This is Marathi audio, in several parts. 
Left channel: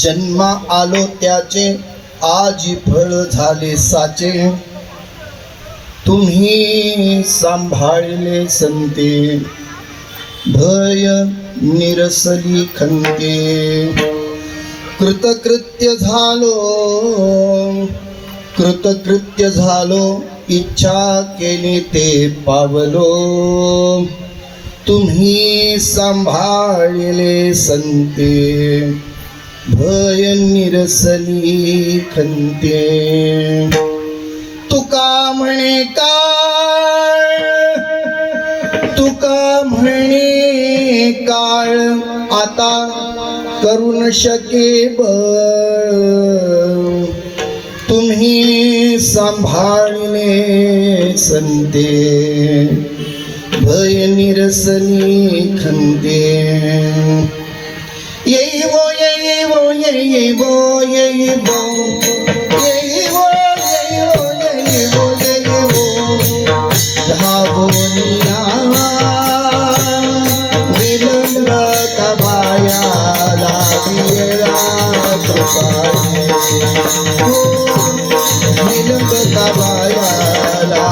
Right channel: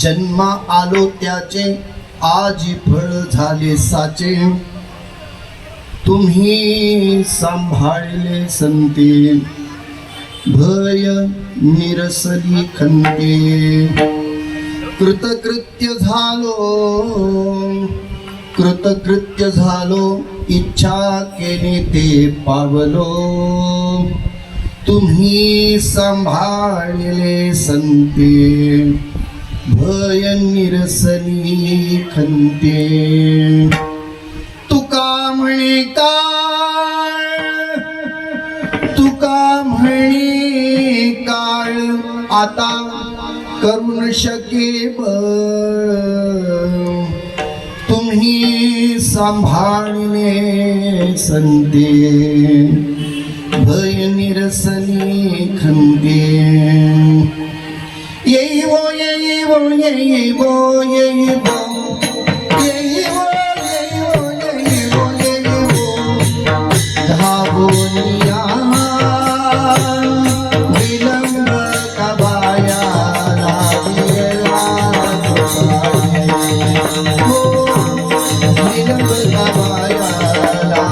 जन्मा आलो त्याचे आजी फळ झाले साचे, तुम्ही सांभाळले संते, भय निरसली खंते। कृतकृत्य झालो इच्छा केली ते पावलो, तुम्ही सांभाळले संते, भय निरसली खंते। तुका म्हणे काळ आता करून शके बळ, तुम्ही सांभाळले संते, भय निरसली खंते। येईवो येईवो येईवो येईवो येईवो येईवो येईवो येईवो, धावूनिया विलंब कबाया लागेला कृपाने, विलंब कबाया लागेला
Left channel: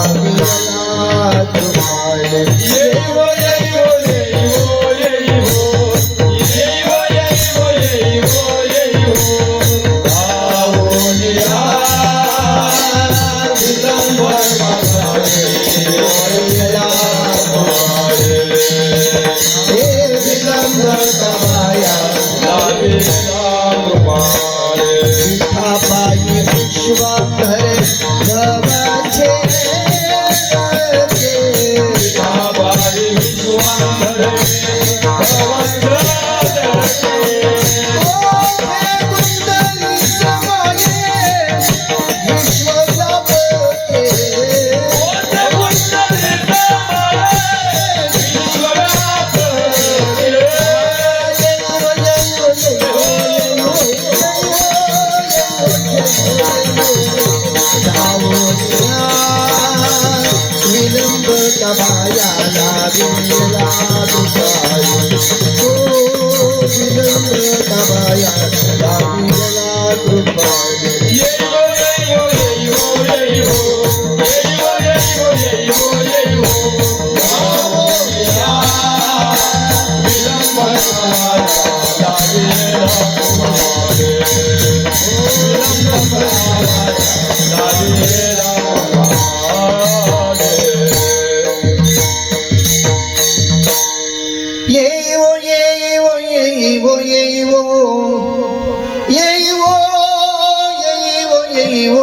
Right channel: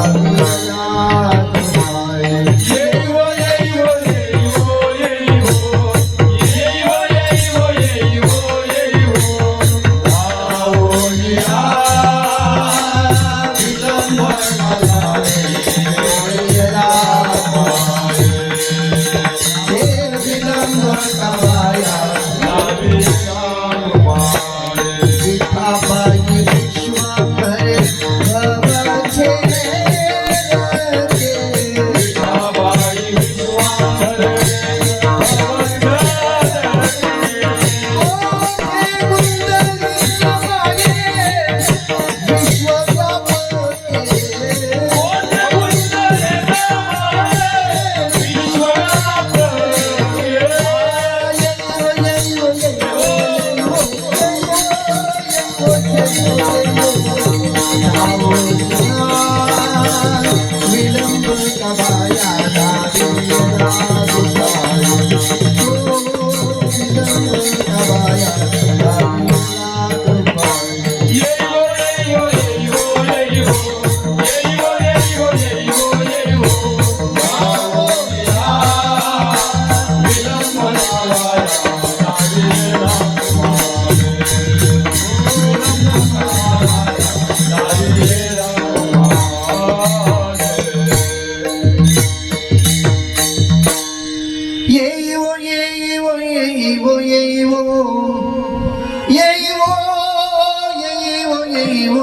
कृपाने। येईवो येईवो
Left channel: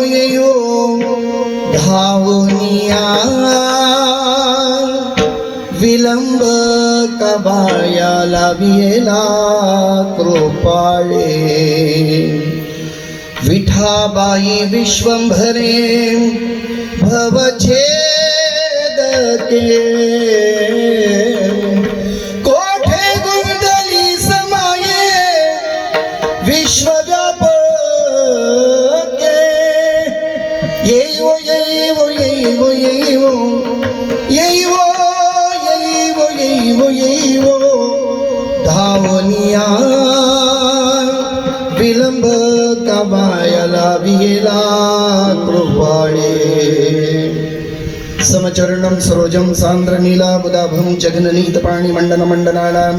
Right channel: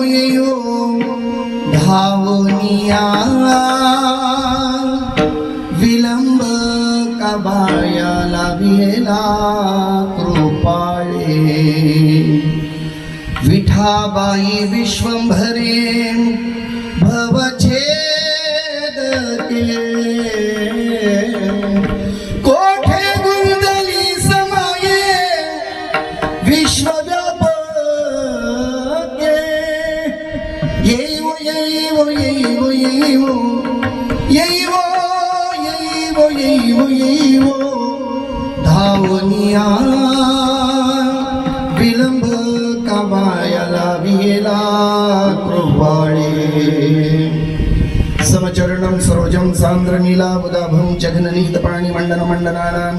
येईवो धावूनिया विलंब कबाया लाभिला कृपाळे, विठाबाई विश्वंभरे भवछेदके, कोठे गुंडली समाये विश्वव्यापके। येईवो येईवो येईवो येईवो येईवो येईवो येईवो येईवो, धावूनिया विलंब कमायला विला कृपाळे। समचरणं सरोजं सान्द्र नीलाबुदाभं जगननीत पाणिमण्डन मण्डनानां,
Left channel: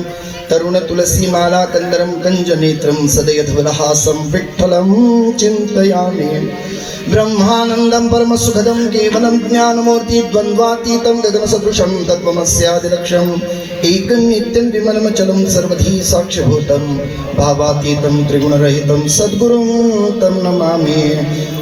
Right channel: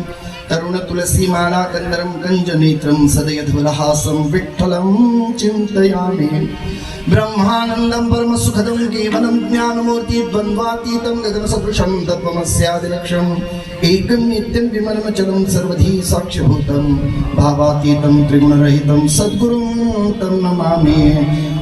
तरुण तुलसी माला कंदरं कंज नेत्रं सदयध्वलहासं विठ्ठलं चिन्तयामि। ब्रह्मानन्दं परमसुखदं केवलं ज्ञानमूर्ति द्वन्द्वातीतं गगनसदृशं तत्त्वमस्यादिलक्ष्यम्, एकं नित्यं विमलमचलं सर्वधी साक्षिभूतं, भावातीतं त्रिगुणरहितं सद्गुरुं तं नमामि।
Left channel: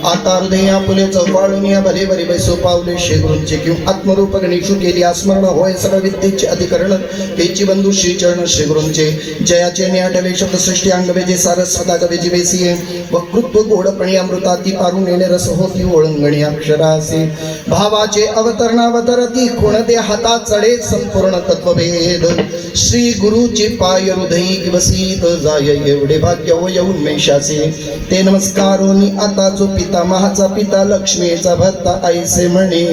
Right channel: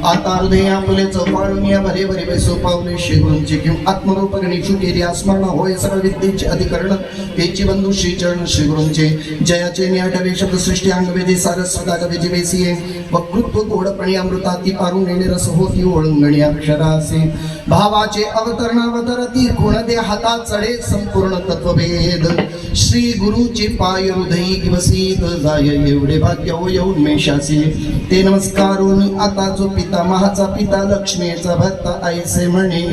आता हृदया फुले चौपाळून या भले भले बैसो पावले शेगुरूंचे, किंवा आत्मरूप गणेशू केली स्मरण होय सर्व विद्येचे अधिकरण, तेची बंधू श्रीचरण श्रीगुरूंचे। जयाचे नियाटवे शब्द सृष्टी अंगवेजे सारस्वता गवेजी वेसिये, वक्तृत्व गोडपणी अमृताती पारून येणे रस होती ओळंगणी अक्षरासे। भावाचे अवतरणावतरती कोण दे हाता चढे संपूर्ण तत्वभेद, श्री गुरुचे पाय हृदयी दिवसीत जाय एवढे भाग्य होय उन्मेषाचे। ते नमस्कारोनी आता जो पितामहाचा पिता लक्ष्मीचा भक्त ऐसे म्हणे,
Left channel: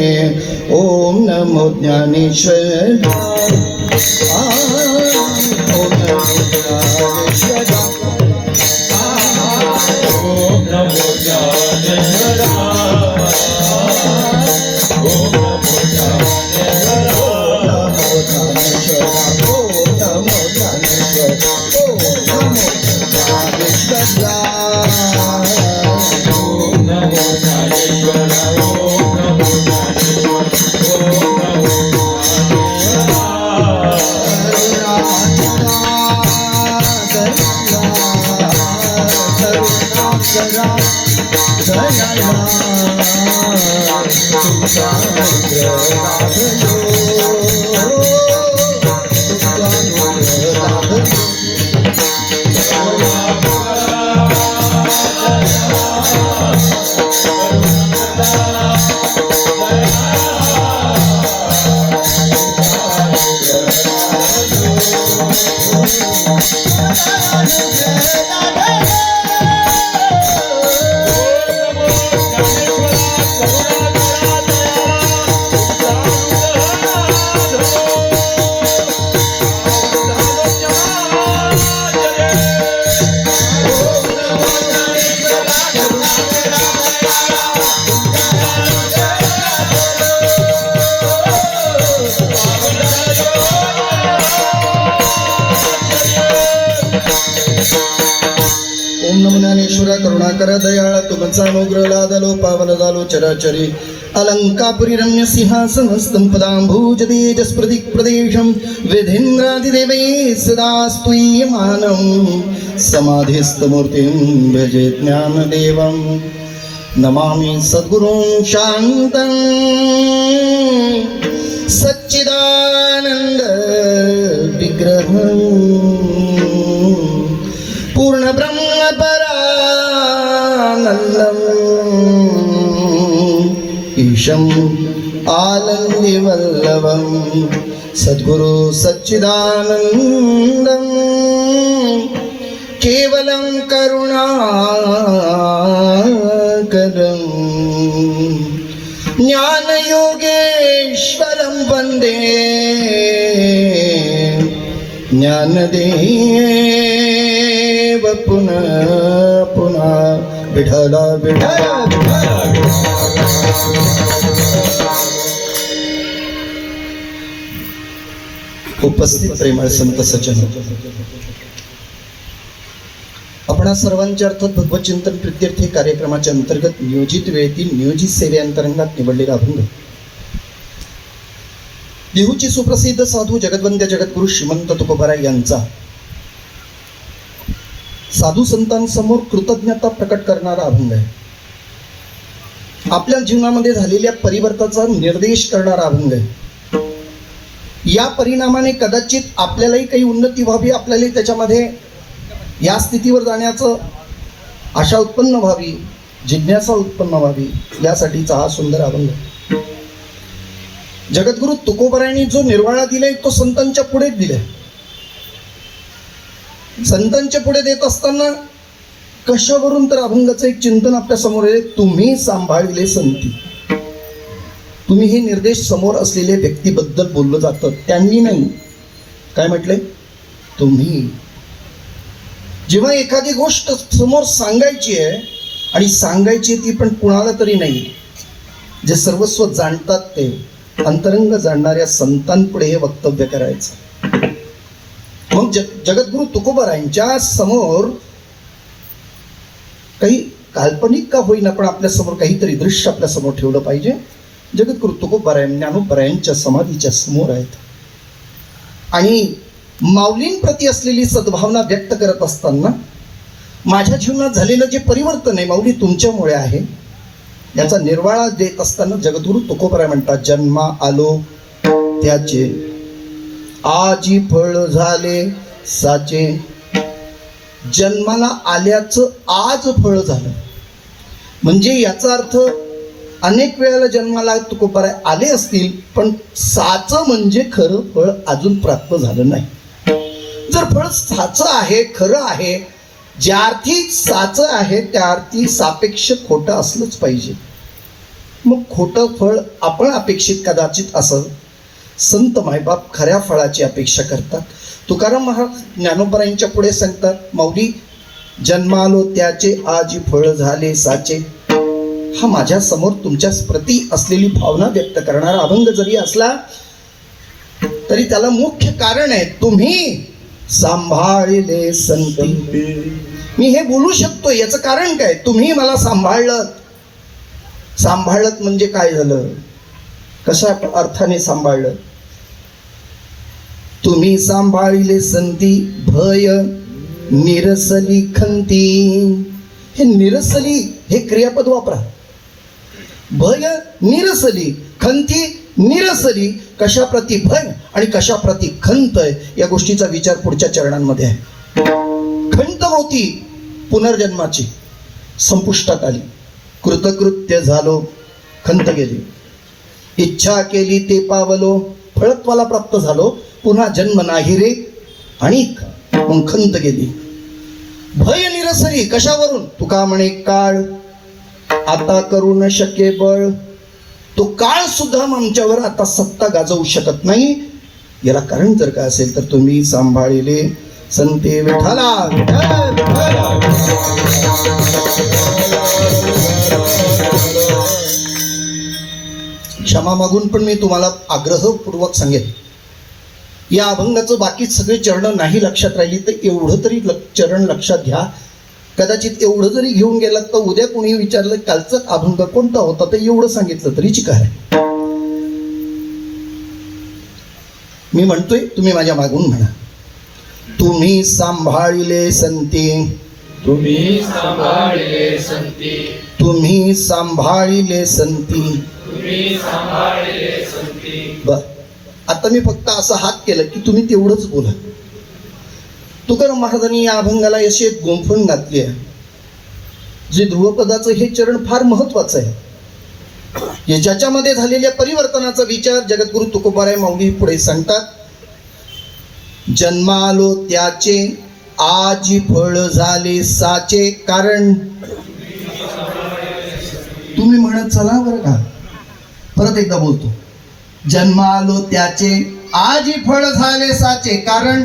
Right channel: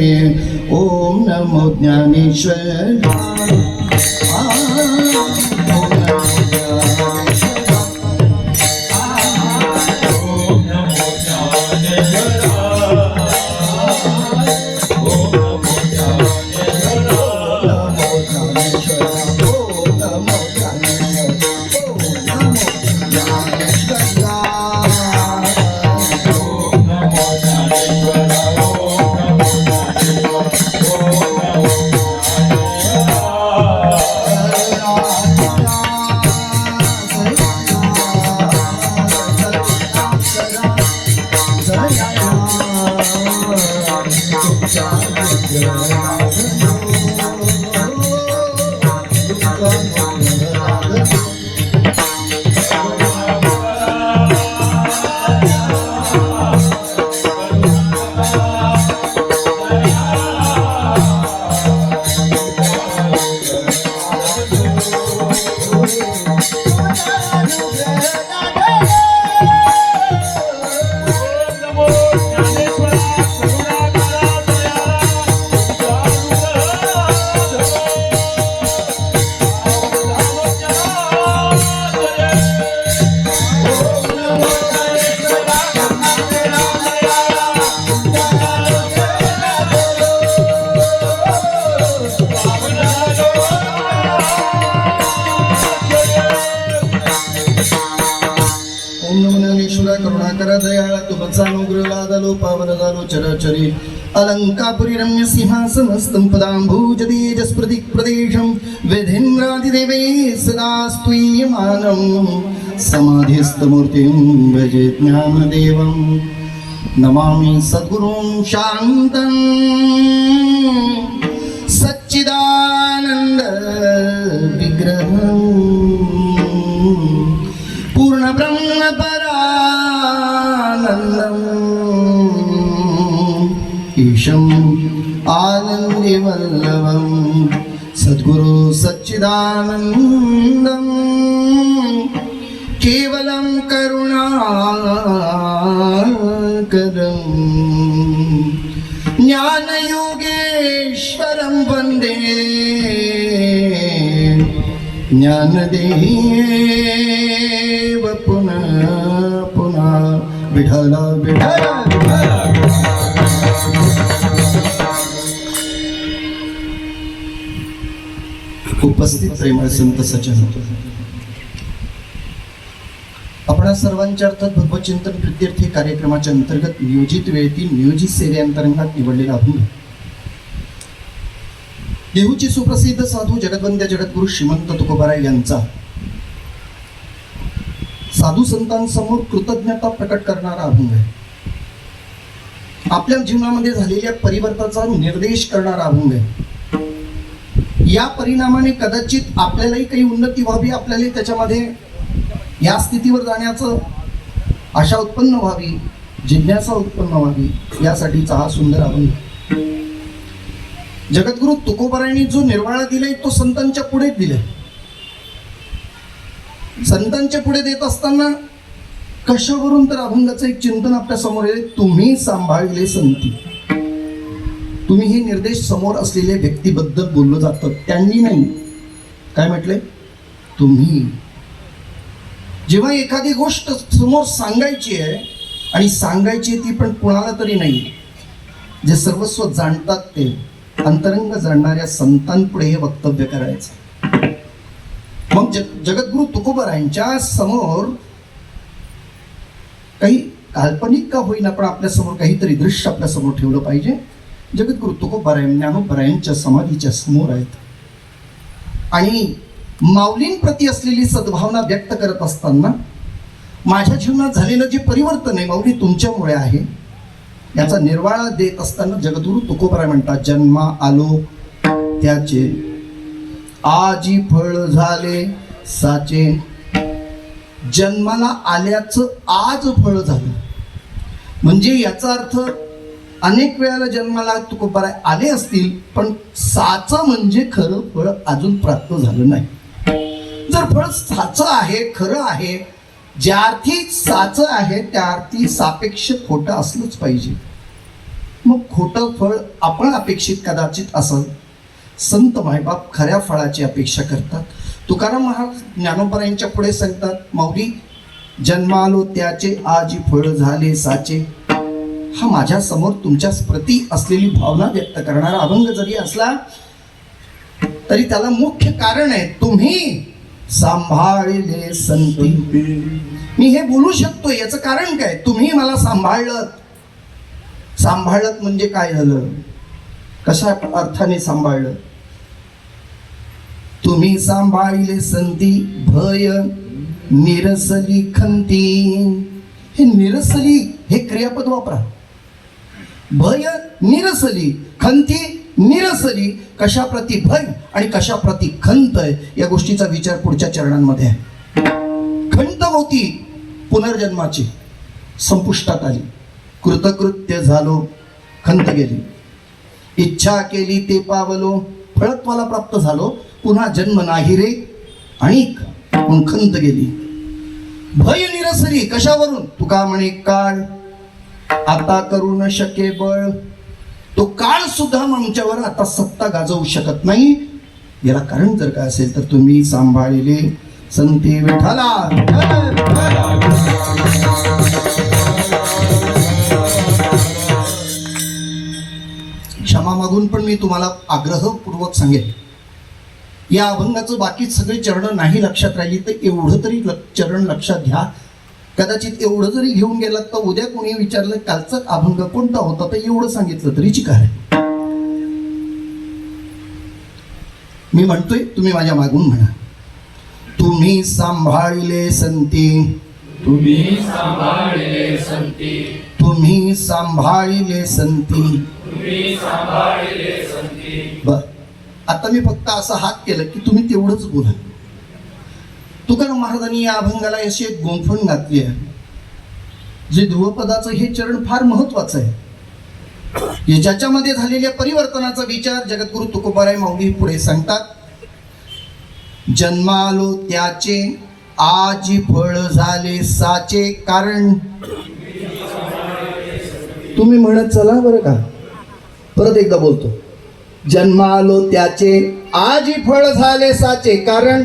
ओम नमो ज्ञानेश्वर ओम नमो ज्ञानेश्वर। करुणाकर दयाळ तुमचा अनुग्रह लादलो पावन झालो चराचरी अलंकापुरी रम्य सिंहासन स्तंभदांभूज तेजस्प्रति प्रदेशम वेदेंद्रादिदेवै सदा स्तूयमानं समाधिस्थ मूर्तिं भजे ज्ञानदेवं नमामि सद्गुरुं शान्तं सच्चिदानंद विग्रहं पूर्ण ब्रह्म परानंदं ईशं आनंदी वल्लभं सद्गुरु सच्चिदानंदं केवलं करुणाकरं ज्ञानयोगेश्वरं वन्दे ज्ञानदेव पुनः पुनः विठ्ठल विठ्ठल उपस्थित प्रेमळ संत सज्जन, आपणा सर्वांच्या अर्थात भगवत चिंतन प्रित्यर्थ कार्यक्रमाच्या अंतर्गत नियोजित वेळेतील नियोजित सेवेअंतर्गत निवडलेला अभंग देहूचे सुप्रसिद्ध साधू जगद्वंद्य जगद्गुरु श्रीमंत तुकोबाराय यांचा साधू संतांसमोर कृतज्ञता प्रकट करणारा अभंग आहे. आपल्या जीवनामध्ये झालेल्या परिवर्तनाचा निर्देश करणारा अभंग आहे. या परिणामाने कदाचित आपल्यालाही काही उन्नती व्हावी, आपल्यालाही त्याच्यामध्ये या स्थितीवर जाण्याचं आशा उत्पन्न व्हावी, जिज्ञासा उत्पन्न व्हावी, यासाठीचा हा सुंदर अभंग. जगद्गुरु तुकोबारायांनी जो निर्वाळा दिलाय तो संतांच्या पुढे दिलाय. संतांच्या पुढे देत असताना कशावरून तर अभंगाचं एक चिंतन आपल्या समोर आहे. तुम्ही सांभाळले संती. तुम्ही हे निर्देश समोर असलेल्या व्यक्तीबद्दल बोललं जातं, त्यांनी नाही. काय म्हटलंय? तुम्ही. जेव्हा एखादी गोष्ट समोर सांगायची आहे आणि सांगायची ती पण कुणाला तरी नाही, जे सर्वस्व जाणतात ते अंतरंग जाणणाऱ्या संतांपुढे हे वक्तव्य करायचं. मग जगद्गुरु तुकोबारायांच्या समोर काही काल्पनिक का होईना पण आपल्या समोर काहीतरी दृश्य आपल्या समोर ठेवलं पाहिजे. जगद्गुरु तुकोबाराय ज्ञानोबारायांच्या समाधीच्या समोर आहेत आणि माऊलींप्रती असलेली सद्भावना व्यक्त करत असताना माझ्या जीवनात झालेलं जे परिवर्तन आहे माऊली तुमच्यामुळे आहे, याचा निर्वाळा देत असताना जगद्गुरु तुकोबाराय म्हणतात, जन्मा आलो त्याचे आजी फळ झाले साचे. जन्माला आल्याचं आज फळ झालं म्हणजे याचा अर्थ अनेक वेळेला जन्माला तुकोबाराय आले असतील पण साचं म्हणजे खरं फळ अजून प्राप्त झालं नाही. जर फळ साचं आहे, खरं आहे, ज्या अर्थी साचं आहे त्या अर्थी सापेक्ष खोटं असलंच पाहिजे. मग खोटं फळ आपण अपेक्षित कदाचित असं. संत मायबाप खऱ्या फळाची अपेक्षा करतात. तुकाराम महाराज ज्ञानोबारायांच्या पुढे सांगतात, माऊली जन्मालो त्याचे आजी फळ झाले साचे. हा माझ्या समोर तुमच्या प्रती असलेली भावना व्यक्त करणारा अभंग जरी असला तरी त्याला मुख्य कारण आहे, तुम्ही सांभाळले संती. मी हे बोलू शकतो याचं कारण काय? तुम्ही मला सांभाळलं. सांभाळलं म्हणजे काय झालं? कशा अर्थाने सांभाळलं? तुम्ही सांभाळले संती भय निरसली खंती. हे निरसली हे क्रियापद वापरा. भय निरसली, खंती निरसली. कशा प्रती भय आणि कशा प्रती खंत आहे या गोष्टीचा विचार पुढच्या चरणांमध्ये आहे. खंत होती पुनर्जन्माची, संपुष्टात आली. कृतकृत्य झालो, खंत गेली. इच्छा केली ते पावलो, फळत्वाला प्राप्त झालो. पुन्हा जन्म नाही रे आणि मग खंत गेली. भय निरसली कशावरून? तुका म्हणे काळ आता करू न शके बळ. तो काळ सुद्धा आमच्यावर आता सत्ता गाजवू शकत नाही. याला कारण जर काय असेल तर तुम्ही सांभाळले संते विठ्ठला. क्षमा मागून पण मी तुम्हाला आग्रहपूर्वक सांगेन, या अभंगाचं बाकी सगळे चरण नाही लक्षात राहिली तर एवढं तरी चरण लक्षात घ्या. कदाचित एवढं जरी घेऊन गेलात तर उद्या कोणी विचारलं कालचं अभंग कोणता होता तर एवढं सांगितलं तरी चिकार आहे. मी म्हणतोय, तुम्ही माझ्या मागून म्हणा. तुम्ही सांभाळिले संती, तुम्ही सांभाळले संती, तुम्ही सांभाळिले संती. तुम्ही सांभाळले संती. बर, आता मी फक्त असं हात केलं की तुम्ही तेवढंच बोला. तुकाराम महाराजांनी या अभंगाला अशी एक गुंफण घातली आहे. जे ध्रुवपदाचं हे चरण फार महत्वाचं आहे. हे ज्याच्यामध्ये झालेल्या परिवर्तनाचा विचार जगद्गुरु तुकोबाराय माऊली पुढे सांगतात. जन्मालो त्याचे आजी फळ झाले साचे कारण. तुम्ही म्हणत चला बरं का. परत एकदा बोलतो. जन्मालो त्याचे आजी फळ झाले साचे कारण.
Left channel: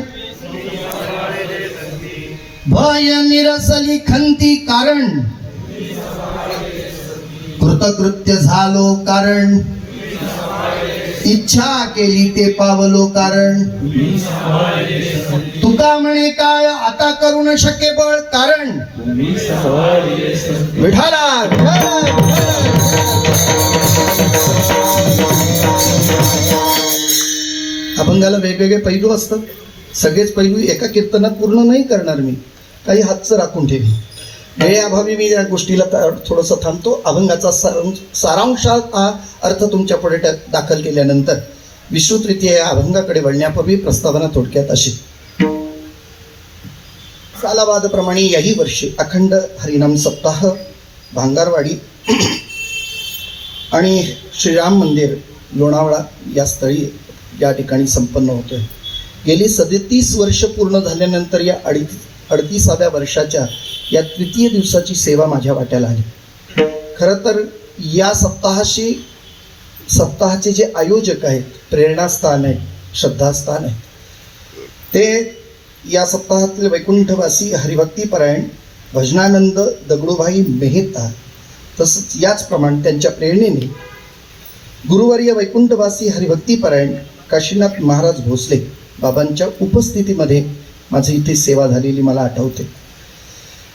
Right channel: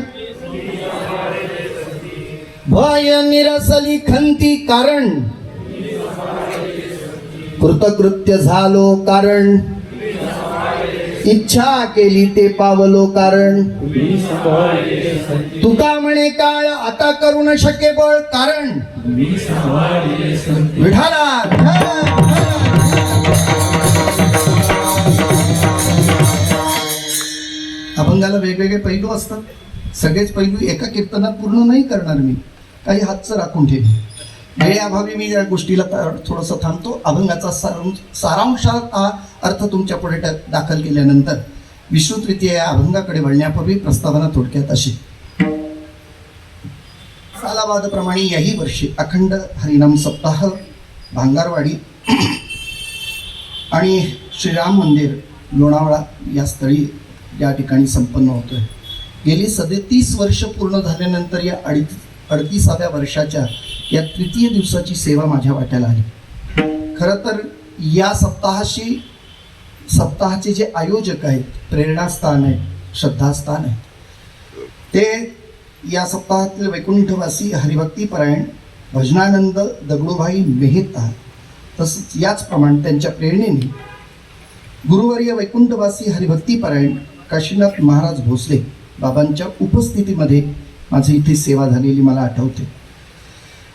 भय निरसली खंती कारण. कृतकृत्य झालो कारण. इच्छा केली ते पावलो कारण. तुम्ही सांभाळले संती, तुका म्हणे काळ आता करू न शके बळ कारण. तुम्ही सांभाळले संती. विठाला अभंगाला वेगवेगळे पैलू असतात. सगळेच पैलू एका कीर्तनात पूर्ण नाही करणार मी. काही हातचं राखून ठेवी. वेळेअभावी मी या गोष्टीला थोडंसं थांबतो. अभंगाचा सारांशात हा अर्थ तुमच्या पुढे दाखल केल्यानंतर विश्रुतरीत्या या अभंगाकडे वळण्यापूर्वी प्रस्तावना थोडक्यात अशी. सालाबादप्रमाणे याही वर्षी अखंड हरिनाम सप्ताह भांगारवाडी आणि श्रीराम मंदिर लोणावळा या स्थळी या ठिकाणी संपन्न होतोय. गेली 37 वर्ष पूर्ण झाल्यानंतर या 38व्या वर्षाच्या या तृतीय दिवसाची सेवा माझ्या वाट्याला आली. खरं तर या सप्ताहाचे जे आयोजक आहेत, प्रेरणास्थान आहे, श्रद्धास्थान आहे, ते या सप्ताहातील वैकुंठवासी हरिभक्तीपरायण भजनानंद दगडूभाई मेहता, तसंच याचप्रमाणे त्यांच्या प्रेरणेने गुरुवर्य वैकुंठवासी हरिभक्तीपरायण काशीनाथ महाराज भोसले बाबांच्या उपस्थितीमध्ये माझी इथे सेवा झालेली मला आठवते.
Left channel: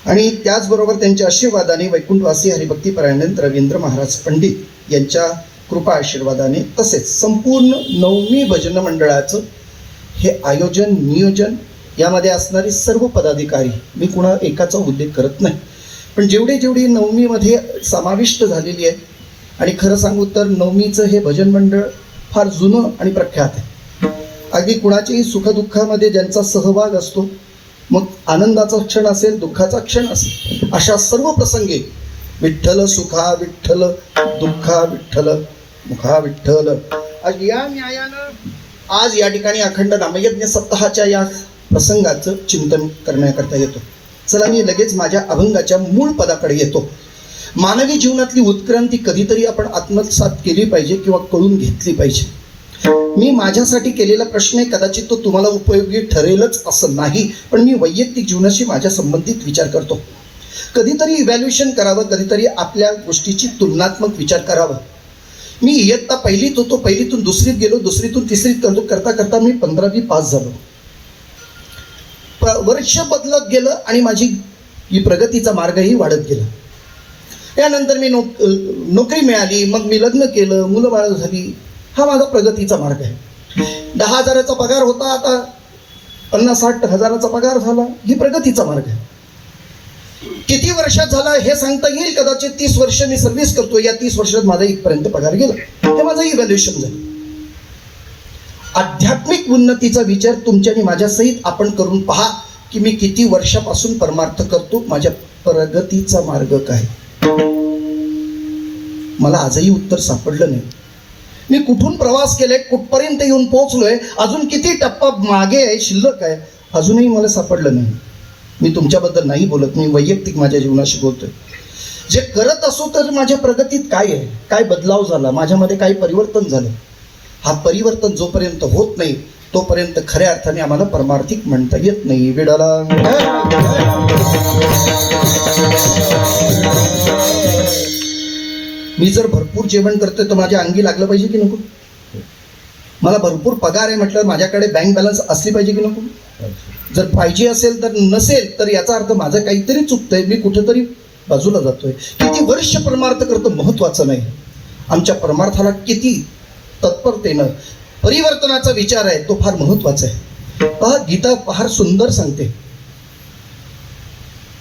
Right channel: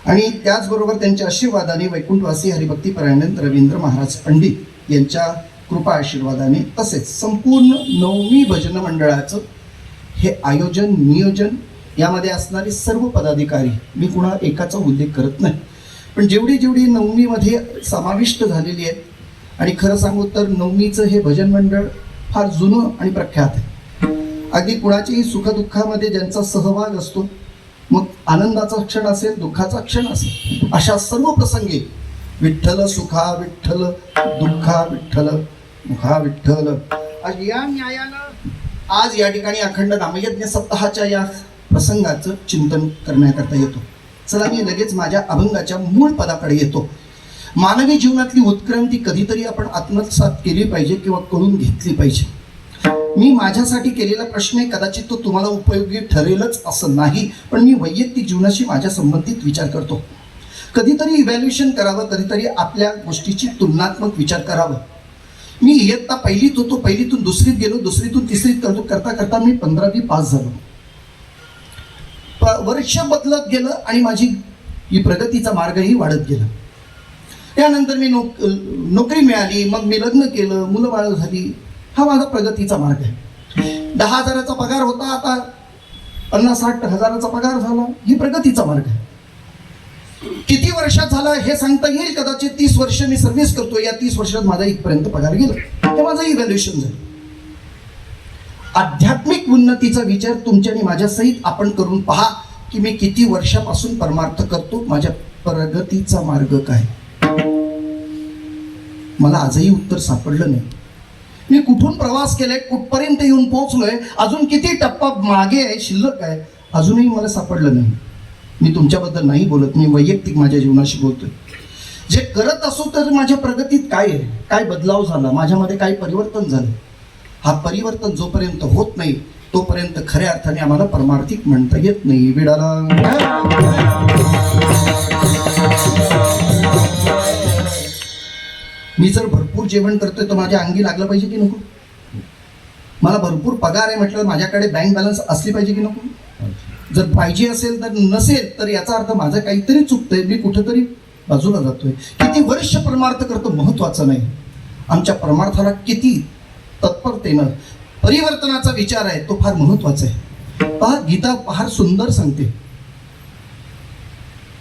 आणि त्याचबरोबर त्यांच्या आशीर्वादाने वैकुंठवासी हरिभक्तीपरायण रवींद्र महाराज पंडित यांच्या कृपा आशीर्वादाने तसेच संपूर्ण नवमी भजन मंडळाचं हे आयोजन नियोजन यामध्ये असणारे सर्व पदाधिकारी, मी कुणा एकाचा उल्लेख करत नाही, पण जेवढी नवमीमध्ये समाविष्ट झालेली आहे. आणि खरं सांगू तर नवमीचं हे भजन मंडळ फार जुनं आणि प्रख्यात आहे. अगदी कुणाच्याही सुखदुःखामध्ये ज्यांचा सहभाग असतो, मग आनंदाचा क्षण असेल, दुःखाचा क्षण असेल, अशा सर्व प्रसंगी विठ्ठल सुखा विठ्ठल दुःखा विठ्ठल मुखा विठ्ठल. आज या न्यायानं आज या ठिकाणी अखंड नामयज्ञ सप्ताहाच्या या प्रसंगाचं चिंतन करण्याकरता येतो. चला मी लगेच माझ्या अभंगाच्या मूळ पदाकडे येतो. मानवी जीवनातली उत्क्रांती कधीतरी आपण आत्मसात केली पाहिजे किंवा कळून घेतली पाहिजे. मी माझ्यासाठी केलेला प्रश्न आहे, कदाचित तो तुम्हाला उपयोगी ठरेलच असं नाही, पण मी वैयक्तिक जीवनाशी माझ्या संबंधित विचार करतो. कधीतरी इव्हॅल्युएशन करावं, कधीतरी आपल्या गोष्टीची तुलनात्मक विचार करावा. मी इयत्ता पहिलीत होतो, पहिलीतून दुसरीत गेलो, दुसरीतून तिसरीत करता करता मी 15वी पास झालो. वर्ष बदलत गेलं आणि माझी ही प्रगतीचा मार्गही वाढत गेला. त्यानंतर मी नोकरी मिळाली, मग मी लग्न केलं, मुलं बाळ झाली. हा माझा प्रगतीचा मार्ग आहे. 10,000चा पगार होता, आता 50-60 हजाराचा पगार झाला. ही प्रगतीचा मार्ग आहे. किती वर्षात झाला हे सांगता येईल. कदाचित 30 वर्ष मी सर्व्हिस करतो, या 30 वर्षात माझा इथपर्यंत पगार गेला. हे माझं इव्हॅल्युएशन झालं. आध्यात्मिक उन्नतीचा विचार तुमच्या आणि माझ्यासहित आपण करून पहा की मी किती वर्षापासून परमार्थ करतो, माझ्या प्रगतीचा मार्ग काय. मला आजही उत्तर सापडलं नाही. मी कुठून प्रवास केलाय, कुठपर्यंत येऊन पोहोचलोय, अजून किती टप्पा मागे आहे, शिल्लक आहे, अजूनही मला सापडलं नाही. मी तुमच्याबद्दल नाही बोलत, मी वैयक्तिक माझ्या जीवनाशी बोलतोय. जे करत असो तर माझ्या प्रगतीत काय आहे, काय बदलाव झाला, माझ्यामध्ये काय परिवर्तन झालं. हा परिवर्तन जोपर्यंत होत नाही तोपर्यंत खऱ्या अर्थाने आम्हाला परमार्थिक म्हणता येत नाही. विडाला मी जर भरपूर जेवण करतोय तर माझ्या अंगी लागलं पाहिजे की नको. मला भरपूर पगार आहे म्हटलं माझ्याकडे बँक बॅलन्स असली पाहिजे की नको. जर पाहिजे असेल तर नसेल तर याचा अर्थ माझं काहीतरी चुकतंय, मी कुठेतरी बाजूला जातोय. किती वर्ष परमार्थ करतो महत्वाचं नाही, आमच्या परमार्थाला किती तत्परतेनं परिवर्तनाचा विचार आहे तो फार महत्वाचा आहे. पहा गीता फार सुंदर सांगते,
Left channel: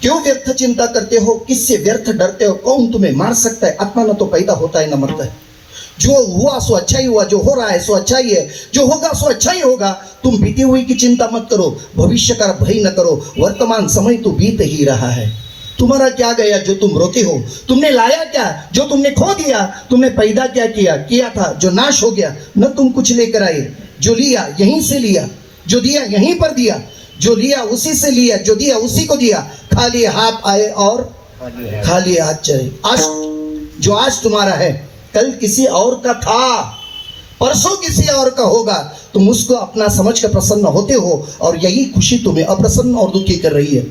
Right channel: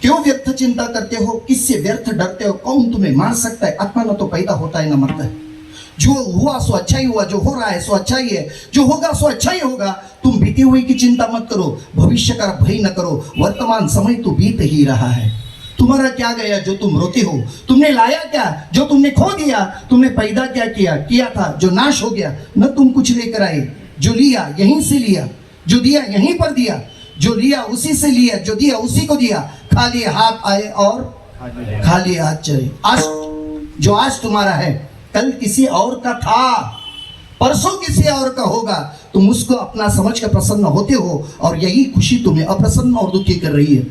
क्यों व्यर्थ चिंता करते हो, किससे व्यर्थ डरते हो, कौन तुम्हें मार सकता है, आत्मा न तो पैदा होता है न मरता है. जो हुआ सो अच्छा ही हुआ, जो हो रहा है सो अच्छा ही है, जो होगा सो अच्छा ही होगा. तुम बीते हुए की चिंता मत करो, भविष्य का भय न करो, वर्तमान समय तो बीत ही रहा है. तुम्हारा क्या गया जो तुम रोते हो, तुमने लाया क्या जो तुमने खो दिया, तुमने पैदा क्या किया था जो नाश हो गया. न तुम कुछ लेकर आए, जो लिया यहीं से लिया, जो दिया यहीं पर दिया, जो लिया उसी से लिया, जो दिया उसी को दिया. खाली हाथ आए और खाली हाथ चले. आज जो आज तुम्हारा है कल किसी और का था, परसों किसी और का होगा. तुम उसको अपना समझ कर प्रसन्न होते हो और यही खुशी तुम्हें अप्रसन्न और दुखी कर रही है.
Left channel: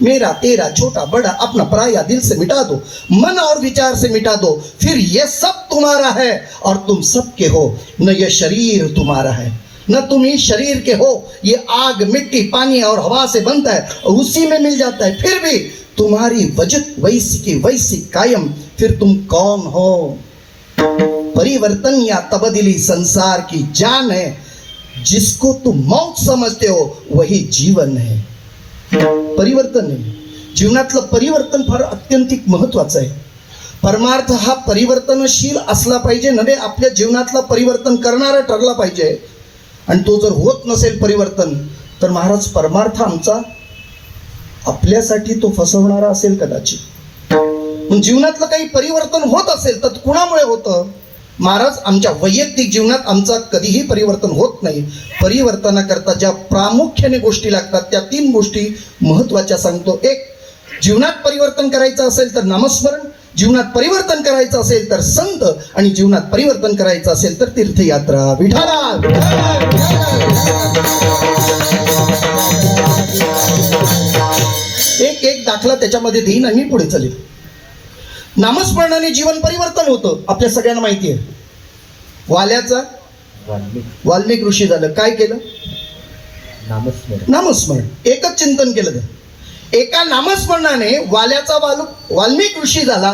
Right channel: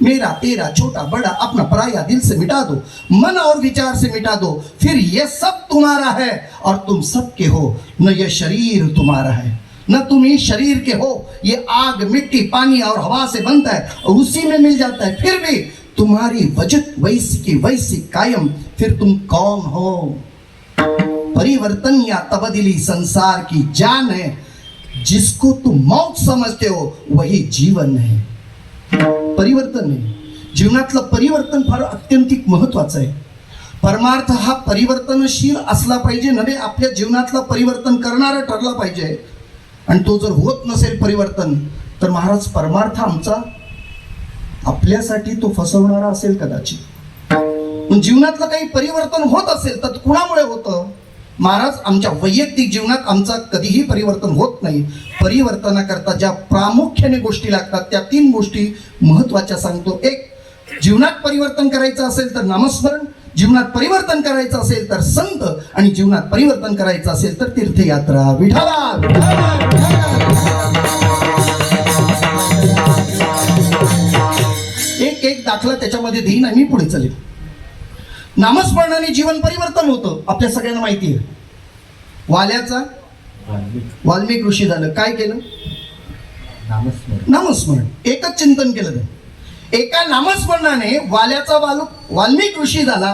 मेरा तेरा छोटा बड़ा अपना पराया दिल से मिटा दो, मन और विचार से मिटा दो, फिर ये सब तुम्हारा है और तुम सबके हो. न ये शरीर तुम्हारा है न तुम ही शरीर के हो. ये आग मिट्टी पानी और हवा से बनता है और उसी में मिल जाता है. फिर भी तुम्हारी वजह वैसी की वैसी कायम. फिर तुम कौन हो. परिवर्तन या तब्दीली संसार की जान है. जिसको तुम मौत समझते हो वही जीवन है. परिवर्तन आहे, जीवनातलं परिवर्तन फार अत्यंतिक महत्वाचं आहे. परमार्थ हा परिवर्तनशील असला पाहिजे, नव्हे आपल्या जीवनातलं परिवर्तन करणारा ठरला पाहिजे. आणि तो जर होत नसेल परिवर्तन तर महाराज परमार्थ आमचा आपल्यासाठी तो फसवणारा असेल कदाचित. पण जीवनातलं काही परिवर्तन होत असेल तर कुणामुळे होतं महाराज. आमच्या वैयक्तिक जीवनात आमचा कधीही परिवर्तन होत नाही. परिवर्तनाकरता ज्या प्रामुख्याने गोष्टी लागतात त्या 3 गोष्टी महत्वाच्या सांगतो. एक, जीवनात परिवर्तन करायचं असेल तर नामस्मरण, जीवनात परिवर्तन करायचं असेल तर संत, आणि जीवनात परिवर्तन करायचं असेल तर तीर्थयात्रा. विठाला एक दाखला त्याच्यामध्ये देईन आणि पुढे चालेल. नामस्मरणाने जीवन परिवर्तन होतं, आपल्या सगळ्यांना माहिती आहे. वाल्याचा वाल्मिक ऋषी झालं, काय केलं? नामस्मरण. एकच चिंतन केलं. एका नामस्मरणाने वाल्याचा वाल्मिक ऋषी झाला,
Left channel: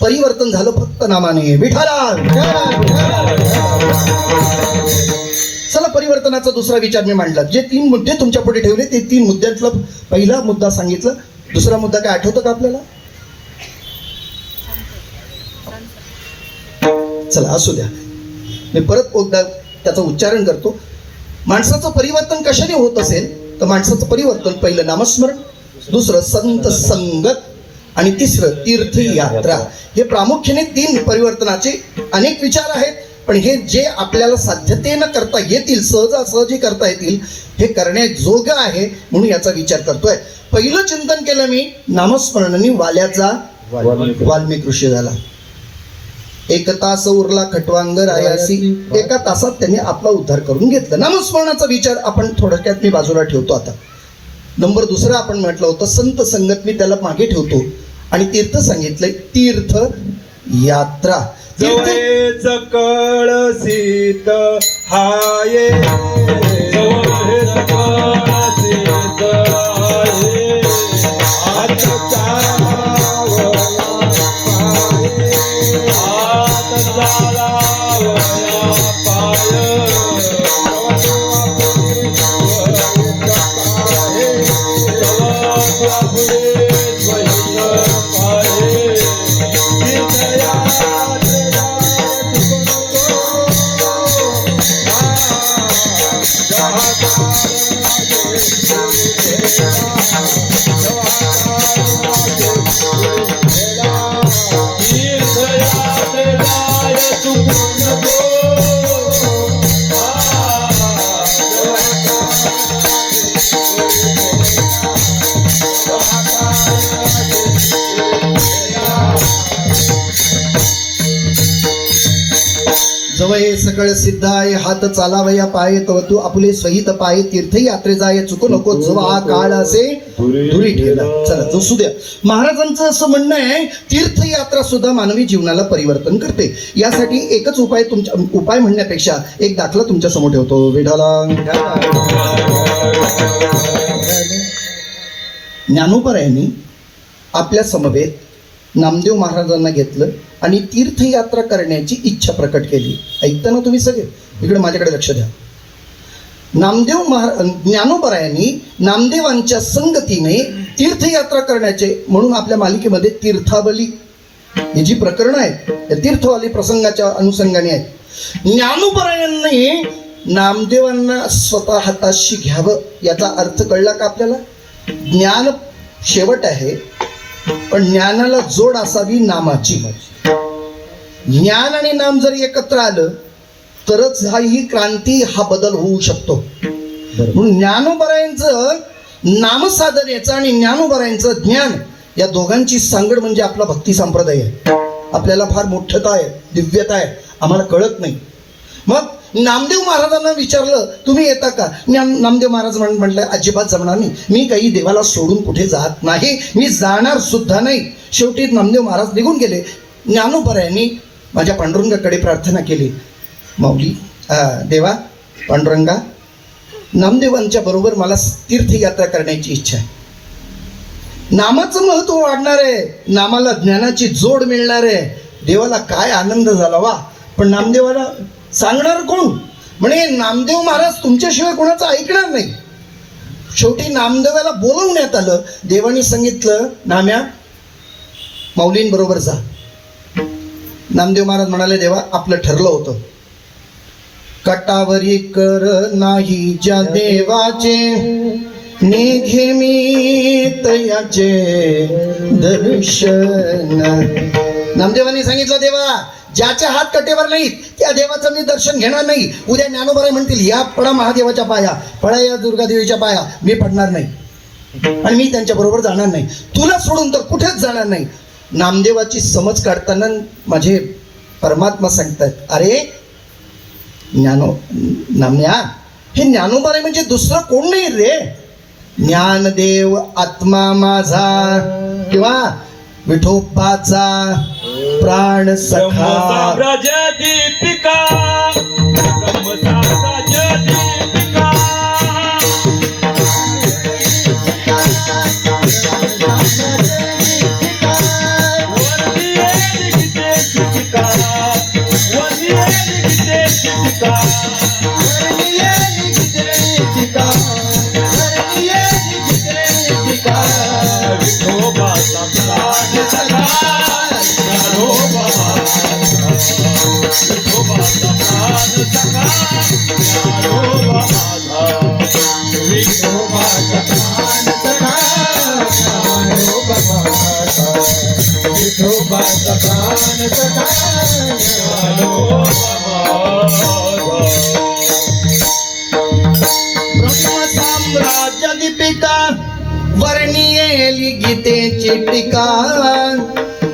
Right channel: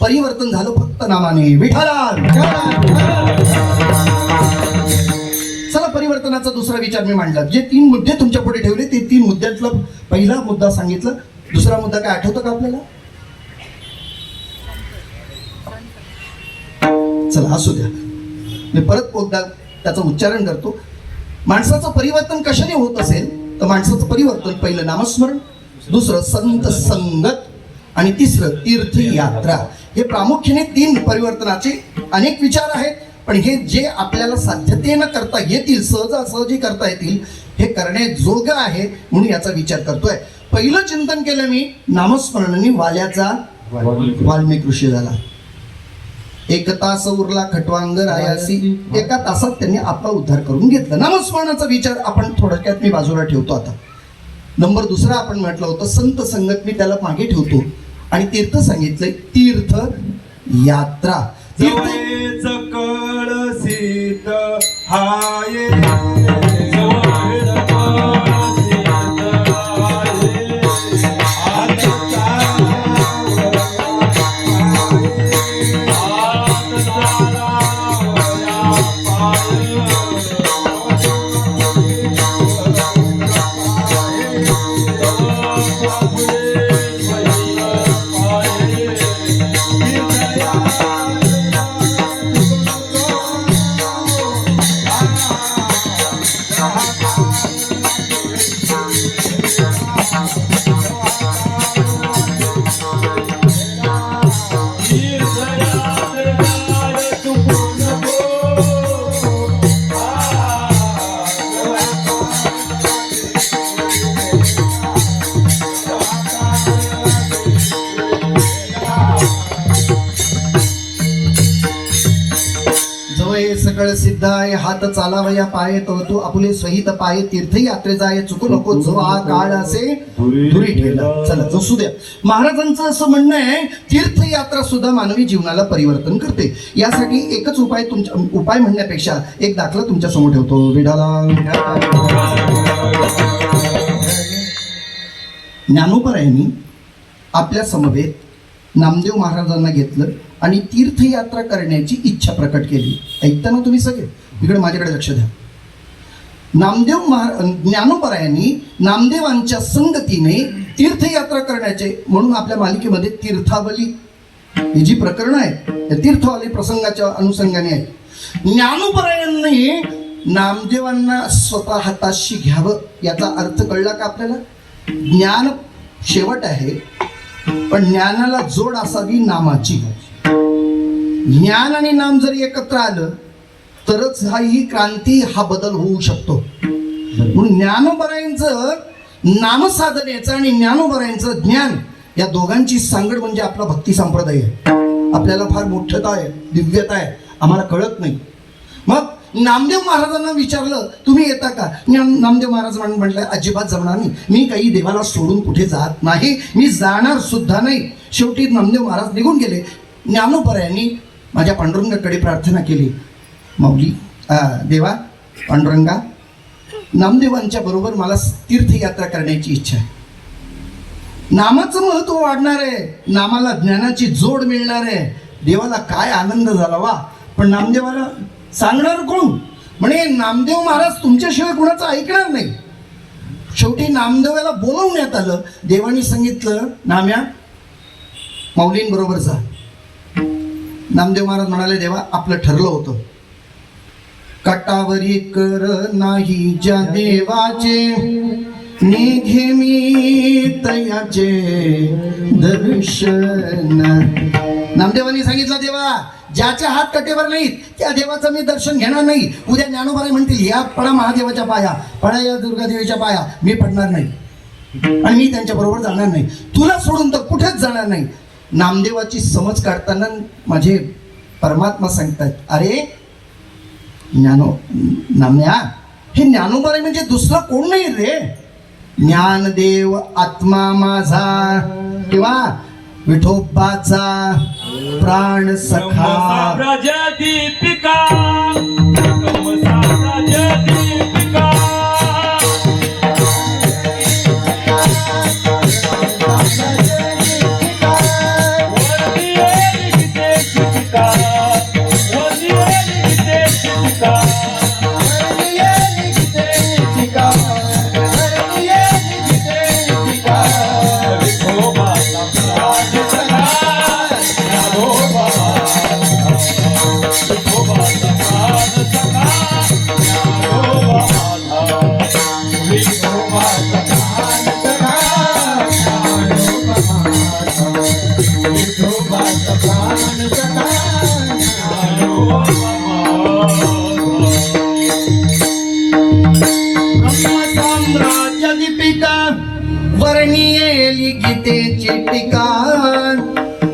परिवर्तन झालं फक्त नामाने. विठाला. चला परिवर्तनाचा दुसरा विचार मी मांडला. जे 3 मुद्दे तुमच्या पुढे ठेवले ते 3 मुद्द्यातला पहिला मुद्दा सांगितला. दुसरा मुद्दा काय आठवतो का आपल्याला? चला असू द्या, मी परत एकदा त्याचं उच्चारण करतो. माणसाचं परिवर्तन कशाने होत असेल तर माणसाचं परिवर्तन पहिलं नामस्मरण, दुसरं संत संगत आणि तिसरं तीर्थयात्रा. हे प्रामुख्याने 3 परिवर्तनाचे अनेक विचार आहेत, पण हे जे आपल्याला साध्यतेनं करता येतील, सहजासहजी करता येतील, हे करण्याजोगं आहे म्हणून याचा विचार करतोय. पहिलं चिंतन केलं मी नामस्मरणाने वाल्याचा वाल्मिक ऋषी झाला. 1 तास उरला खटवांग रायासी, 1 तासात त्यांनी आपला उद्धार करून घेतला. नामस्मरणाचा विचार आपण थोडक्यात मी बाजूला ठेवतो. आता नंबर दुसरा आपण म्हटलं होतं संत संगत, मी त्याला मागे ठेवतो. आणि तीर्थ सांगितलंय, तीर्थ यात्रा. जवळच कळसीत हाये, जवळच कळसीत हाये, हात चालावया पाय, सकळ सिद्धाय, हात चालावया पाय, तव तू आपले सहित पाय, तीर्थयात्रे जाय चुकू नको, जो हा काळ असे दुरी ठेवला. चला असू द्या. महाराजांचं असं म्हणणं आहे, तीर्थयात्रा सुद्धा मानवी जीवनाला परिवर्तन करते. यासाठी एकच उपाय म्हणण्यापेक्षा एक दाखला तुमच्या समोर ठेवतो. विठाला ज्ञानोबरायांनी आपल्या समवेत नामदेव महाराजांना घेतलं आणि तीर्थयात्रा करण्याची इच्छा प्रकट केली. ऐकता ना तुम्ही सगळे? इकडे माझ्याकडे लक्ष द्या. ज्ञानोबरायांनी नामदेवांच्या संगतीने तीर्थयात्रा करण्याचे म्हणून आपल्या मालिकेमध्ये तीर्थावली ही जी प्रकरणं आहेत त्या तीर्थवाली प्रसंगाच्या अनुषंगाने आहेत. ज्ञानोबरायांनी नामदेवांना स्वतः हाताशी घ्यावं याचा अर्थ कळला का आपल्याला? ज्ञान शेवट आहे, पण ज्ञानाला जोड असावी नामाची. ज्ञान आणि नाम जर एकत्र आलं तरच ही क्रांती, हा बदल होऊ शकतो. म्हणून ज्ञानोबरायांचं नामसाधनेचं आणि ज्ञानोबरायांचं ज्ञान या दोघांची सांगड म्हणजे आपला भक्ती संप्रदाय आहे. आपल्याला फार मोठ्ठता आहे, दिव्यता आहे, आम्हाला कळत नाही. मग नामदेव महाराजांना विचारलं तुम्ही येता का? नामदेव महाराज म्हटलं अजिबात जमणार नाही, मी काही देवाला सोडून कुठे जात नाही, मी जाणार सुद्धा नाही. शेवटी नामदेव महाराज निघून गेले. ज्ञानोबरायांनी माझ्या पांडुरंगाकडे प्रार्थना केली, माऊली देवा पांडुरंगा, नामदेवांच्या बरोबर मला तीर्थयात्रा करण्याची इच्छा आहे. नामाचं महत्व वाढणार आहे, नामाला ज्ञानाची जोड मिळणार आहे. देवाला काय आनंद झाला वा. पण नामदेवाला सांगणार कोण? म्हणे नामदेव महाराज तुमच्याशिवाय कोणाचं ऐकणार नाही. शेवटी नामदेवाला बोलवण्यात आलं. देवानी सांगितलं नाम्या माऊलींबरोबर जा. नामदेव महाराज म्हणाले देवा आपलं ठरलं होतं, कटावरी कर नाही ज्या देवाचे, निघे मी तयाचे दर्शन. नामदेवांनी सांगितलं देवा ज्याचे हात कटेवर नाहीत त्या देवाचं मी दर्शन घेणार नाही. उद्या ज्ञानोबराय म्हणतील या पडा महादेवाच्या पाया, पडा या दुर्गादेवीच्या पाया, मी पडणार नाही आणि मी त्यांच्या बरोबर जाणार नाही, तुला सोडून तर कुठेच जाणार नाही. नामदेवाची समज काढताना माझे परमात्मा सांगतात अरे नामन्या, हे ज्ञानोबराय म्हणजे दुसरं कोण नाही रे. ज्ञानदेव आत्मा माझा किंवा विठोबाचा प्राण सखा. दीपिका दीपिका वर्णियेली गीतेची टीका,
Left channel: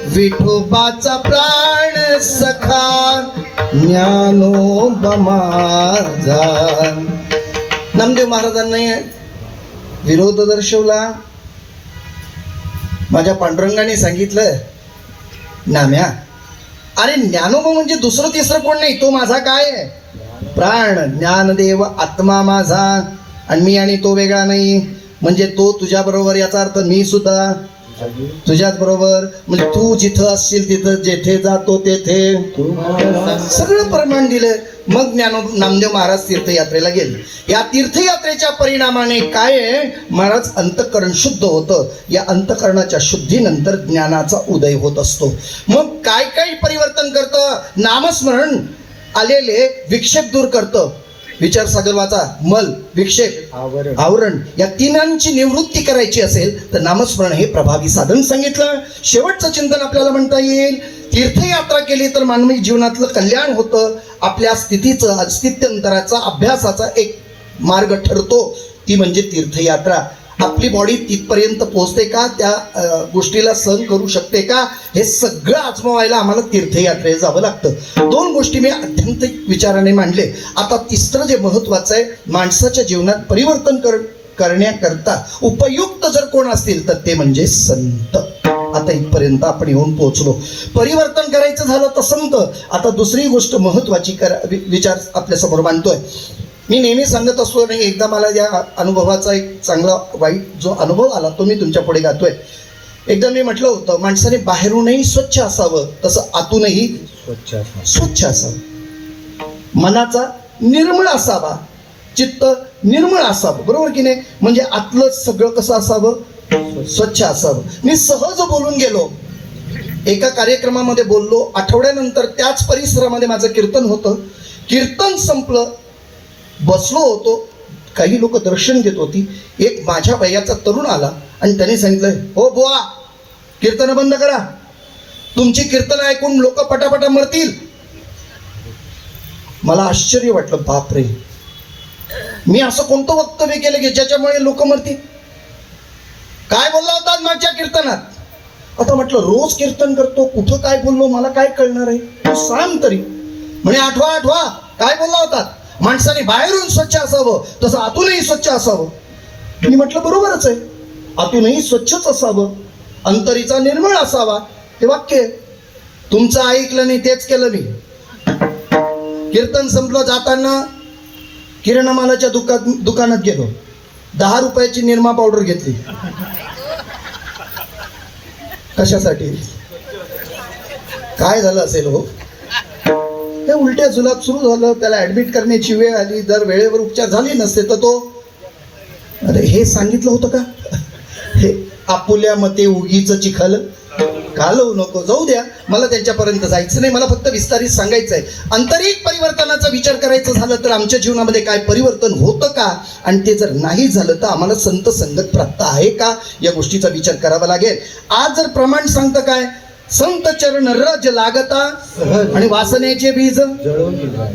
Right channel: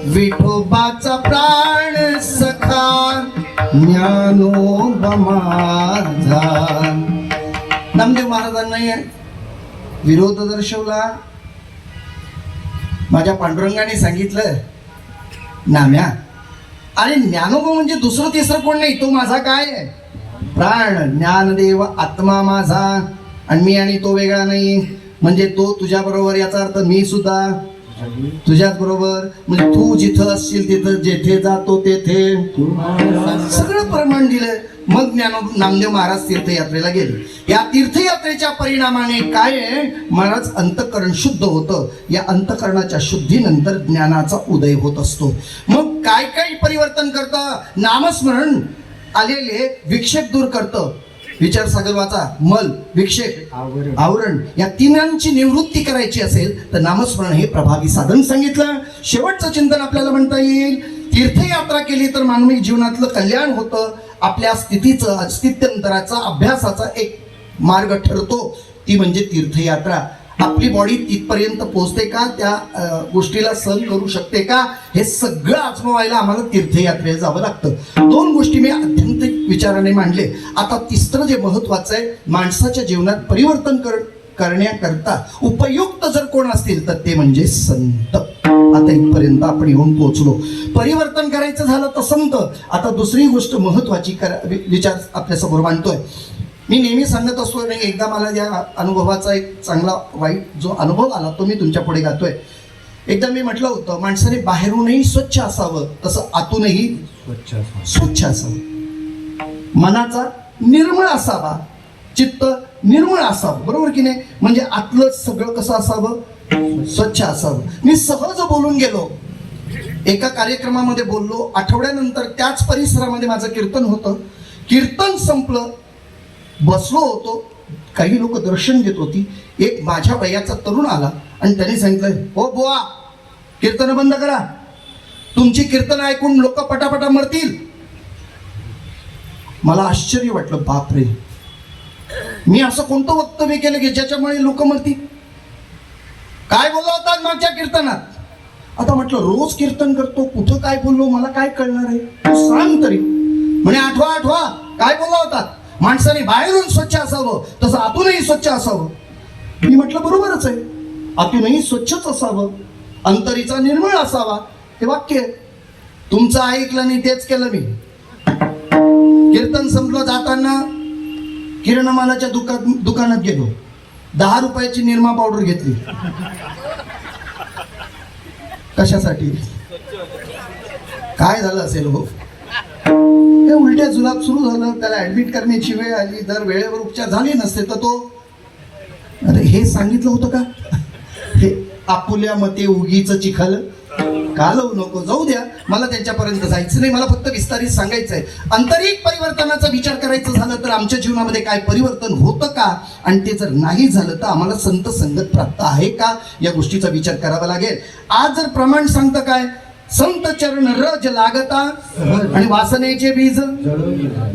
विठोबाचा प्राण सखा ज्ञानोबा माझा. नामदेव महाराजांनी विरोध दर्शवला. माझ्या पांडुरंगाने सांगितलं नाम्या अरे ज्ञानोबा म्हणजे दुसरं तिसरं कोण नाही, तो माझा काय आहे प्राण. ज्ञानदेव आत्मा माझा आणि मी आणि तो वेगळा नाही. म्हणजे तो तुझ्या बरोबर याचा अर्थ मी सुद्धा तुझ्याच बरोबर. म्हणजे तू जिथं असशील तिथं, जेथे जातो तेथे, सगळं प्रमाण दिलं. मग नामदेव महाराज तीर्थयात्रेला गेले. या तीर्थयात्रेच्या परिणामाने काय आहे, महाराज अंतःकरण शुद्ध होतं. या अंतःकरणाच्या शुद्धीनंतर ज्ञानाचा उदय होत असतो. मग काय काय परिवर्तन करतं? नामस्मरण आलेले विक्षेप दूर करतं. विचार सागरवाचा मल, विक्षेप, आवरण या तिन्हांची निवृत्ती करायची असेल तर नामस्मरण हे प्रभावी साधन सांगितलं. शेवटचं चिंतन आपल्याला म्हणता येईल, तीर्थयात्रा केली तर मानवी जीवनातलं कल्याण होतं. आपल्या स्थितीचं अस्तित्वांतराचा अभ्यासाचा एक मार्ग ठरतो, ती म्हणजे तीर्थयात्रा. आपली बॉडी तिथपर्यंत पोहोचते का, त्या गोष्टीला सहन करू शकते का, हे सगळं आजमावायला आम्हाला तीर्थयात्रेला जावं लागतं. दोन गोष्टी मी आध्यात्मिक विचाराने मांडले. आता तिसरं जे महत्वाचं आहे, माणसाच्या जीवनात परिवर्तन करण्याकरता उपयुक्त जर कोण असतील तर ते म्हणजे संत. आता इथपर्यंत आपण येऊन पोहोचलो. परिवर्तन करायचं झालं तर संत. आता दुसरी गोष्ट महत्वाची विचार आपल्या समोर मांडतोय. मी नेहमी सांगत असतो नाही, एकदा मला या अनुभवाचा एक चांगला वाईट जो अनुभव आला तो मी तुमच्या पुढे गातोय. एकदा मी म्हटलं होतं, माणसाने बाहेरूनही स्वच्छ असावं तसं आतूनही स्वच्छ असावं. मनाचा निर्मळ असावा, चित्त निर्मळ असावं, बरोबर की नाही? म्हणजे आतलं सगळं कसं असावं? स्वच्छ असावं. मी सहज बोलून गेलो, एका कार्यक्रमामध्ये बोललो. आठवड्यानंतर त्याच परिसरामध्ये माझं कीर्तन होतं. कीर्तन संपलं, बसलो होतो, काही लोक दर्शन घेत होती. एक माझ्या वयाचा तरुण आला आणि त्याने सांगितलं, हो बुवा, कीर्तन बंद करा, तुमची कीर्तन ऐकून लोक पटापटा मरतील. मला आश्चर्य वाटलं, बापरे, मी असं कोणतं वक्तव्य केलं की ज्याच्यामुळे लोक मरतील? काय बोलला होता मागच्या कीर्तनात? आता म्हटलं, रोज कीर्तन करतो, कुठं काय बोललो मला काय कळणार आहे, तू सांग तरी. म्हणे, आठवा काय बोलला होता? माणसाने बाहेरून स्वच्छ असावं तसं आतूनही स्वच्छ असावं. मी म्हटलं, बरोबरच आहे, आतूनही स्वच्छच असावं, अंतरीचा निर्मळ असावा. हे वाक्य तुमचं ऐकलं नाही, तेच केलं मी. कीर्तन संपलं, जाताना किराणा मालाच्या दुकानात गेलो, 10 रुपयाची निरमा पावडर घेतली. कशासाठी? काय झालं असेल हो? हे उलट्या जुलाब सुरू झालं, त्याला ऍडमिट करण्याची वेळ आली. जर वेळेवर उपचार झाले नसते तर तो, अरे हे सांगितलं होतं का? हे आपुल्या मते उगीच चिखल घालवू नको. जाऊ द्या, मला त्यांच्यापर्यंत जायचं नाही. मला फक्त विस्तारित सांगायचं आहे, आंतरिक परिवर्तनाचा विचार करायचं झालं तर आमच्या जीवनामध्ये काय परिवर्तन होतं का, आणि ते जर नाही झालं तर आम्हाला संत संगत प्राप्त आहे का, या गोष्टीचा विचार करावा लागेल. आज जर प्रमाण सांगतं काय, संत चरण रज लागता आणि वासनेचे बीज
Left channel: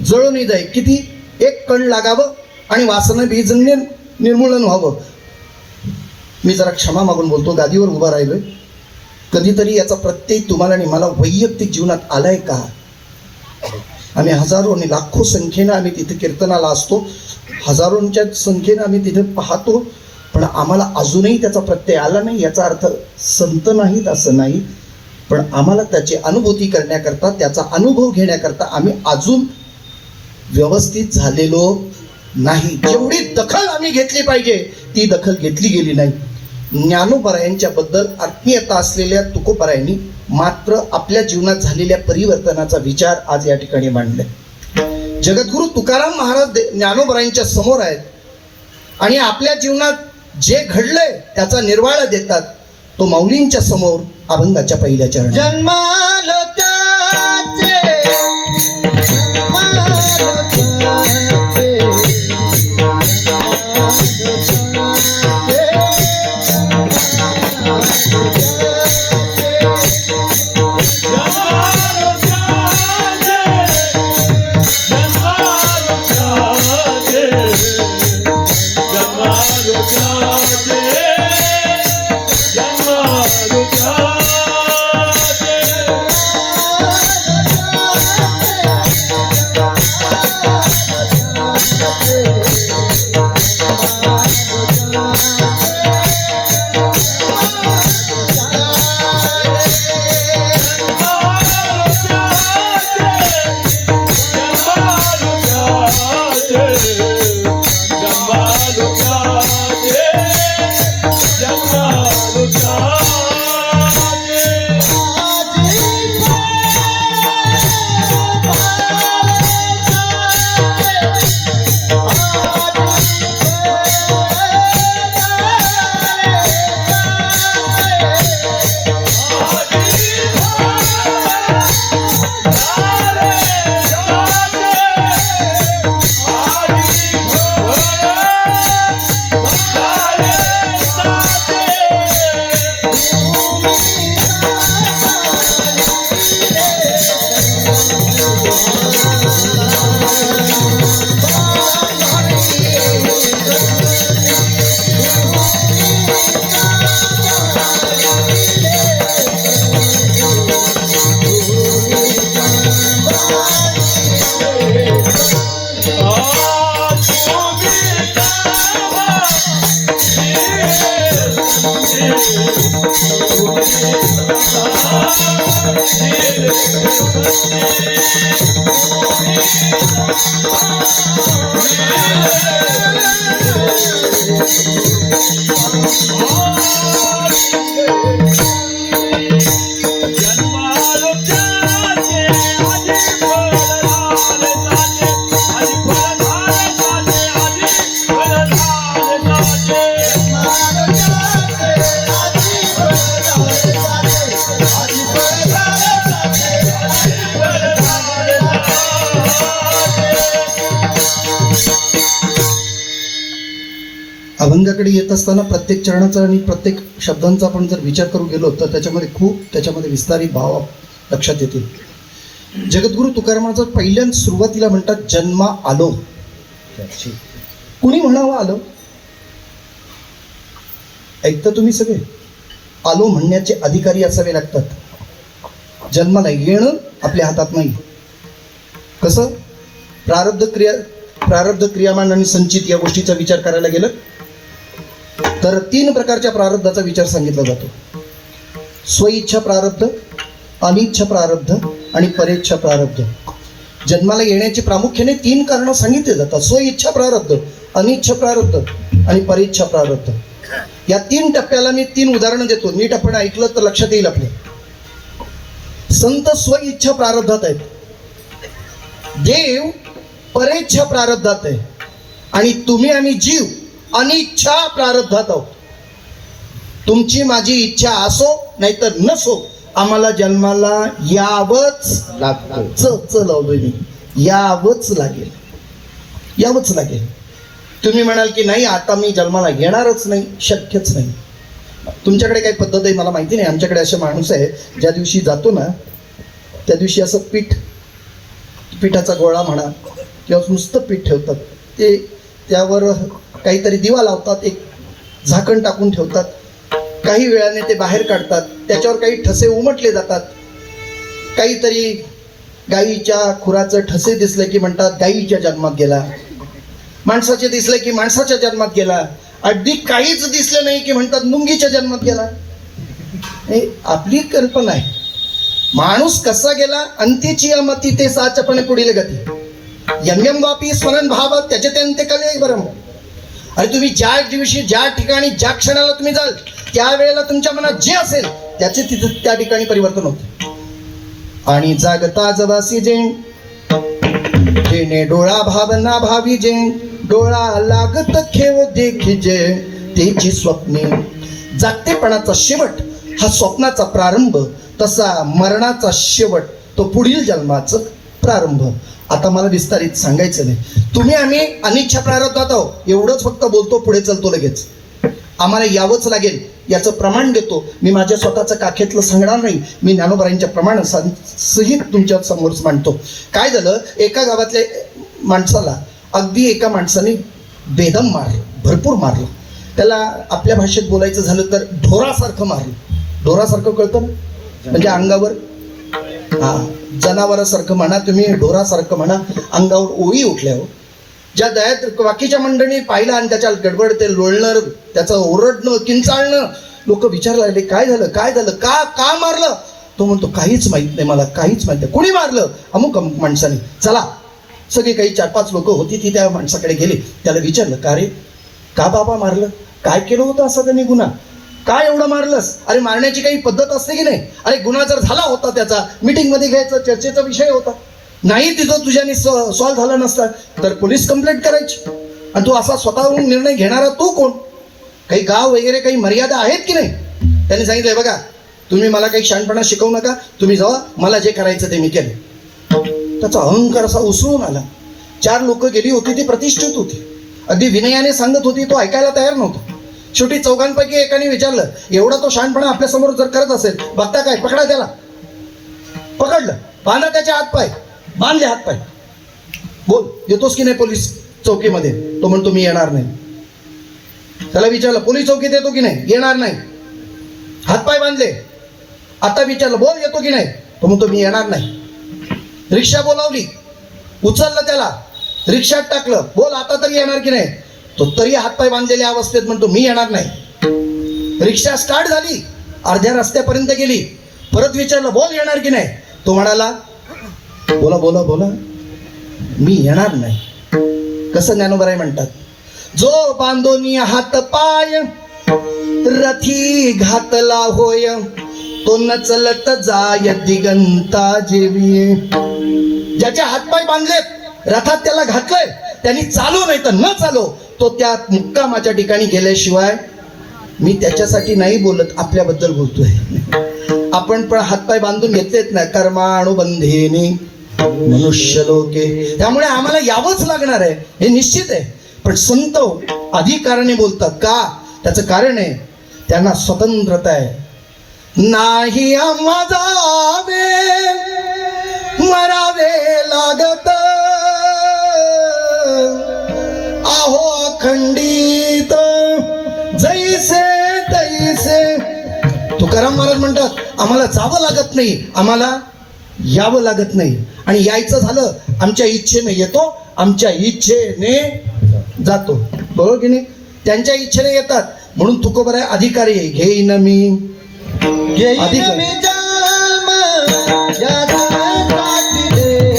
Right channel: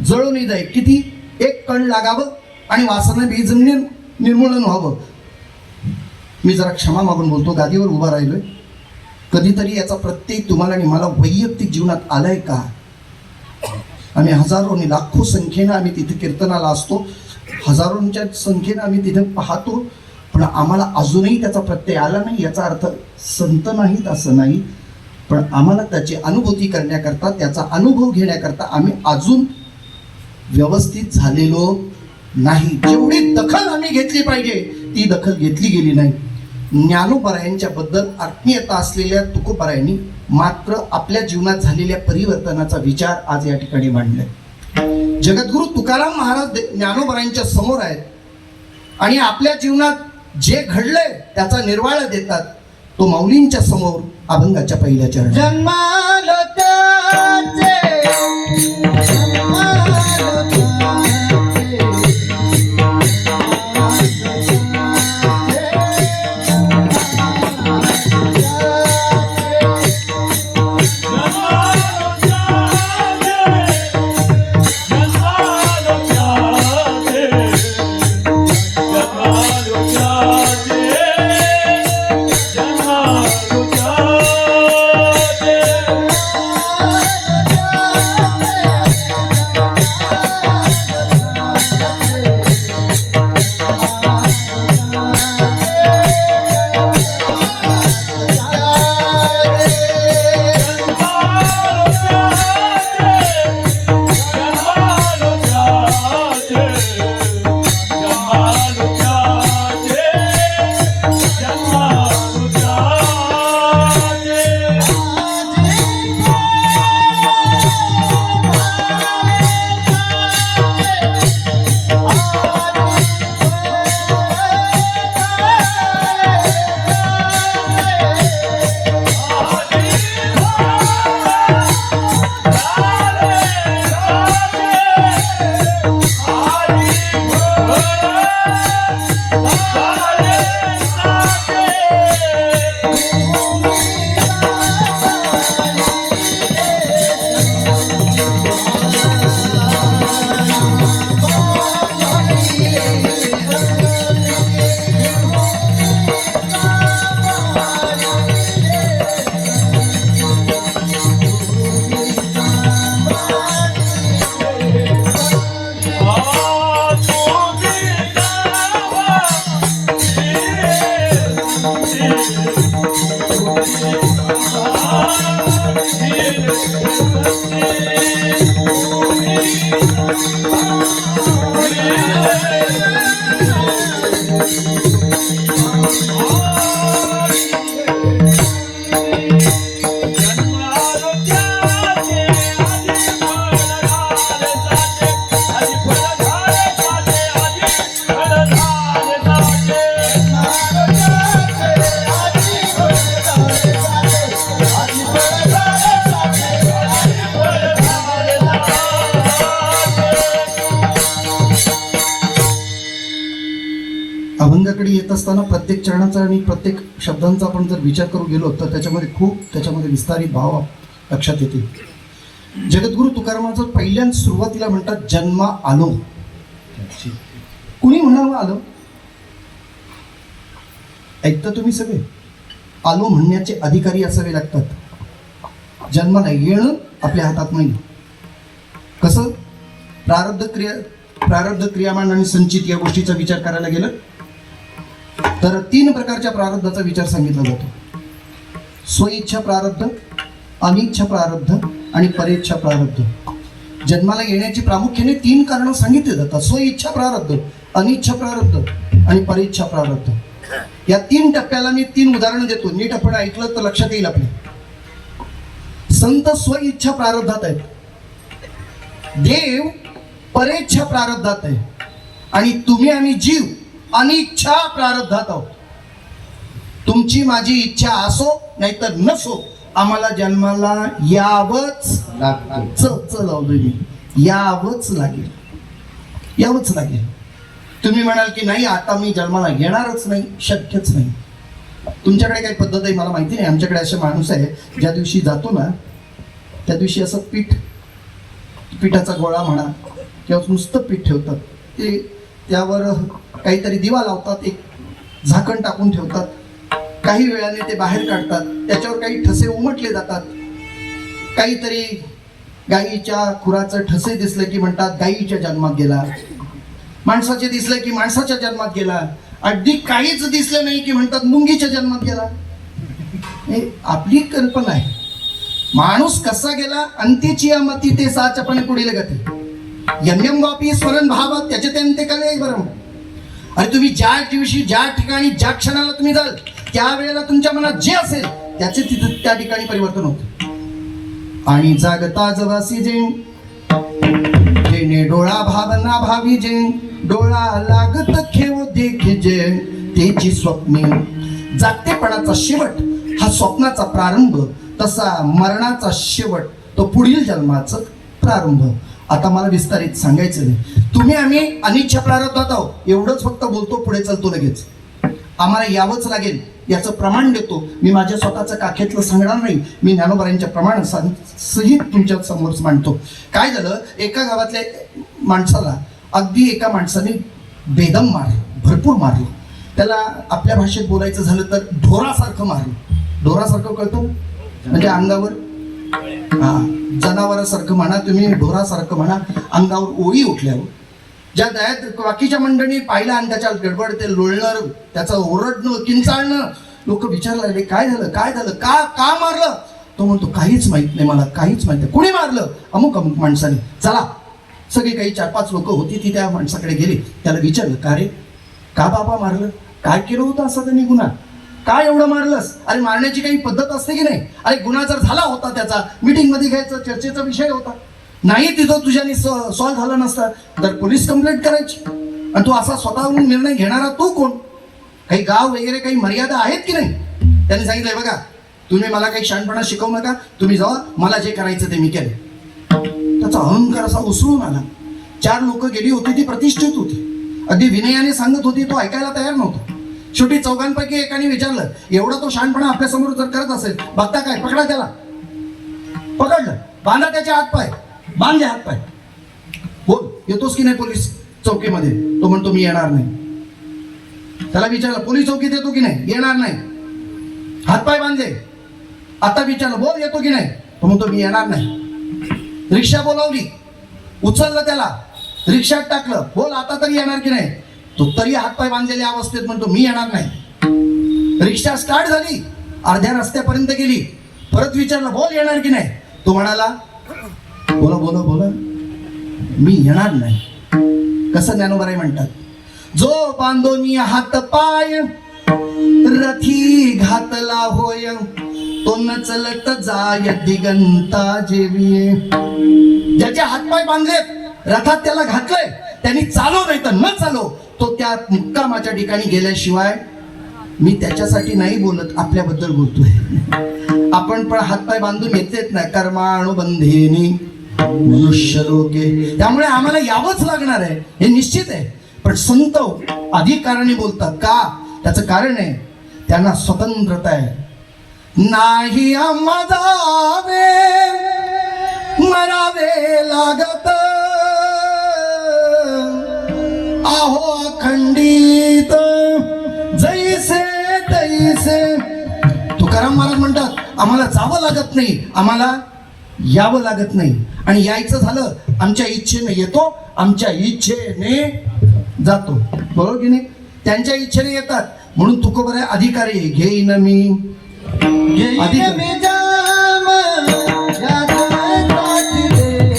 जळून जाई. किती? एक कण लागावं आणि वासना बीज निर्मूलन व्हावं. मी जरा क्षमा मागून बोलतो, गादीवर उभा राहिलोय. कधीतरी याचा प्रत्यय तुम्हाला आणि मला वैयक्तिक जीवनात आलाय का? आम्ही हजारो आणि लाखो संख्येनं आम्ही तिथे कीर्तनाला असतो, हजारोंच्या संख्येनं आम्ही तिथे पाहतो, पण आम्हाला अजूनही त्याचा प्रत्यय आला नाही. याचा अर्थ संत नाहीत असं नाही, पण आम्हाला त्याची अनुभूती करण्याकरता, त्याचा अनुभव घेण्याकरता आम्ही अजून व्यवस्थित झालेलो नाही. जेवढी दखल आम्ही घेतली पाहिजे ती दखल घेतली गेली नाही. ज्ञानोबरायांच्या बद्दल आत्मीयता असलेल्या तुकोबरायांनी मात्र आपल्या जीवनात झालेल्या परिवर्तनाचा विचार आज या ठिकाणी मांडलाय. जगद्गुरु तुकाराम महाराज ज्ञानोबरायांच्या समोर आहेत आणि आपल्या जीवनात जे घडलंय त्याचा निर्वाळा देतात. तो माऊलींच्या समोर अभंगाच्या पहिल्या चरण. जन्मालो त्याचे अभंगाकडे येत असताना प्रत्येक चरणाचा आणि प्रत्येक शब्दांचा आपण जर विचार करू गेलो तर त्याच्यामध्ये विस्तारित भाव लक्षात येतील. जगद्गुरु तुकारामाचं पहिल्यांदा सुरुवातीला म्हणतात जन्मा आलो. कुणी म्हणावं आलं? ऐकतं तुम्ही सगळे? आलो म्हणण्याचे अधिकारी असावे लागतात. जन्माला येणं आपल्या हातात नाही. कसं? प्रारब्ध क्रियामान आणि संचित या गोष्टीचा विचार करायला गेलं तर 3 प्रकारच्या प्रारब्धाचा विचार सांगितला जातो. स्वइच्छा प्रारब्ध, अनिच्छा प्रारब्ध आणि परेच्छा प्रारब्ध. जन्माला येण्याची प्रामुख्याने 3 कारणं सांगितली जातात. स्वइच्छा प्रारब्ध, अनिच्छा प्रारब्ध आणि परेच्छा प्रारब्ध. या 3 टप्प्याला मी 3 उदाहरणं देतो. नीट आपण ऐकलं तर लक्षात येईल आपल्या. संत स्वइच्छा प्रारब्धात आहेत, देव परेच्छा प्रारब्धात आहे आणि तुम्ही आणि जीव अनिच्छा प्रारब्धात आहोत. तुमची माझी इच्छा असो नाहीतर नसो आम्हाला जन्माला यावंच लागतं. लावलोय मी, यावंच लागेल. तुम्ही म्हणाल की नाही आता मी जन्माला येणारच नाही, शक्यच नाही. तुमच्याकडे काही पद्धत आहे मला माहिती नाही. आमच्याकडे असे माणूस आहे ज्या दिवशी जातो ना त्या दिवशी असं पिठाचा गोळा म्हणा किंवा नुसतं पीठ ठेवतात. ते त्यावर काहीतरी दिवा लावतात, एक झाकण टाकून ठेवतात. काही वेळाने ते बाहेर काढतात. त्याच्यावर काही ठसे उमटले जातात. काहीतरी गाईच्या खुराचं ठसे दिसले की म्हणतात गाईच्या जन्मात गेला. माणसाचे दिसले की माणसाच्या जन्मात गेला. अगदी काहीच दिसलं नाही की म्हणतात मुंगीच्या जन्मात गेला. आपली कल्पना आहे. माणूस कसा गेला अंतीची या मती ते साचपणे पुढील गती. यम वापी स्मरण भाव त्याचे ते कले बरं. अरे तुम्ही ज्या दिवशी ज्या ठिकाणी ज्या क्षणाला तुम्ही जाल त्यावेळेला तुमच्या मनात जे असेल त्याचे तिथे त्या ठिकाणी परिवर्तन होते. आणि जागता जवासी जेने डोळा भावना भावी जे डोळा लागत खेव देखिजे तेची स्वप्ने. जागतेपणाचा शेवट हा स्वप्नाचा प्रारंभ, तसा मरणाचा शेवट तो पुढील जन्माचा प्रारंभ. आता मला विस्तारित सांगायचं नाही. तुम्ही आम्ही अनिच्छा प्रारब्धात आहोत एवढंच फक्त बोलतो, पुढे चालतो लगेच. आम्हाला यावंच लागेल याचं प्रमाण देतो. मी माझ्या स्वतःचं काखेतलं सांगणार नाही, मी ज्ञानोबरांच्या प्रमाण सहित तुमच्या समोर मांडतो. काय झालं, एका गावातल्या माणसाला अगदी एका माणसाने बेदम मारलं, भरपूर मारलं. त्याला आपल्या भाषेत बोलायचं झालं तर ढोरासारखं मारलं. ढोरासारखं कळतं ना, म्हणजे अंगावर जनावरासारखं म्हणा तुम्ही, ढोरासारखं म्हणा. अंगावर ओळी उठल्या हो. ज्या दयात बाकीच्या मंडळींनी पाहिलं आणि त्याच्या गडबड ते लोळणं, त्याचं ओरडणं, किंचाळणं. लोक विचारायला लागले काय झालं, का मारलं. तो म्हणतो काहीच माहित नाही, मला काहीच माहित नाही. कुणी मारलं? अमुक अमुक माणसाने. चला, सगळी काही 4-5 लोक होती ती त्या माणसाकडे गेली. त्याला विचारलं का रे, का बाबा मारलं, काय केलं होतं असा त्यांनी गुन्हा, काय एवढं मारलंस? अरे मारण्याची काही पद्धत असते की नाही? अरे गुन्हा जर झाला होता त्याचा मीटिंगमध्ये घ्यायचा, चर्चेचा विषय होता. नाही तिथं तुझ्याने सॉल्व्ह झाला नसता तर पोलीस कंप्लेंट करायची. आणि तू असा स्वतःहून निर्णय घेणारा तू कोण? काही गाव वगैरे काही मर्यादा आहेत की नाही? त्यांनी सांगितलंय बघा तुम्ही मला काही शहाणपणा शिकवू नका, तुम्ही जावा, मला जे करायचं ते मी केलं. त्याचा अहंकार असा उसळून आला. 4 लोक गेली होती, ती प्रतिष्ठित होती, अगदी विनयाने सांगत होती, तो ऐकायला तयार नव्हता. शेवटी 4घांपैकी एकाने विचारलं, एवढा तो शहाणपणा आपल्या समोर जर करत असेल, बघता काय, पकडा त्याला. पकडलं, बांधा त्याचे हातपाय, बांधले हातपाय. बोल येतोस की नाही पोलीस चौकीमध्ये? तो म्हणतो मी येणार नाही. त्याला विचारलं पोलीस चौकीत येतो की नाही? येणार नाही. हातपाय बांधले. आता विचारलं बोल येतो की नाही? तो म्हणतो मी येणार नाही. रिक्षा बोलावली, उचललं त्याला, रिक्षात टाकलं, बोल आता तरी येणार की नाही? तो तरी हातपाय बांधलेल्या अवस्थेत म्हणतो मी येणार नाही. रिक्षा स्टार्ट झाली, अर्ध्या रस्त्यापर्यंत गेली, परत विचारलं बोल येणार की नाही. तो म्हणाला बोला बोला बोला मी येणार नाही. कसं ज्ञानोबराई म्हणतात, जो बांधोनी हात पाय रथी घातला होय, तो न चलत जाय दिगंता जेवी. ज्याचे हातपाय बांधलेत, रथात त्याला घातलंय, त्यांनी चालो नाही तर न चालो, तो त्या मुक्कामाच्या ठिकाणी गेल्याशिवाय. मी त्याच्यासाठी नाही बोलत, आपल्याबद्दल बोलतोय. आपण पण हातपाय बांधून घेतलेत ना, कर्मानुबंधेने मनुष्य लोके. त्यामुळे आम्हाला यावंच लागणार आहे, हे निश्चित आहे. पण संत अधिकाराने बोलतात का? त्याचं कारण आहे, त्यांना स्वतंत्रता आहे. नाही आम्हा जावे मरावे लागत, आहो अखंडित जैसे तैसे. तुकाराम महाराज म्हणतात आम्हाला जावं लागत नाही, आम्हाला यावं लागत नाही. आणि यायचं झालं आमच्या इच्छेने येतो, आमच्या इच्छेने जातो. बरोबर की नाही? त्यांच्या इच्छेने येतात म्हणून तुकोबर आहे अधिकारी आहे. घेईन मी अधिकारी. मी जन्म यासाठी देवा,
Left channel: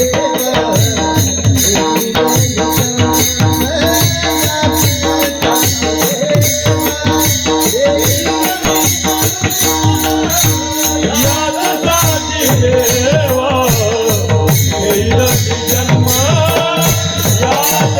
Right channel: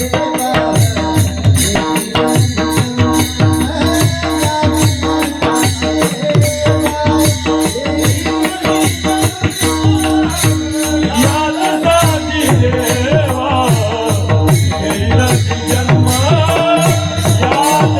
यादसाठी देवा, येईल जन्म यादसाठी देवा.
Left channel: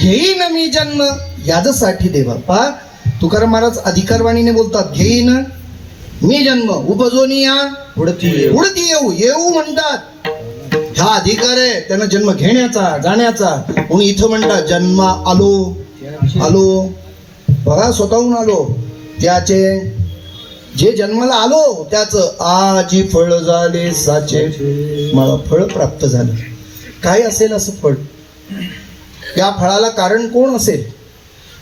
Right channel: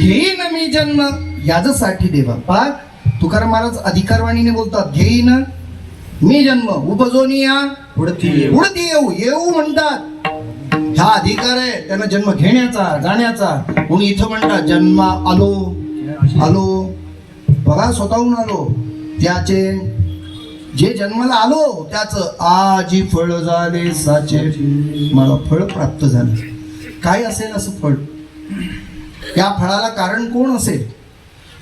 घेईन मी जन्म यादसाठी देवा. पा तुकाराम महाराज अधिकारवाणीने बोलतात, घेईन मी जन्म उपजोनी या उडती येऊ. येऊ म्हणतात, हा अधिकार आहे त्यांना जन्म घेण्याचा जाण्याचा. म्हणून इथं म्हणतात जन्मा आलो आलो. बघा स्वतःहून आलो. त्याचे जे जन्माला आलो त्याचं आजी फळ झाले साचे, मला फळ प्राप्त झालं. काय असेल असं फळ? या फळाला कारण कोण असेल?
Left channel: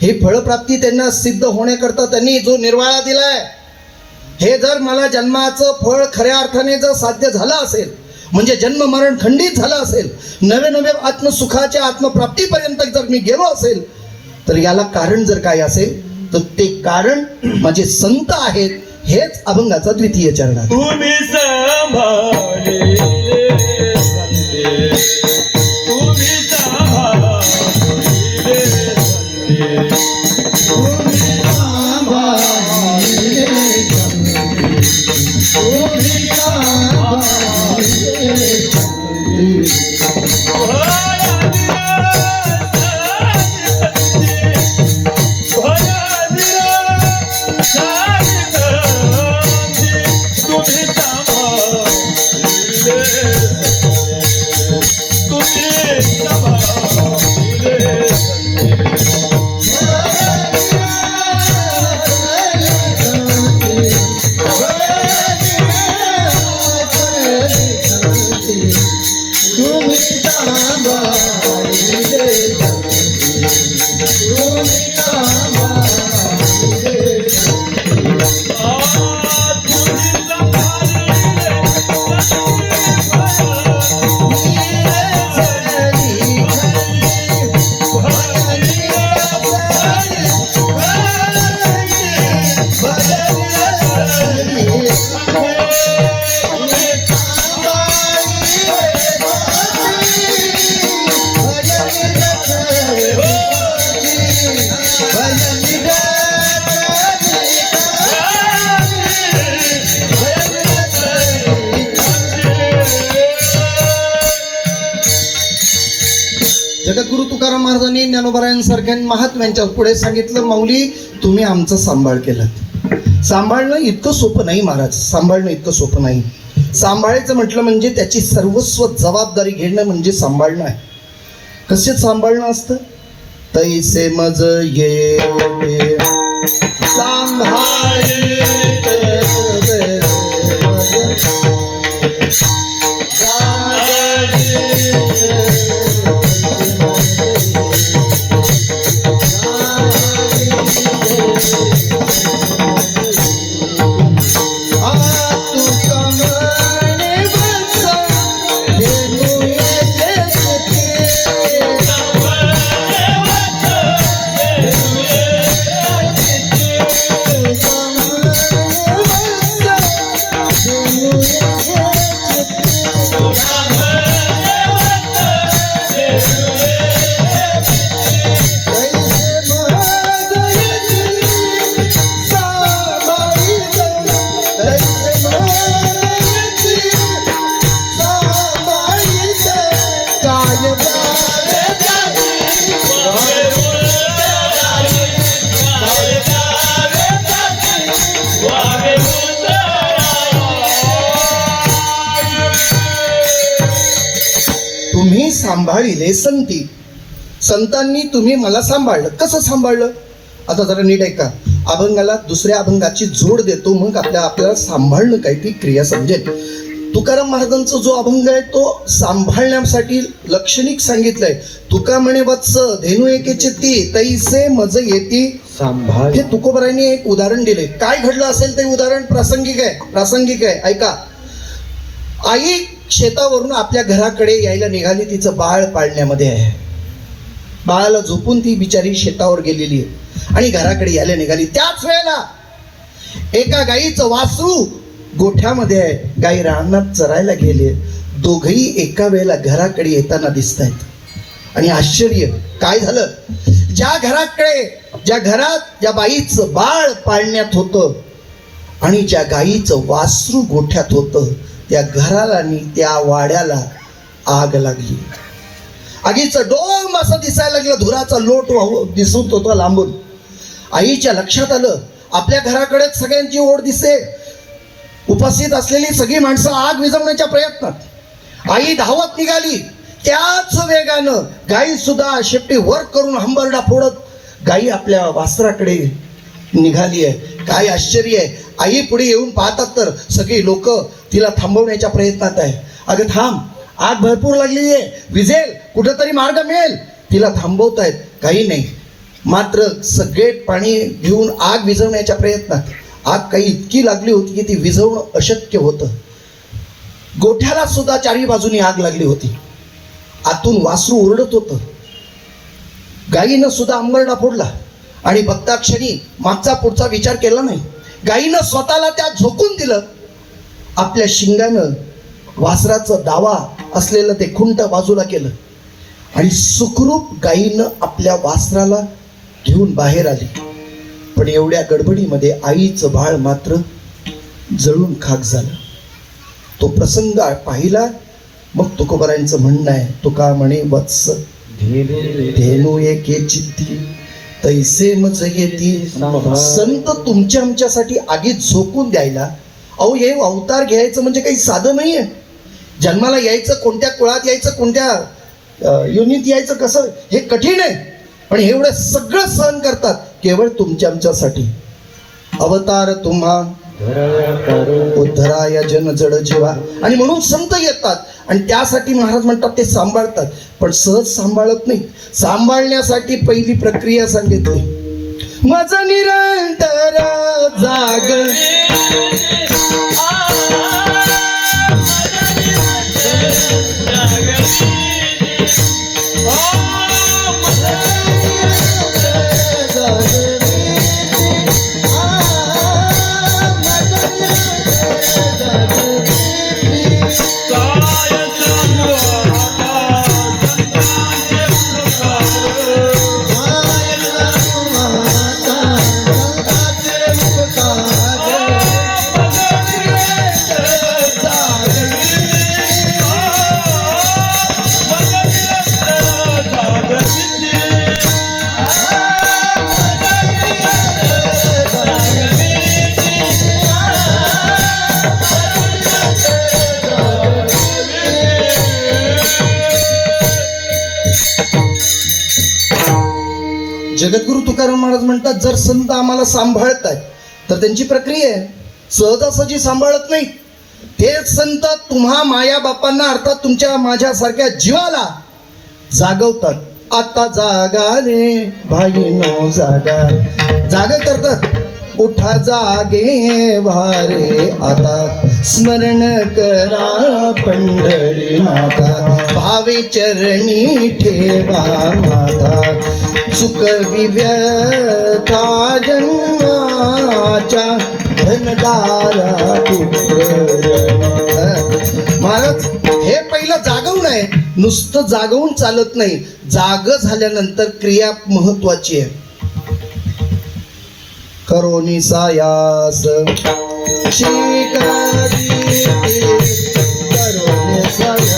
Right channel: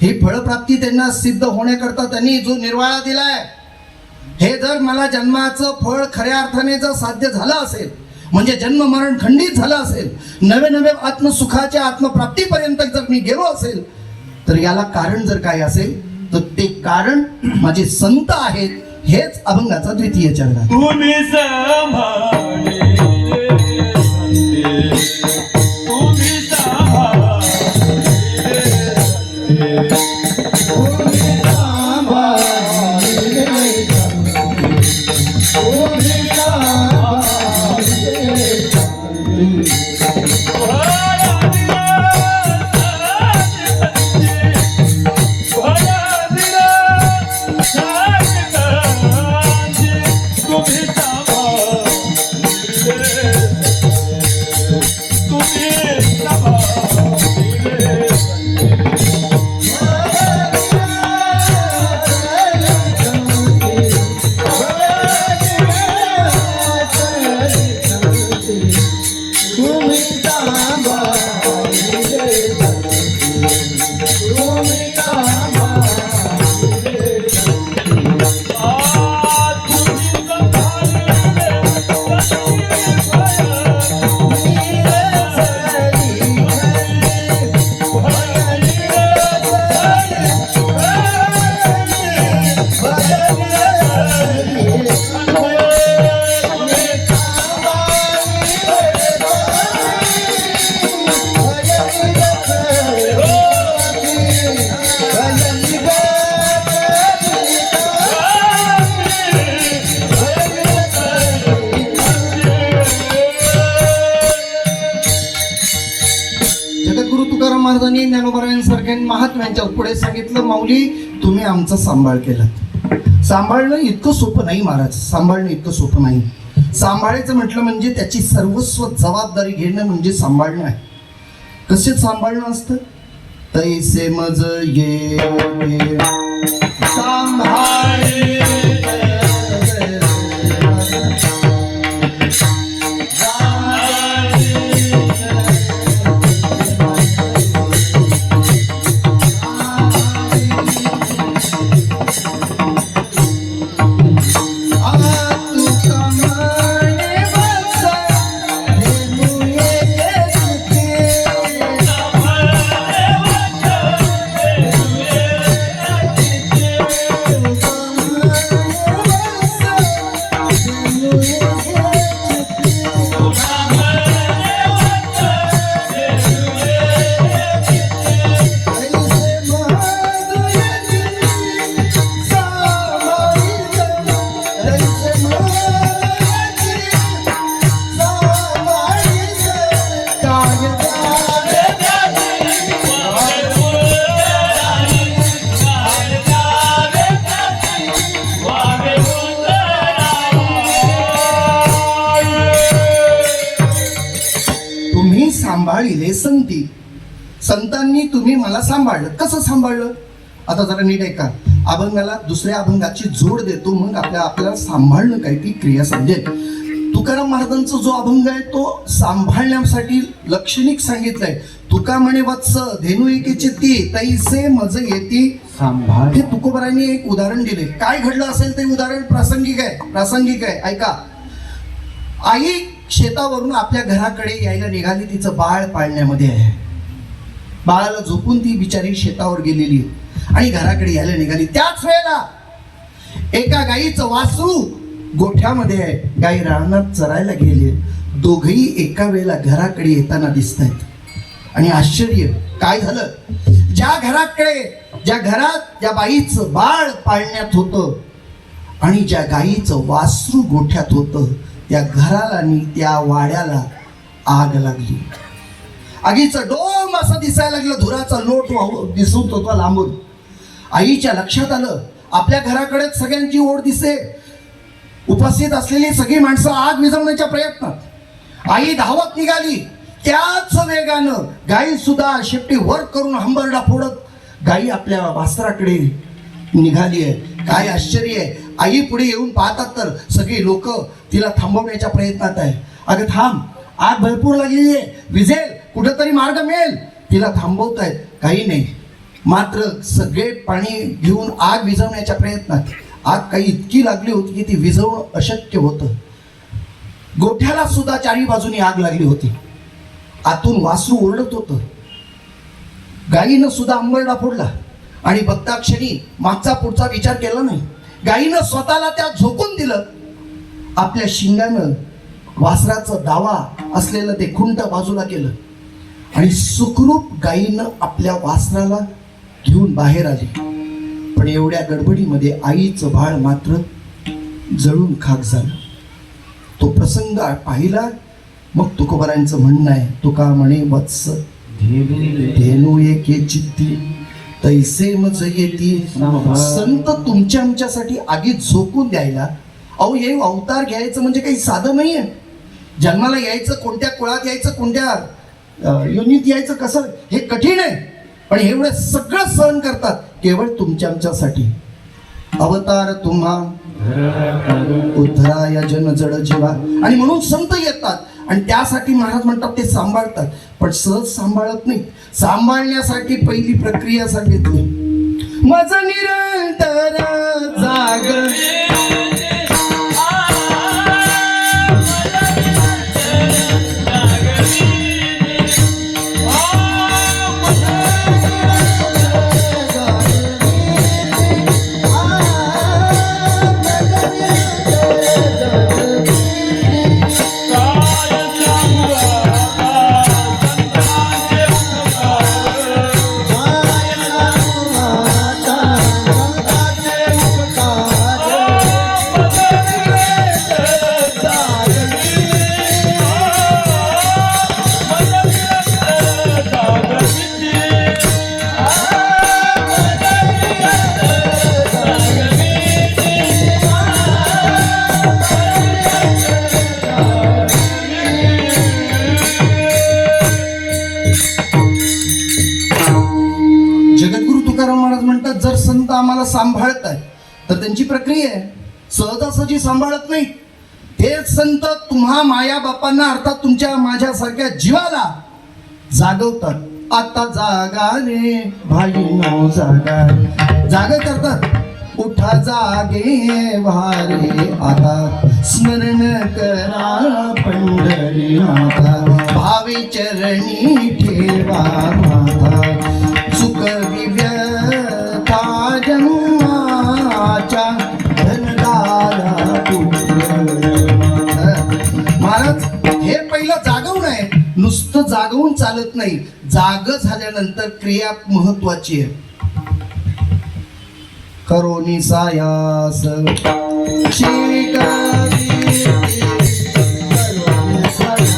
हे फळप्राप्ती त्यांना सिद्ध होण्याकरता त्यांनी जो निर्वाळा दिलाय, हे जर मला जन्माचं फळ खऱ्या अर्थाने जर साध्य झालं असेल, म्हणजे जन्म मरण खंडित झालं असेल, नवे नवे आत्मसुखाच्या आत्मप्राप्तीपर्यंत जर मी गेलो असेल, तर याला कारण जर काय असेल तर ते कारण माझे संत आहेत. हेच अभंगाचा द्वितीय चरण आहे. तुम्ही सांभाळे संते, तुम्ही सांभाळे संते. तुम्ही सांभाळे सगळ्यांनी महात्म्यांच्या पुढे सांगितलं, माऊली तुम्ही आमचं सांभाळ केलं. सांभाळणं इतकं सोपं नाही महाराज, सांभाळणं इतकं सोपं नाही. सांभाळायचं म्हटलं म्हणजे त्याची सर्वस्व जबाबदारी घेणं म्हणजे सांभाळणं आहे. कसे सांभाळणं असतं? तैसे मज ये सांभाळी सांभाळिले संती. संतांनी तुम्ही मला सांभाळलं. कसं सांभाळलं? आता जरा नीट ऐका. अभंगाला दुसऱ्या अभंगाची जोड देतो, मग आपल्याला सांभाळणं काय ती क्रिया समजेल. तुकाराम महाराजांचा जो अभंग आहे तो सांभाळण्यासाठी लक्षणिक सांगितलंय. तुका म्हणे वत्स धेनू एकेची ती तैसे मज येती सांभाळ. हे तुकोबारांनी एक उदाहरण दिले. काय घडलं असेल ते उदाहरण प्रासंगिक आहे. ऐका. आई शेतावरून आपल्या घराकडे यायला निघाली. तिचं बाळ पाळण्यामध्ये आहे. बाळाला झोपून ती बिचारी शेतावर गेलेली आहे आणि घराकडे यायला निघाली. त्याच वेळेला एका गाईचं वासरू गोठ्यामध्ये आहे. गाई रानात चरायला गेले. दोघही एका वेळेला घराकडे येताना दिसत आहेत. आणि आश्चर्य काय झालं? ज्या घरात ज्या बाईचं बाळ पाळण्यात होतं आणि ज्या गाईचं वासरू गोठ्यात होतं, त्या घराला आणि त्या वाड्याला आग लागली. आगीचं डोम असं दिसायला लागलं. धुराचा लोट दिसत होता लांबून. आईच्या लक्षात आलं आपल्या घराकडेच सगळ्यांची ओढ दिसते. उपस्थित असलेली सगळी माणसं आग विझवण्याच्या प्रयत्नात. आई धावत निघाली. त्याच वेगानं गाई सुद्धा शेपटी वर करून हंबरडा फोडत गाई आपल्या वासराकडे निघाली आहे. काय आश्चर्य आहे. आई पुढे येऊन पाहतात तर सगळी लोक तिला थांबवण्याच्या प्रयत्नात आहे. अगं थांब, आग भरपूर लागलेली आहे, विझेल, कुठेतरी मार्ग मिळेल. तिला थांबवतायत. काही नाही. मात्र सगळे पाणी घेऊन आग विझवण्याच्या प्रयत्नात. आग काही इतकी लागली होती की ती विझवणं अशक्य होतं. गोठ्याला सुद्धा चारी बाजूनी आग लागली होती. आतून वासरू ओरडत होतं. गायीनं सुद्धा अंबरडा फोडला आणि बघता क्षणी मागचा पुढचा विचार केला नाही. गायीनं स्वतःला त्यात झोकून दिलं. आपल्या शिंगानं वासराचं दावा असलेलं ते खुंट बाजूला केलं आणि सुखरूप गायीनं आपल्या वासराला घेऊन बाहेर आली. पण एवढ्या गडबडीमध्ये आईचं बाळ मात्र जळून खाक झालं. तो प्रसंग पाहिला. मग तुकोबारांचं म्हणणं आहे, तुका म्हणे वत्स धेनू एके चित्ती तैसे मज येती. संत तुमच्या आमच्यासाठी आगीत झोकून द्यायला. अहो हे अवतार घ्यायचं म्हणजे काही साधं नाहीये. जन्माला यायचं, कोणत्या कुळात यायचं, कोणत्या युनित यायचं, कसं हे कठीण आहे. पण एवढं सगळं सहन करतात केवळ तुमच्या आमच्यासाठी. अवतार तुम्हा उद्धराया जन जड जीवा. आणि म्हणून संत येतात आणि त्यासाठी महाराज म्हणतात ते सांभाळतात. पण सहज सांभाळत नाही. सांभाळण्यासाठी पहिली प्रक्रिया सांगितली. माझा निरंतर जाग मला सांभाळतायत, तर त्यांची प्रक्रिया आहे, सहजासहजी सांभाळत नाही. तेच संत तुम्हा माया बापांना अर्थात तुमच्या माझ्यासारख्या जीवाला जागवतात. आता जागा रे भाई नाव जागा, जागा करतात. उठा जागे वारे आता, स्मरण करा पंढरी माता, भावे चरणी ठेवा माता, चुकवी व्यथा जन्माच्या धनदारा पुत्र. महाराज हे पहिलं जागवून आहे, नुसतं जागवून चालत नाही, जाग झाल्यानंतर क्रिया महत्वाची आहे. करोनी सायास शिकारी, करोनी सायास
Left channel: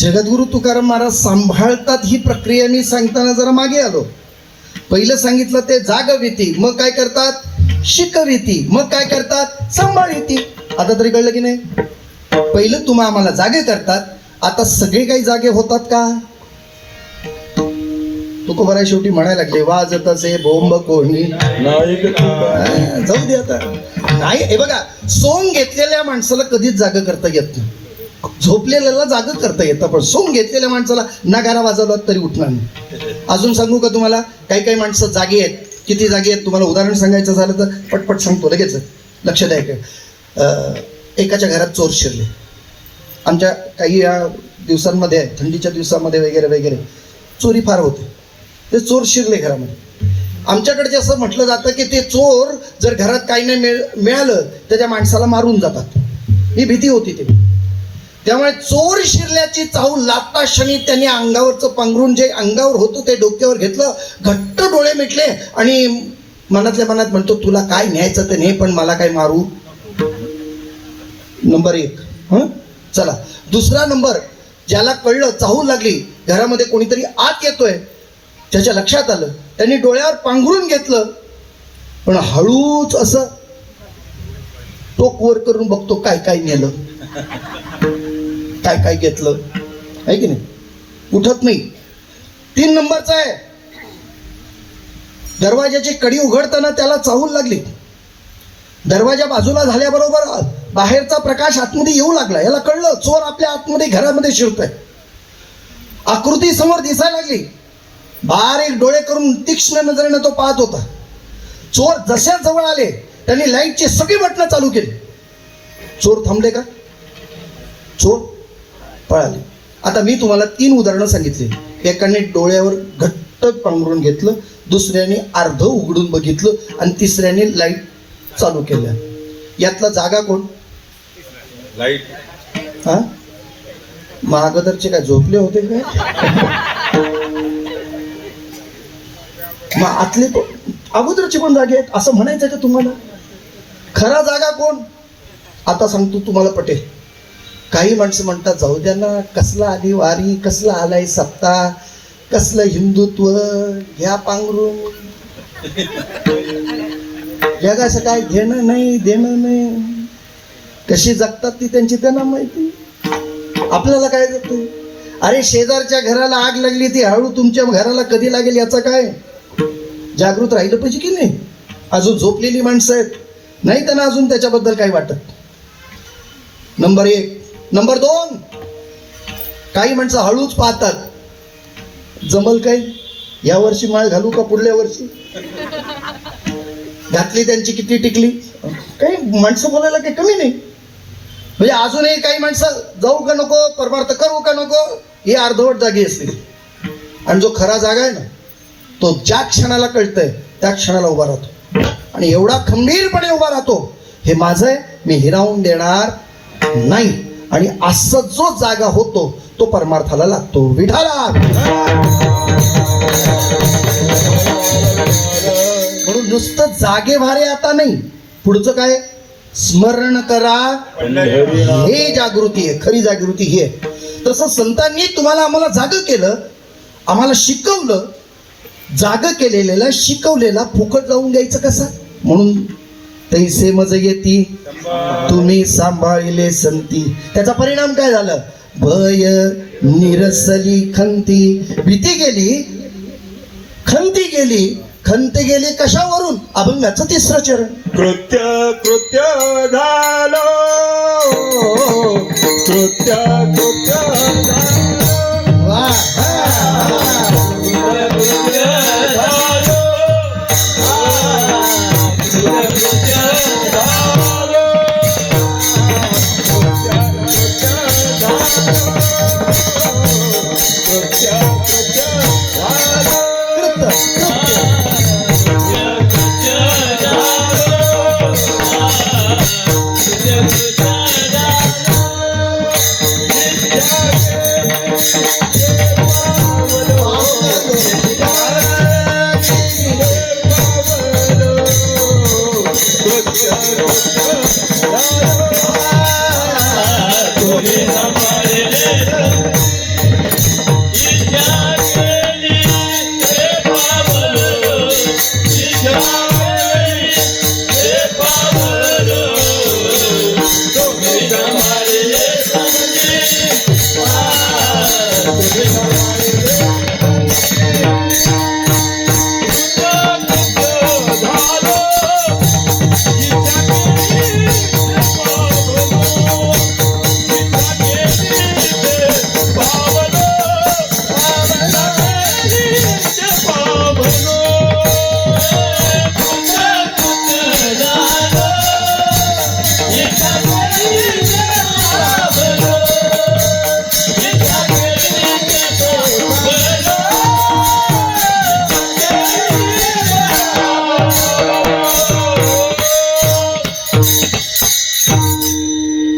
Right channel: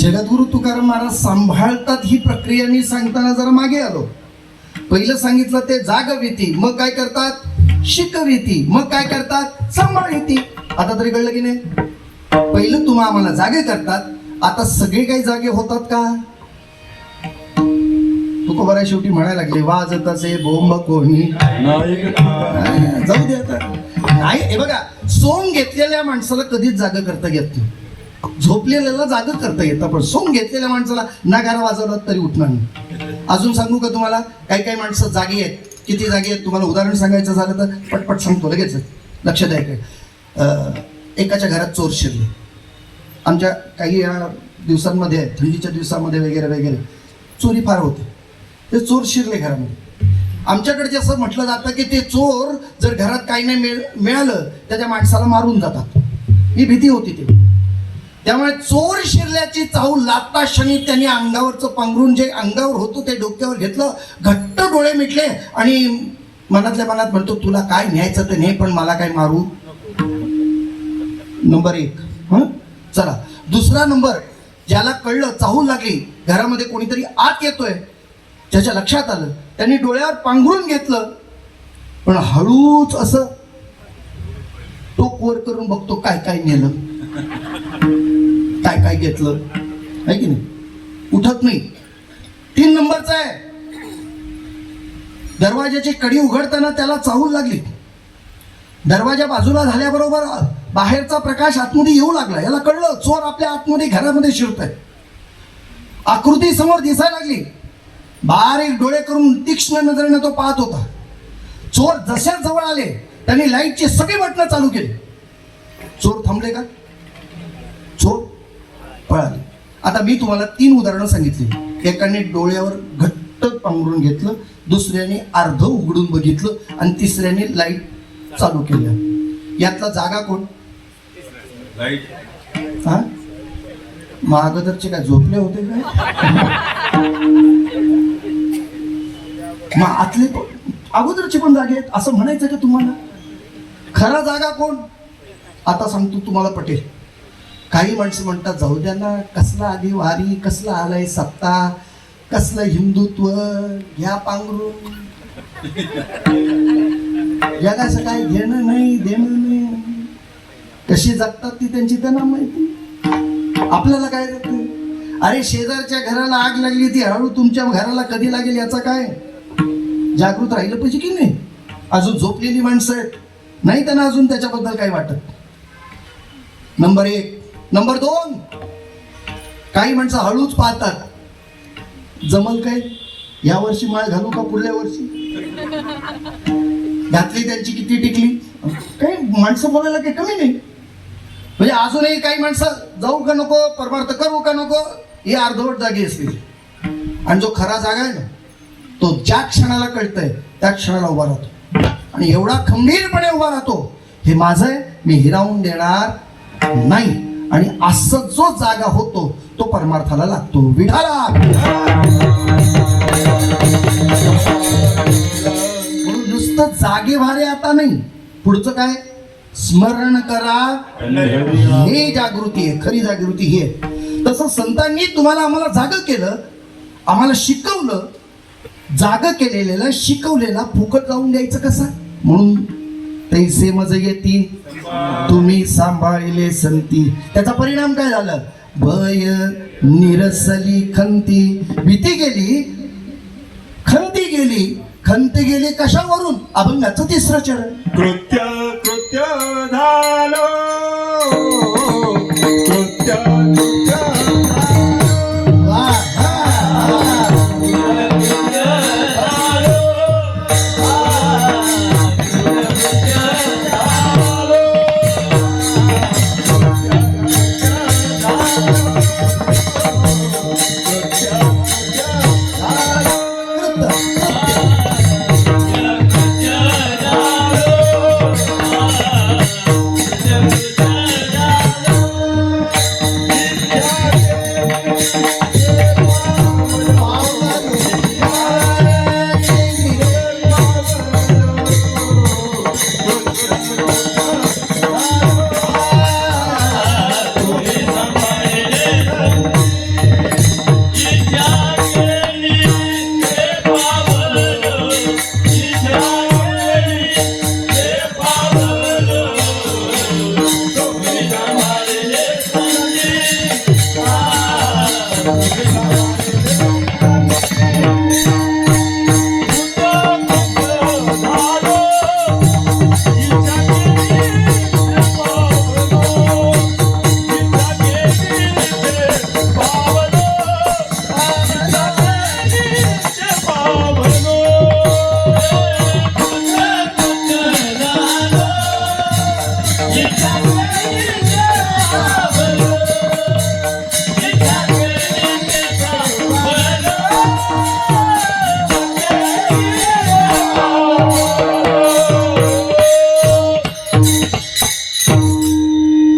जगद्गुरु तुकाराम महाराज सांभाळतात ही प्रक्रिया मी सांगताना जरा मागे आलो. पहिलं सांगितलं ते जागविती, मग काय करतात शिकविती, मग काय करतात सांभाळीती. आता तरी कळलं की नाही? पहिलं तुम्हा आम्हाला जागे करतात, आता सगळे काही जागे होतात का? तू बरा शेवटी म्हणायला लागले वाजतसे बोंब कोणी जाऊ दे आता. नाही हे बघा, सोंग घेतलेल्या माणसाला कधीच जाग करता येत नाही, झोपलेल्याला जाग करता येतं, पण सोंग घेतलेल्या माणसाला नगारा वाजवला तरी उठणार नाही. अजून सांगू का तुम्हाला? काही काही माणसं जागी आहेत. किती जागी आहेत तुम्हाला उदाहरण सांगायचं झालं तर पटपट सांगतो लगेच, लक्षात आहे का? एकाच्या घरात चोर शिरले. आमच्या काही या दिवसांमध्ये थंडीच्या दिवसामध्ये वगैरे वगैरे चोरी फार होते. ते चोर शिरले घरामध्ये. आमच्याकडे असं म्हटलं जातं की ते चोर जर घरात काही नाही मिळालं तर त्या माणसाला मारून जातात, ही भीती होती ते. त्यामुळे चोर शिरल्याची चाहूल लागता क्षणी त्यांनी अंगावरचं पांघरून जे अंगावर होतं ते डोक्यावर घेतलं, घट्ट डोळे मिटले आणि मनातल्या मनात म्हणतो तुला काय न्यायचं ते ने, पण मला काय मारू. नंबर 1. चला दुसरा नंबर, ज्याला कळलं चाहूल लागली घरामध्ये कोणीतरी आत येतोय, त्याच्या लक्षात आलं, त्यांनी डोळ्यावर पांघरून घेतलं, पण हळूच असं टोक वर करून बघतो काय काय नेलं, काय काय घेतलं, आहे की नाही? उठत नाही. 3 नंबरचा आहे, दरवाजाची कडी उघडताना त्याला चाहूल लागली. दरवाजा बाजूला झाल्याबरोबर बाहेरचा प्रकाश आतमध्ये येऊ लागला. याला कळलं चोर आपल्या आतमध्ये घरामध्ये शिरतोय. आकृती समोर दिसायला लागली. बारीक डोळे करून तीक्ष्ण नजरेने तो पाहत होता. चोर जशा जवळ आले त्यांनी लाईटची सगळी बटणं चालू केली. चोर थांबले का? चोर पळाले. आता मी तुम्हाला 3 उदाहरणं सांगितली. एकाने डोळ्यावर घट्ट पांघरून घेतलं, दुसऱ्याने अर्ध उघडून बघितलं आणि तिसऱ्याने लाईट चालू केल्या. यातला जागा कोण? लाईट. हा, अगोदरचे काय झोपले होते काय? मग आतले अगोदरचे पण जागे आहेत असं म्हणायचं का तुम्हाला? खरा जागा कोण? आता सांगतो तुम्हाला पटेल. काही माणसं म्हणतात जाऊ द्या ना, कसला आली वारी, कसला आलाय सप्ताह, कसलं हिंदुत्व, घ्या पांघरून, जगाचं काय घेणं नाही देणं नाही. कशी जगतात ती त्यांची त्यांना माहिती, आपल्याला काय जगते. अरे शेजारच्या घराला आग लागली ती हळू तुमच्या घराला कधी लागेल याचा काय? जागृत राहिलं पाहिजे की नाही? अजून झोपलेली माणसं आहेत, नाही त्यांना अजून त्याच्याबद्दल काय वाटत. नंबर 1. नंबर 2, काही माणसं हळूच पाहतात. जमल काय या वर्षी माळ घालू का पुढल्या वर्षी? घातली त्यांची किती टिकली. काही माणसं बोलायला काही कमी नाही. म्हणजे अजूनही काही माणसं जाऊ का नको, परमार्थ करू का नको, ही अर्धवट जागी असली. आणि जो खरा जागा आहे ना, तो ज्या क्षणाला कळतंय त्या क्षणाला उभा राहतो. आणि एवढा खंबीरपणे उभा राहतो, हे माझं आहे, मी हिरावून देणार नाही. आणि असं जो जागा होतो तो परमार्थाला लागतो. विठाला म्हणून नुसतं जागे भारे आता नाही, पुढचं काय, स्मरण करा हे जागृती आहे, खरी जागृती ही आहे. तसं संतांनी तुम्हाला आम्हाला जागं केलं, आम्हाला शिकवलं. जागं केलेलं शिकवलेला फुकट जाऊन द्यायचं कसं? म्हणून तैसे मज येती तुम्ही सांभाळिले संती. त्याचा परिणाम काय झालं? भय निरसली खंती, भीती गेली, खंती गेली. खंत गेली कशावरून? अभंगाचं 3रं चरण. कृत्य कृत्य झालो, कृत्य कृत्य झालो. वा, वा, वा.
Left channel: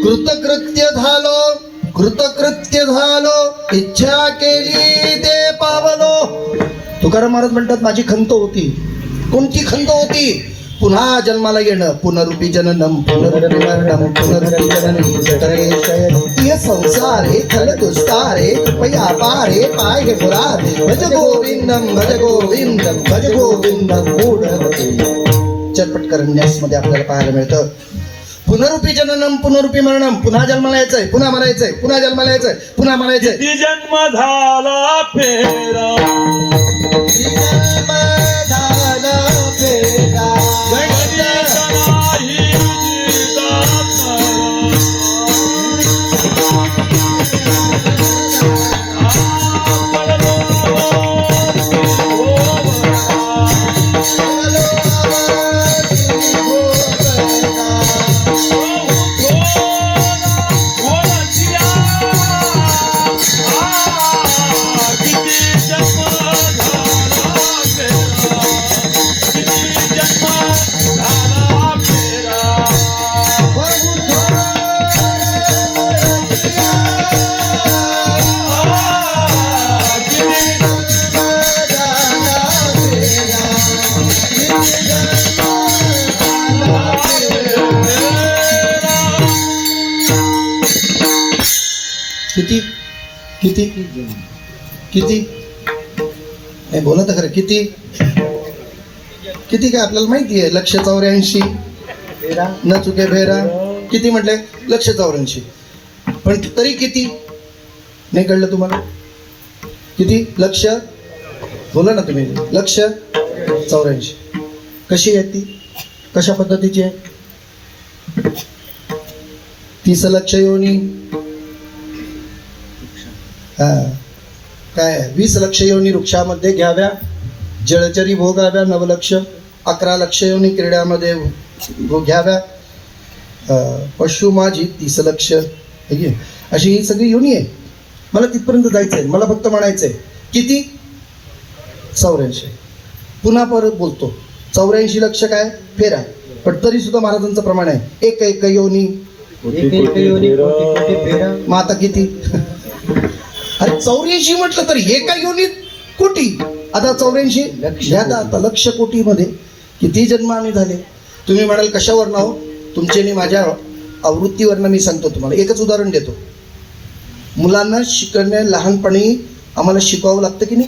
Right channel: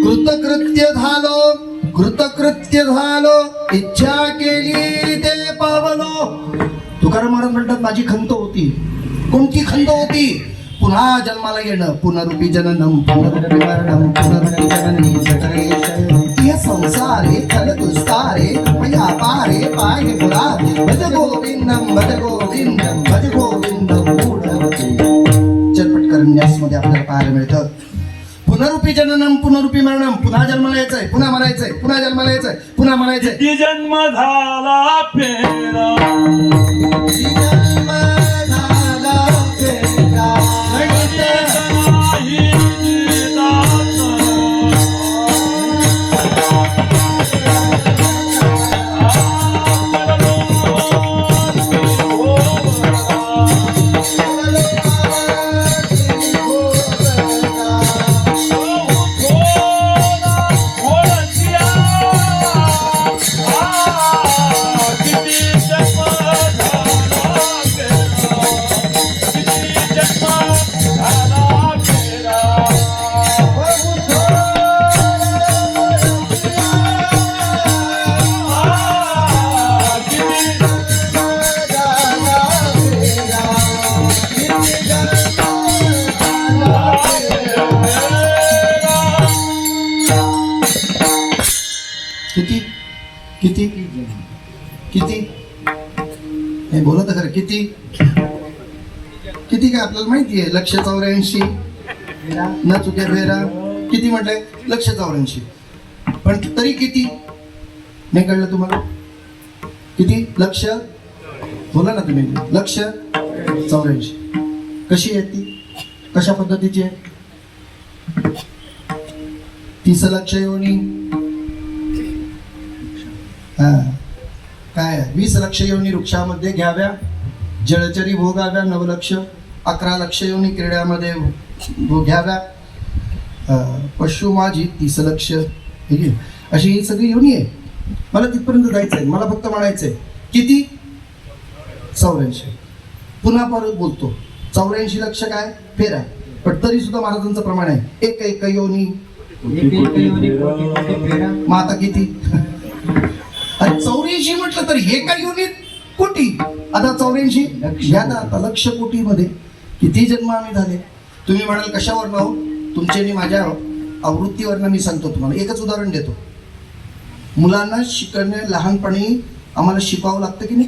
कृतकृत्य झालो, कृतकृत्य झालो, इच्छा केली ते पावलो. तुकाराम महाराज म्हणतात माझी खंत होती. कोणती खंत होती? पुन्हा जन्माला येणं. पुनरुपी जननम पुनरपि मरणम पुनरपि जननी जठरे शयनी. संसार हे खल दुस्तार हे कृपया पारे पाय पुरार. भज गोविंदम भज गोविंदम भज गोविंदम मूढमते. चरपट करण्यास मध्ये आपल्याला पाहायला मिळतं. पुनरुपी जननम पुनरुपी मरणम. पुन्हा जन्माला यायचंय, पुन्हा म्हणायचंय, पुन्हा जन्माला यायचंय, पुन्हा म्हणायचंय. किती जन्म झाला फेरा, जन्म झाला फेरा, गणित नाही जिता. किती किती किती नाही बोला तर खरं. किती किती काय आपल्याला माहिती आहे. 184 न चुके बेरा. किती म्हटलंय? 184. पण तरी किती नाही कळलं तुम्हाला? किती? लक्ष बोला ना तुम्ही. 184. कशी आहे ती? कशा पद्धतीची आहे? 30 लक्ष योनी. काय 20 लक्ष योनी वृक्षामध्ये घ्याव्या, जळचरी भोगाव्या 9 लक्ष. 11 लक्ष योनी क्रीड्यामध्ये घ्याव्या, पशु माझी 30 लक्ष. अशी ही सगळी योनी आहे. मला तिथपर्यंत जायचं आहे. मला फक्त म्हणायचं आहे किती? 84. पुन्हा परत बोलतो. 84 लक्ष काय फेरा, पण तरी सुद्धा महाराजांचं प्रमाण आहे एक एक योनी. एक एक योनी कोटी कोटी फेरा. मग आता किती? अरे 84 म्हटलं तर एका योनीत कोटी. आता 84 घ्या आता लक्ष कोटी मध्ये किती जन्म आम्ही झाले. तुम्ही म्हणाल कशावर नाव तुमचे आणि माझ्या आवृत्तीवरनं मी सांगतो तुम्हाला. एकच उदाहरण देतो. मुलांना शिकण्या लहानपणी आम्हाला शिकवावं लागतं की नाही?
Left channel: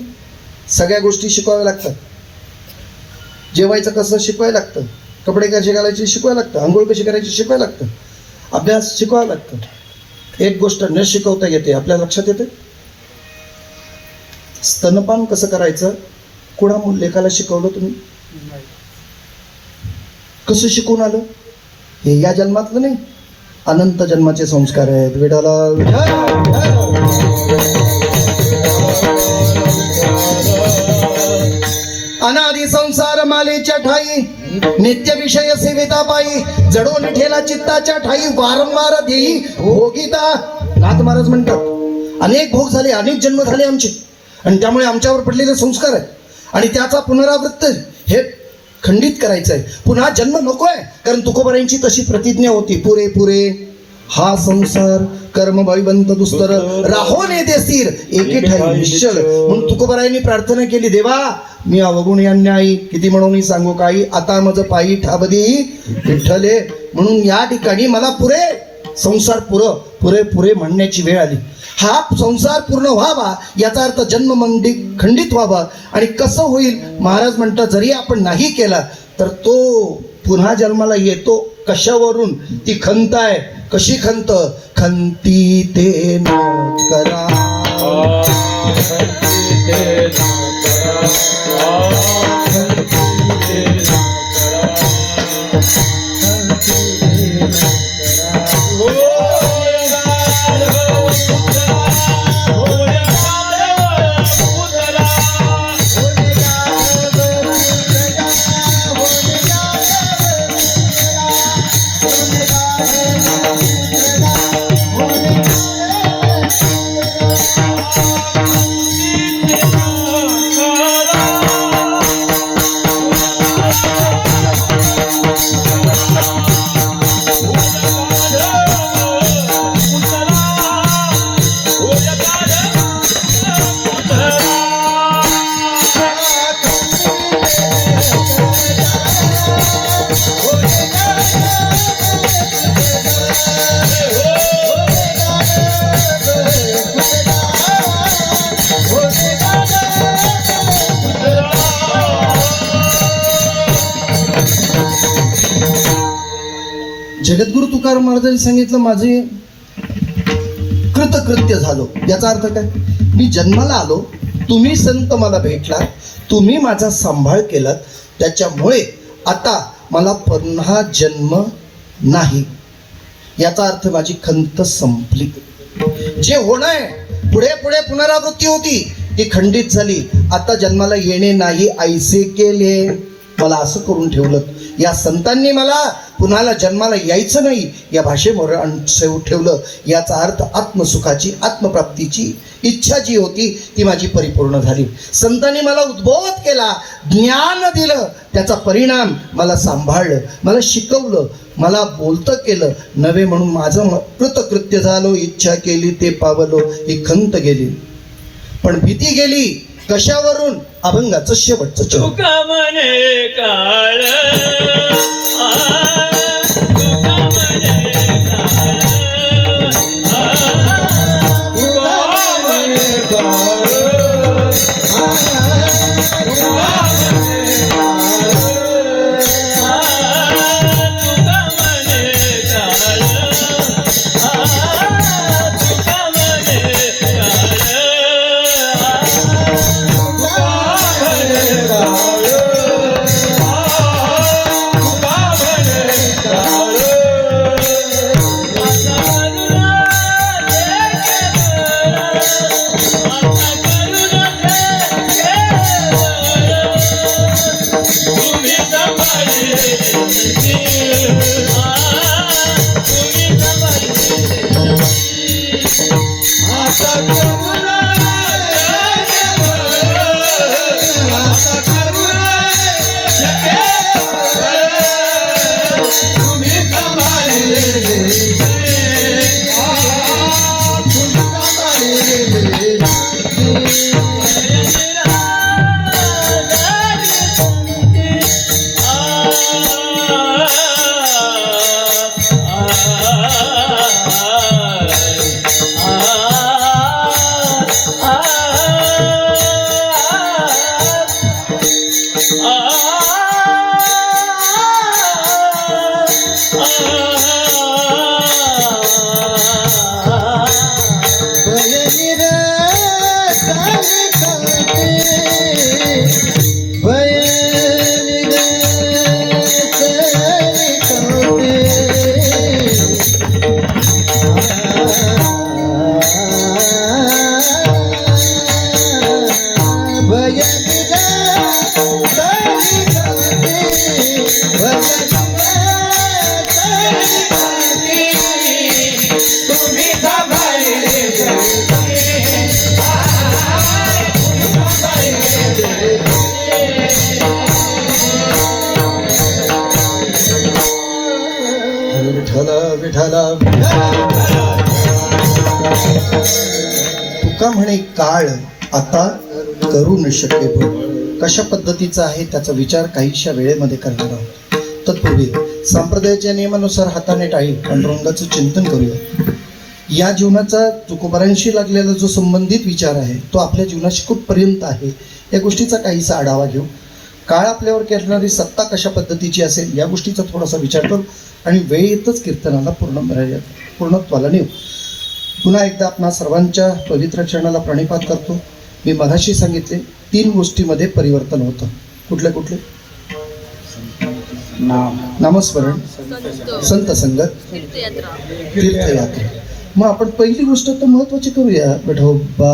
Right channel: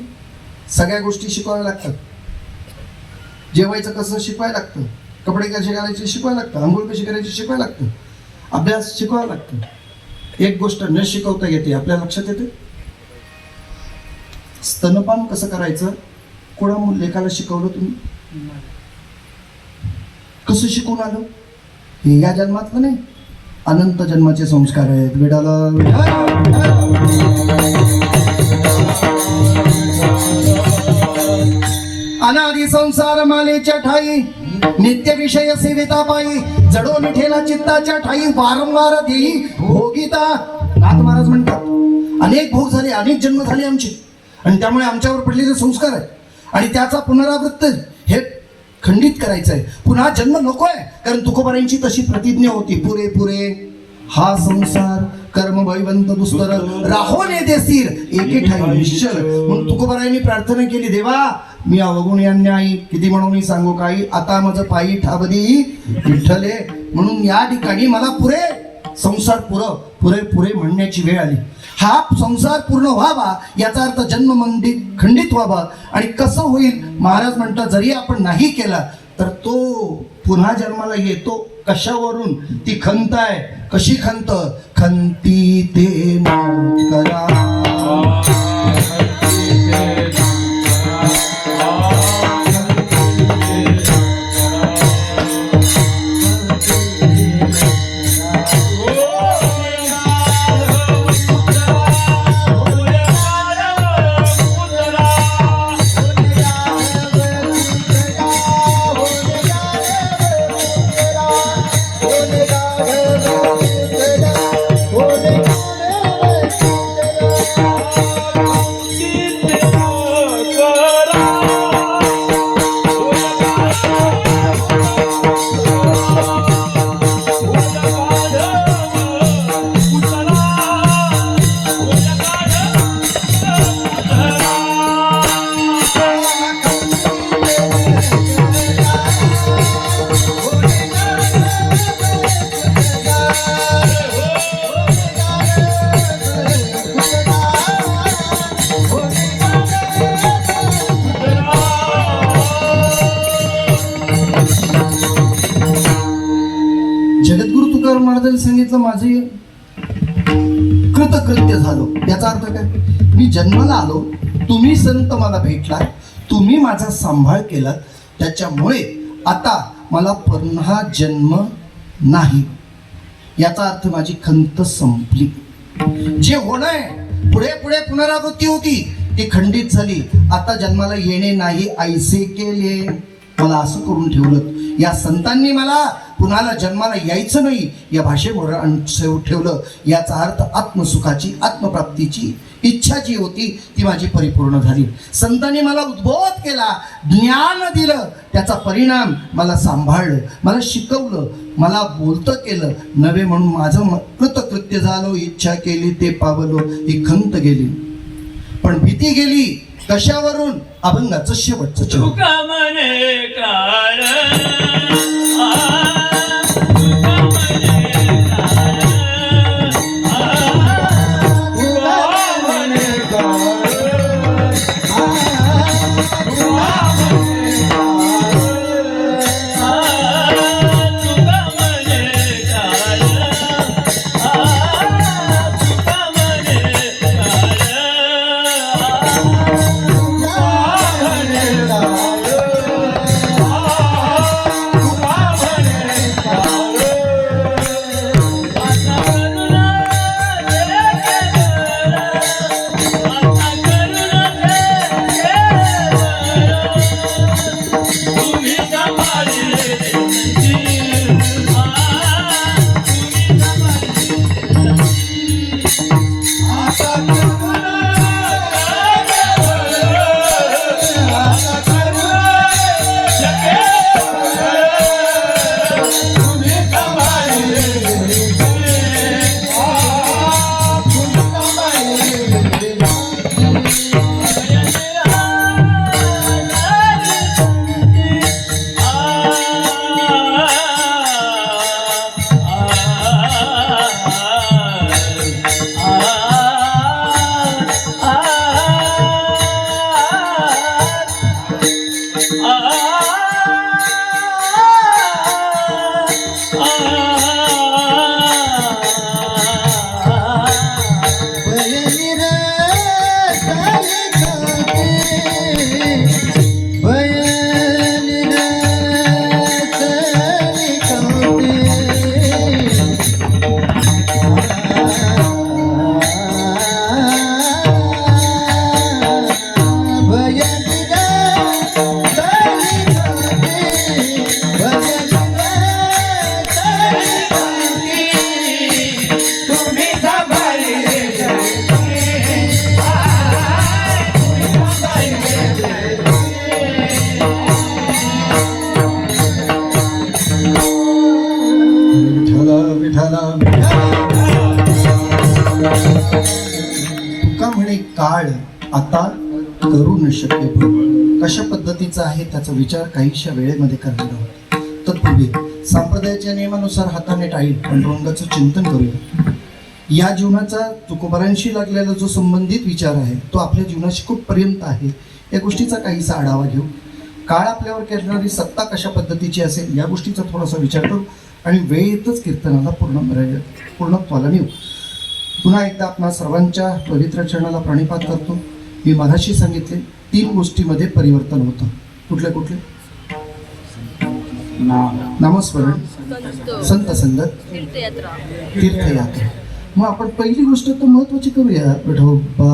सगळ्या गोष्टी शिकवाव्या लागतात. जेवायचं कसं शिकवायला लागतं, कपडे कसे घालायचे शिकवायला लागतं, आंघोळ कशी करायची शिकवायला लागतं, अभ्यास शिकवावं लागतं. एक गोष्ट न शिकवता येते आपल्या लक्षात येते. स्तनपान कसं करायचं कुणा लेखाला शिकवलं तुम्ही? कसं शिकून आलो? हे या जन्मातलं नाही, अनंत जन्माचे संस्कार आहेत. विडाला अनादि संसार मालेच्या ठाई, नित्य विषय सेविता पायी, जडोन ठेला चित्ताच्या ठाई, वारंवार देई भोगिता. नाथ महाराज म्हणतात अनेक भोग झाले, अनेक जन्म झाले आमचे, आणि त्यामुळे आमच्यावर पडलेले संस्कार आहेत आणि त्याचा पुनरावृत्त हे खंडित करायचं आहे. पुन्हा जन्म नको आहे. कारण तुकोबारायांची तशी प्रतिज्ञा होती, पुरे पुरे हा संसार कर्म भयवंत दुस्तर राहो ने देसीर एके ठाई निश्चल. म्हणून तुकोबारायांनी प्रार्थना केली, देवा मी अवगुणी अन्यायी किती म्हणून सांगू काही, आता माझं पायी ठाबदी विठ्ठले. म्हणून या ठिकाणी मला पुरे संसार पुरे पुरे म्हणण्याची वेळ आली. हा संसार पूर्ण व्हावा याचा अर्थ जन्म मंदी खंडित व्हावा. आणि कसं होईल? महाराज म्हणतात जरी आपण नाही केला तर तो पुन्हा जन्माला येतो. कशावरून? ती खंत आहे. कशी खंत? खंती ते न करा, जगद्गुरु तुकाराम महाराजांनी सांगितलं माझे कृतकृत्य झालो. याचा अर्थ काय? मी जन्माला आलो, तुम्ही संत मला भेटला, तुम्ही माझा सांभाळ केला, त्याच्यामुळे आता मला पुन्हा जन्म नाही. याचा अर्थ माझी खंत संपली. जे होणं पुढे पुढे पुनरावृत्ती होती ती खंडित झाली. आता जन्माला येणे नाही ऐसे केले. मला असं करून ठेवलं. या संतांनी मला पुन्हाला जन्माला यायचं नाही या भाषेवर ठेवलं. याचा अर्थ आत्मसुखाची आत्मप्राप्तीची इच्छा जी होती ती माझी परिपूर्ण झाली. संतांनी मला उद्बोध केला, ज्ञान दिलं, त्याचा परिणाम मला सांभाळलं, मला शिकवलं, मला बोलतं केलं. नवे म्हणून माझं कृतकृत्य झालो, इच्छा केली ते पावलो, ही खंत गेली. पण भीती गेली कशावरून? अभंगाचं शेवटचं चरण. तुका म्हणे काळ विठ्ठला विठ्ठला तुका म्हणे काळ आता करू न शके भूल. कशा पद्धतीचा आहे त्याचा विचार काहीशा वेळेमध्ये करणार आहोत. तत्पूर्वी संप्रदायाच्या नियमानुसार हाताने टाळी पांडुरंगाचं चिंतन करूया. या जीवनाचा तुकोबारांशी लागलेला जो संबंधित विचार आहे तो आपल्या जीवनाशी कुठपर्यंत आहे या गोष्टीचा काहीसा आढावा घेऊ. काळ आपल्यावर करणारी सत्ता कशा पद्धतीची असेल या गोष्टीचा थोडासा विचार करू आणि वेळेतच कीर्तनाला पूर्णत्वाला नेऊ. पुन्हा एकदा आपणा सर्वांच्या पवित्र चरणाला प्रणिपात करतो. मी मगाशी सांगितले 3 गोष्टीमध्ये परिवर्तन होतं. कुठले कुठले? नामस्मरण, संत संगत, तीर्थयात्रा. मग आपण पहिली गोष्ट तर महत्वाची करूया. विठोबा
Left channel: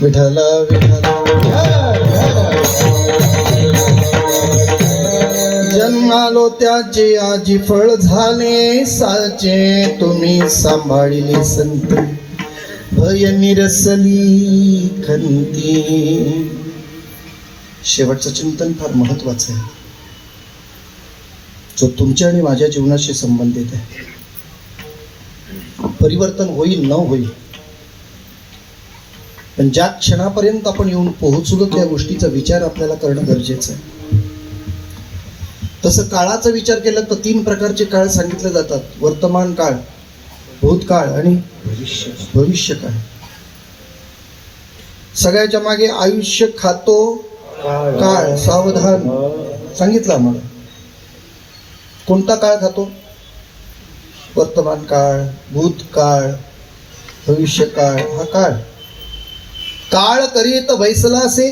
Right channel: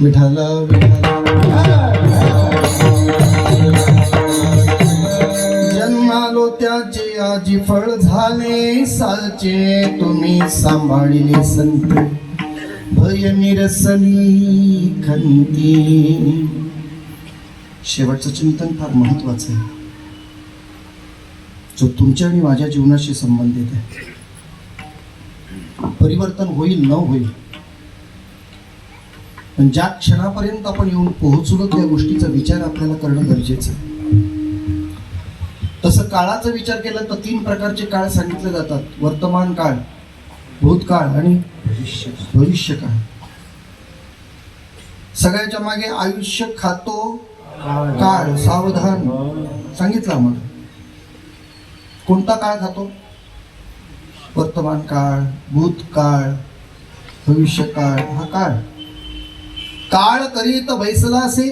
विठ्ठला जन्मालो त्याचे आजी फळ झाले साचे तुम्ही सांभाळिले संत भय निरसली खंती. शेवटचं चिंतन फार महत्वाचं आहे जो तुमच्या आणि माझ्या जीवनाशी संबंधित आहे. परिवर्तन होईल न होईल पण ज्या क्षणापर्यंत आपण येऊन पोहोचलो त्या गोष्टीचा विचार आपल्याला करणं गरजेचं आहे. तसं काळाचा विचार केला तर 3 प्रकारचे काळ सांगितले जातात. वर्तमान काळ, भूतकाळ आणि भविष्य काळ. सगळ्याच्या मागे आयुष्य खातो काळ सावधान सांगितलं आम्हाला. कोणता काळ खातो? वर्तमान काळ, भूतकाळ, भविष्य काळ. हा काळ काळ करीत बैसला असे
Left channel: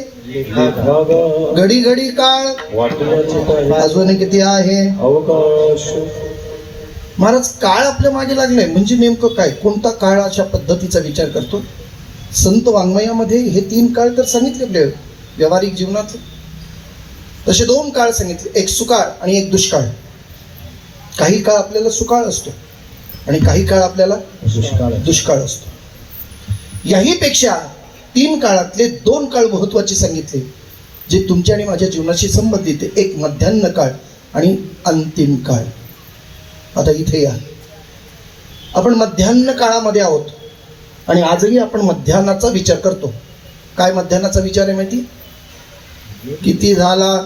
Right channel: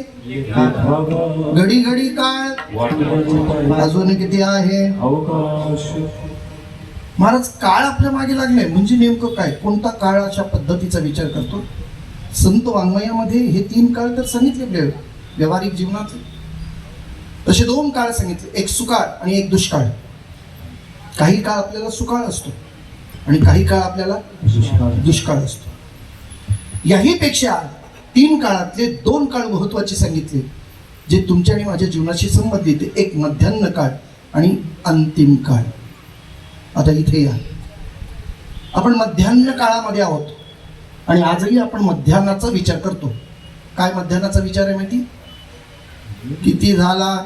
घडी घडी काळ अजून किती आहे अवकाश. महाराज काळ आपल्या मागे लागलाय म्हणजे नेमकं काय? कोणता काळ अशा पद्धतीचा विचार करतो? संत वाङ्मयामध्ये हे 3 काळ तर सांगितले व्यावहारिक जीवनात. तसे 2 काळ सांगितले, एक सुकाळ आणि एक दुष्काळ. काही काळ आपल्याला सुकाळ असतो आणि काही काळ आपल्याला दुष्काळ असतो. याही पेक्षा 3 काळातले 2 काळ महत्वाचे सांगितले जे तुमच्या आणि माझ्या जीवनाशी संबंधित आहे. एक मध्यान्ह काळ आणि अंतिम काळ. आता इथे या. आपण मध्यान्ह काळामध्ये आहोत आणि आजही आपण मध्यान्हाचा विचार करतो. काय मध्यान्हाचा विचार आहे माहिती? किती झाला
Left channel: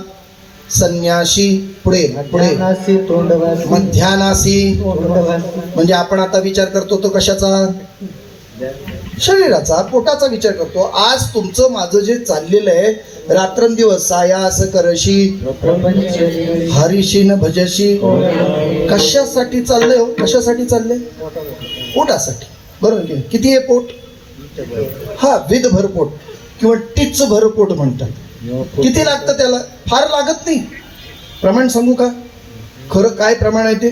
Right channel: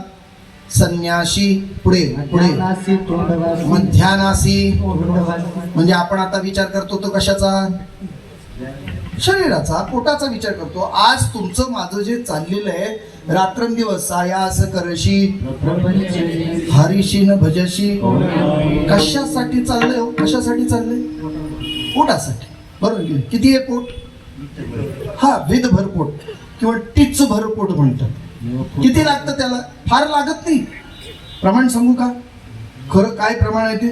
संन्याशी, पुढे पुढे मध्यानासी तोंडवासी मध्यानासी, तोंडवासी म्हणजे आपण आता विचार करतो तो कशाचा? शरीराचा, पोटाचा विचार करतो. आज तुमचं माझं जे चाललेलं आहे, रात्रंदिवस सायास करशी प्रपंच हरिशी न भजशी, कशासाठी चाललंय हो? कशासाठी चाललंय? पोटासाठी, बरोबर की नाही? किती आहे पोट? हा, विध भरपोट किंवा टिच भरपोट म्हणतात. किती लागतं त्याला? फार लागत नाही. प्रमाण सांगू का? खरं काय प्रमाण आहे ते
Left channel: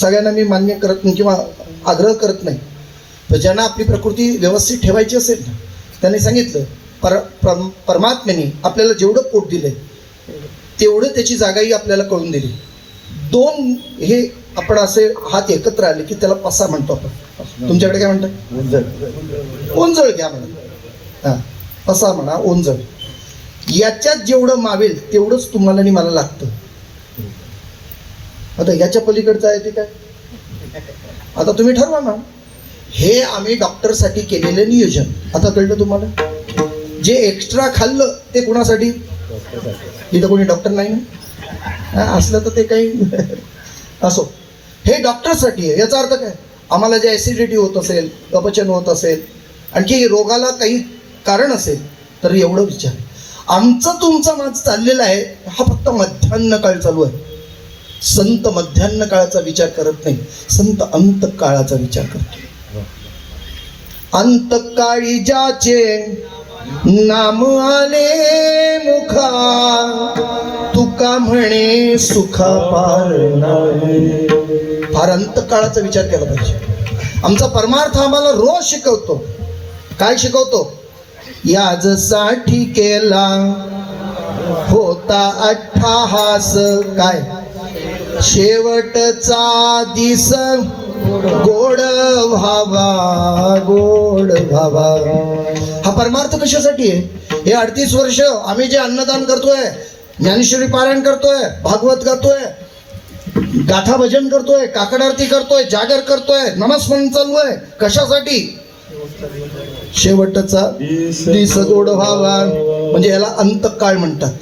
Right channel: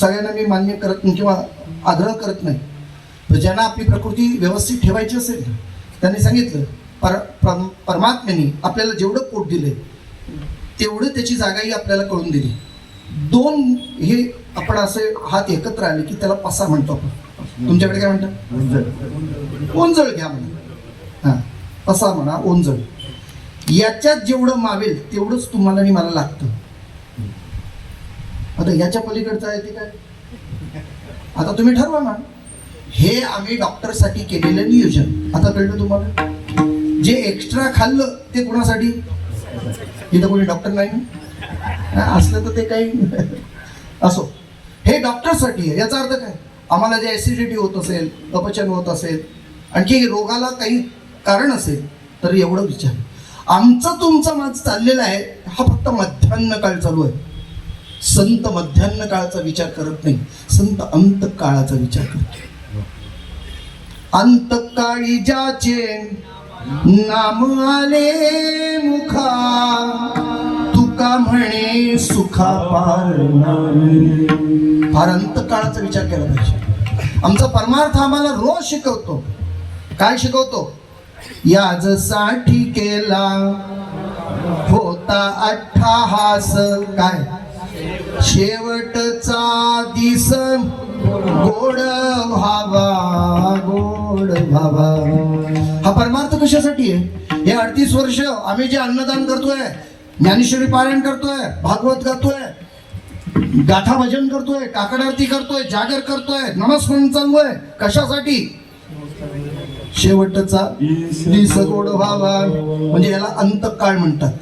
सगळ्यांना मी मान्य करत नाही किंवा आग्रह करत नाही. पण ज्यांना आपली प्रकृती व्यवस्थित ठेवायची असेल ना, त्यांनी सांगितलं परमात्म्याने आपल्याला जेवढं पोट दिलंय तेवढं त्याची जागाही आपल्याला कळून दिली. दोन हे आपण असे हात एकत्र आले की त्याला पसा म्हणतो आपण. तुमच्याकडे काय म्हणतात? ओंजळ घ्या म्हणा. हां, पसा म्हणा, ओंजळ. याच्यात जेवढं मावेल तेवढंच तुम्हाला आणि मला लागतं. आता याच्या पलीकडचं आहे ते काय? आता तुम्ही ठरवा ना. हे आम्ही डॉक्टरसाठी केलेलं नियोजन. आता कळलं तुम्हाला? जे एक्स्ट्रा खाल्लं ते कुणासाठी? इथं कोणी डॉक्टर नाही ना, असलं तर ते काही असो. हे डॉक्टरसाठी आहे. याचा अर्थ काय? आम्हाला जे ॲसिडिटी होत असेल, अपचन होत असेल, आणखी रोगाला काही कारण असेल तर एवढं विचार. आमचं तुमचं माझं चाललेलं आहे हा फक्त मध्यान्ह काळ चालू आहे. संत मध्यान्ह काळाचा विचार करत नाही, संत अंत काळाचा विचार करतो. अंतकाळी ज्याचे नाम आले मुखा, तुका म्हणे सुखा पार नाही. फार अंतकाळाचा विचार केला पाहिजे. आमचा परमार्थ आम्हाला रोज शिकवतो. काय शिकवतो? याजसाठी केला होता अट्टहास, काय शेवटचा दिस गोड व्हावा, गोड व्हावा. हा परमार्थ कशासाठी आहे? हे 38 वर्ष आम्ही जे अन्नदान करतोय, ज्ञानेश्वरी पारायण करतोय, भागवत गातोय, गाथा भजन करतोय, काकड आरती करतोय, जागर करतोय, नमस्मरण चालू आहे, कशासाठी? शेवटचा दिस गोड व्हावा. म्हणजे याला अंतकाळ म्हणतात.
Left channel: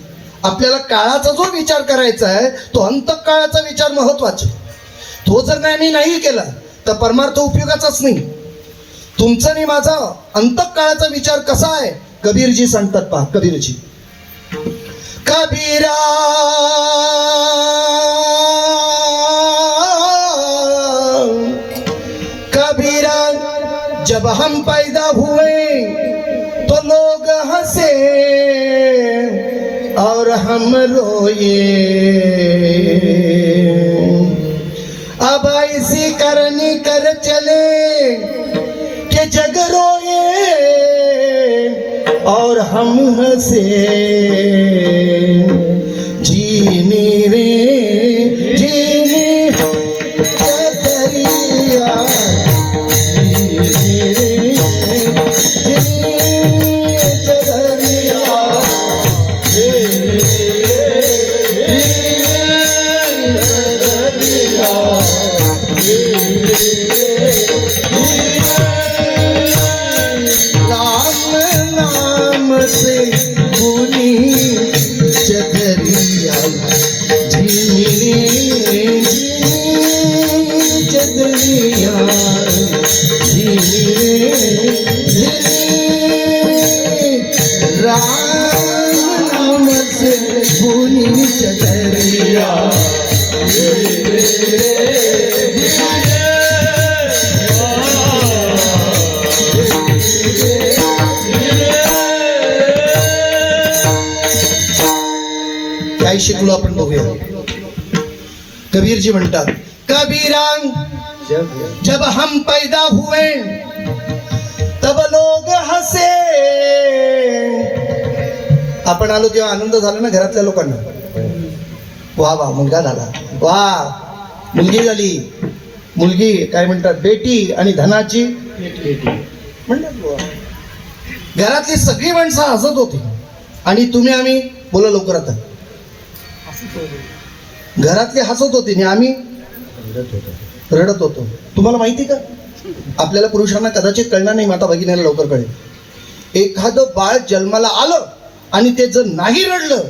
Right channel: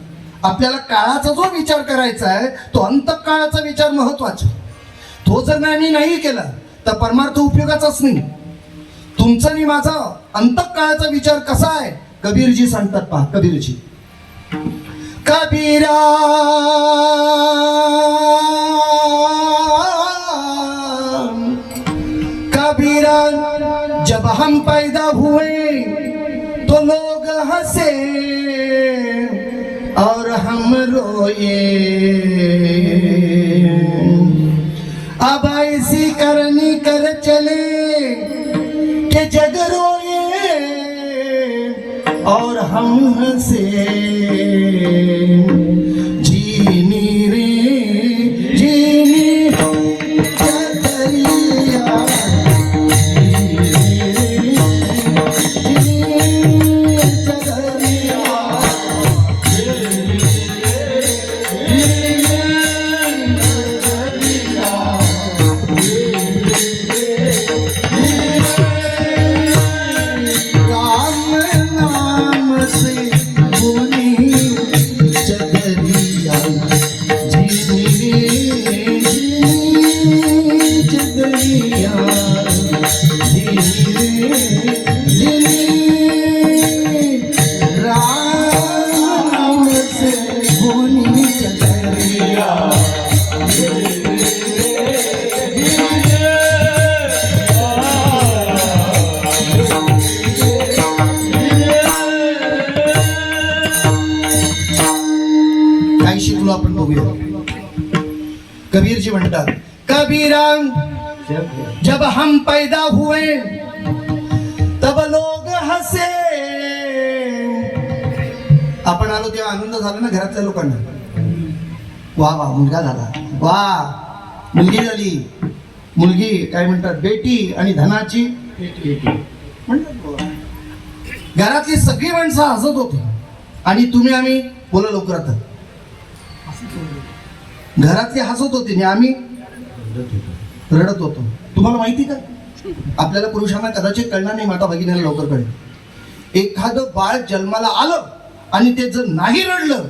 आपल्याला काळाचा जो विचार करायचा आहे तो अंतकाळाचा विचार महत्वाचा. तो जर नाही केला तर परमार्थ उपयोगाचाच नाही. तुमचा आणि माझा अंतकाळाचा विचार कसा आहे? कबीरजी सांगतात पहा. कबीरजी, कबीरा कबीरा, जब हम पैदा हुए तो लोग हंसे और हम रोए, अब ऐसी करनी कर चले कि जग रोए और हम हंसे. जीने रे जीने दरिया, काय शिकलो आपण बघूया. कबीरजी म्हणतात, कबीरांग जब हम पैदा हुए तब लोग हसे. आपण आलो तेव्हा आनंद झाला ना घरातल्या लोकांना. वा वा, मुलगा झाला, वा मुलगी झाली. मुलगी काय म्हणतात? बेटी. आणि धनाची म्हणतात. घरातली सगळी माणसं हसत होती आणि तुम्ही आम्ही बोला लवकर. आता घरातले हसत होते आणि आम्ही रडत होतो. तुम्हाला माहिती का, आपल्याला पुरुषांना कदाचित कळणार नाही, माता भगिनीला लवकर कळेल. एखादं बाळ जन्माला आलं आणि ते जर नाही रडलं,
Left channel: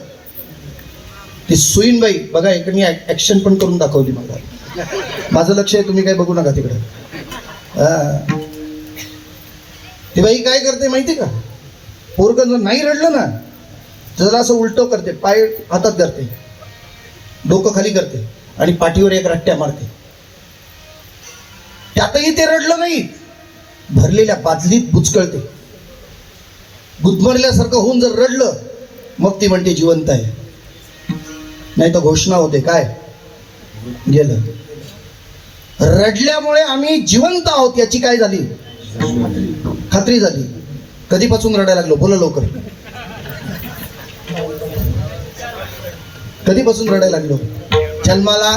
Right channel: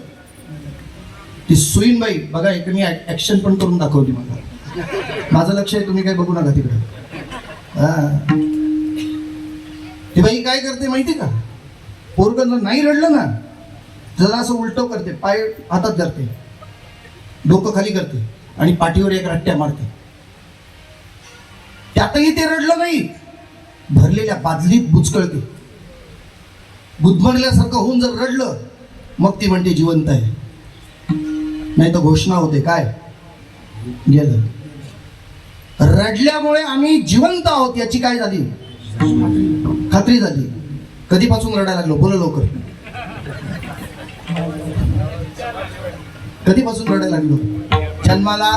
ती सुईनबाई बघा, एक मी ऍक्शन पण करून दाखवली मला. माझं लक्ष आहे, तुम्ही काय बघू नका तिकडं. ती बाई काय करते माहिती का, पोरगं जर नाही रडलं ना, जरा असं उलटं करते, पाय हातात धरते, डोकं खाली करते आणि पाठीवर एक रट्ट्या मारते. त्यातही ते रडलं नाही, भरलेल्या बादलीत बुचकळते. गुदमरल्यासारखं होऊन जर रडलं, मग ती म्हणते जिवंत आहे. नाही तर घोषणा होते, काय गेलं. रडल्यामुळे आम्ही जिवंत आहोत याची काय झाली, खात्री झाली. कधीपासून रडायला लागलो, बोला लवकर. कधीपासून रडायला लागलो, जन्माला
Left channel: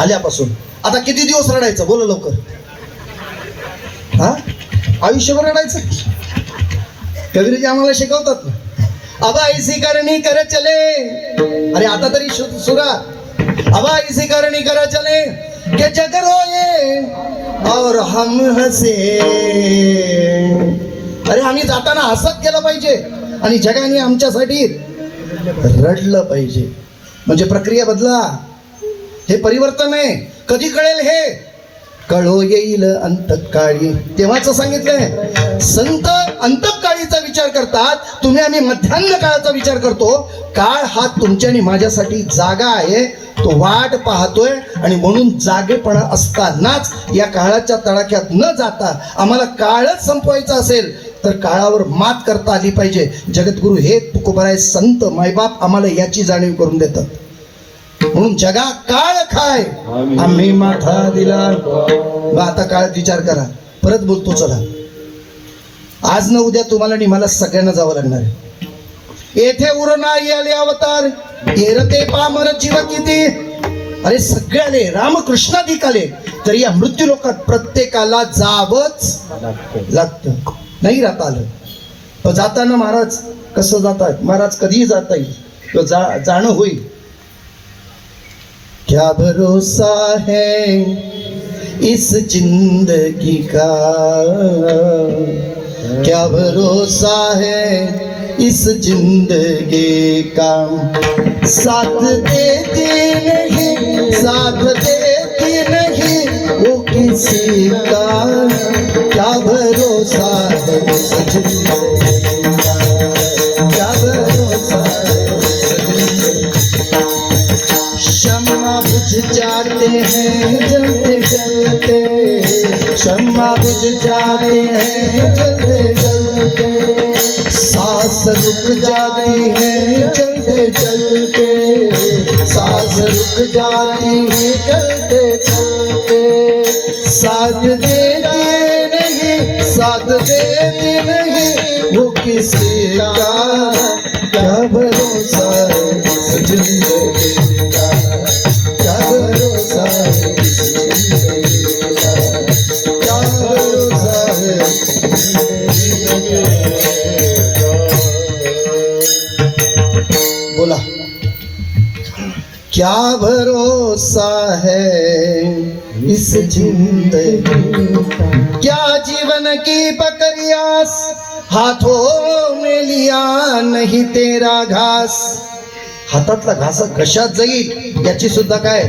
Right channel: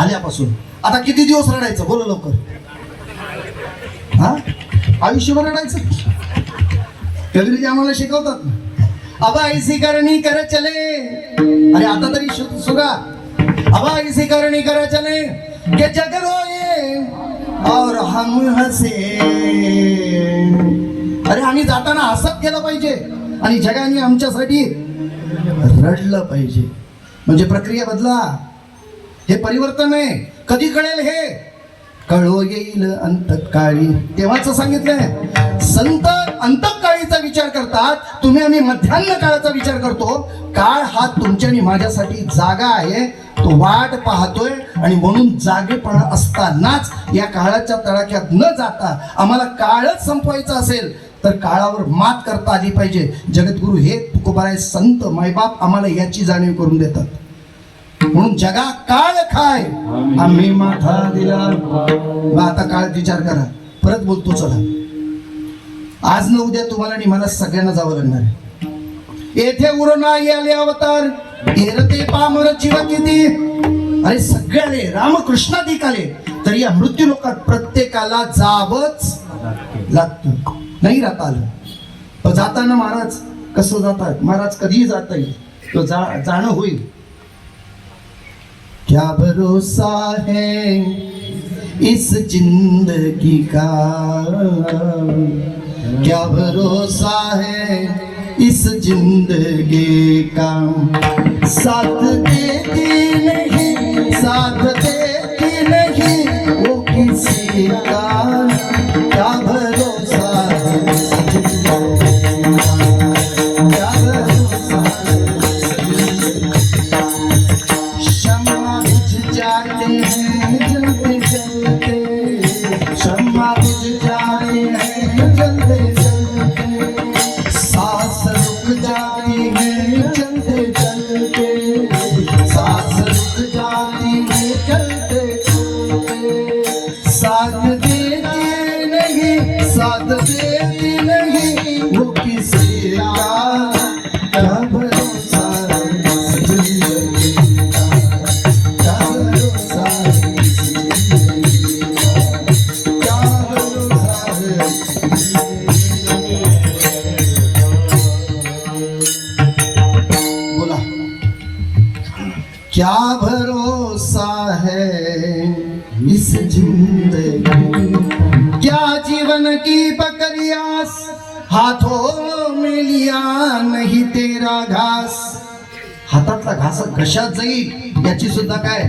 आल्यापासून. आता किती दिवस रडायचं, बोला लवकर. हा, आयुष्यभर रडायचं. कबीरजी आम्हाला शिकवतात ना, अब ऐसी करणी कर चले. अरे आता तरी सुरा, अब ऐसी करणी कर चले के जग रोए और हम हसे. अरे आम्ही जाताना हसत गेलं पाहिजे आणि जगाने आमच्यासाठी रडलं पाहिजे. म्हणजे प्रक्रिया बदला, हे परिवर्तन आहे. कधी कळेल हे, कळो येईल अंतकाळी. तेव्हाच सांगितलंय, संत अंतकाळीचा विचार करतात, तुम्ही आम्ही मध्यान्ह काळाचा विचार करतो. काळ हा तुमच्या आणि माझ्यासाठी जागा आहे, तो वाट पाहतोय. आणि म्हणून जागेपणा असतानाच या काळाच्या तडाख्यात न जाता आम्हाला काळच संपवायचा असेल तर काळावर मात करता आली पाहिजे. जगद्गुरु हे तुकोबाराय संत मायबाप आम्हाला याची जाणीव करून देतात. म्हणून जगा काळ खाय आम्ही माथा दिला. आता काळ विचार करा. परत बोलतो, चला आज न उद्या तुम्हाला आणि मला सगळ्यांना जावं लागणार आहे. येथे उरणा आले अवतार, येरते पामर जीव किती. अरे सगळे आले, रामकृष्णाधिक आले, तरी या मृत्यू लोकात प्रत्येकाला जावंच लागतं. नाही राहता आलं. पण जाताना महाराज कसं जातात, महाराज कधीही जाता येईल, तो जाणं होईल. क्या भरोसा है इस जिंदगी का, क्या भरोसा है इस जिंदगी का. साथ देती नहीं, साथ देती नहीं वो किसी का. क्या भरोसा है इस जिंदगी का, क्या भरोसा है. शम्मा बुझ जाते हैं जलते जलते, शम्मा बुझ जाते हैं जलते जलते. सांस रुक जाती है चलते चलते, सांस रुक जाती है चलते चलते. साथ देती नहीं, साथ देती नहीं वो किसी का. क्या भरोसा है इस जिंदगी का, क्या भरोसा है इस जिंदगी का, क्या भरोसा है. बोला, क्या भरोसा है इस जिंदगी का. क्या जीवन की प्रक्रियास हाथों में लिया नहीं तेरा घास. हातातला घास कशात जाईल याची सुद्धा काय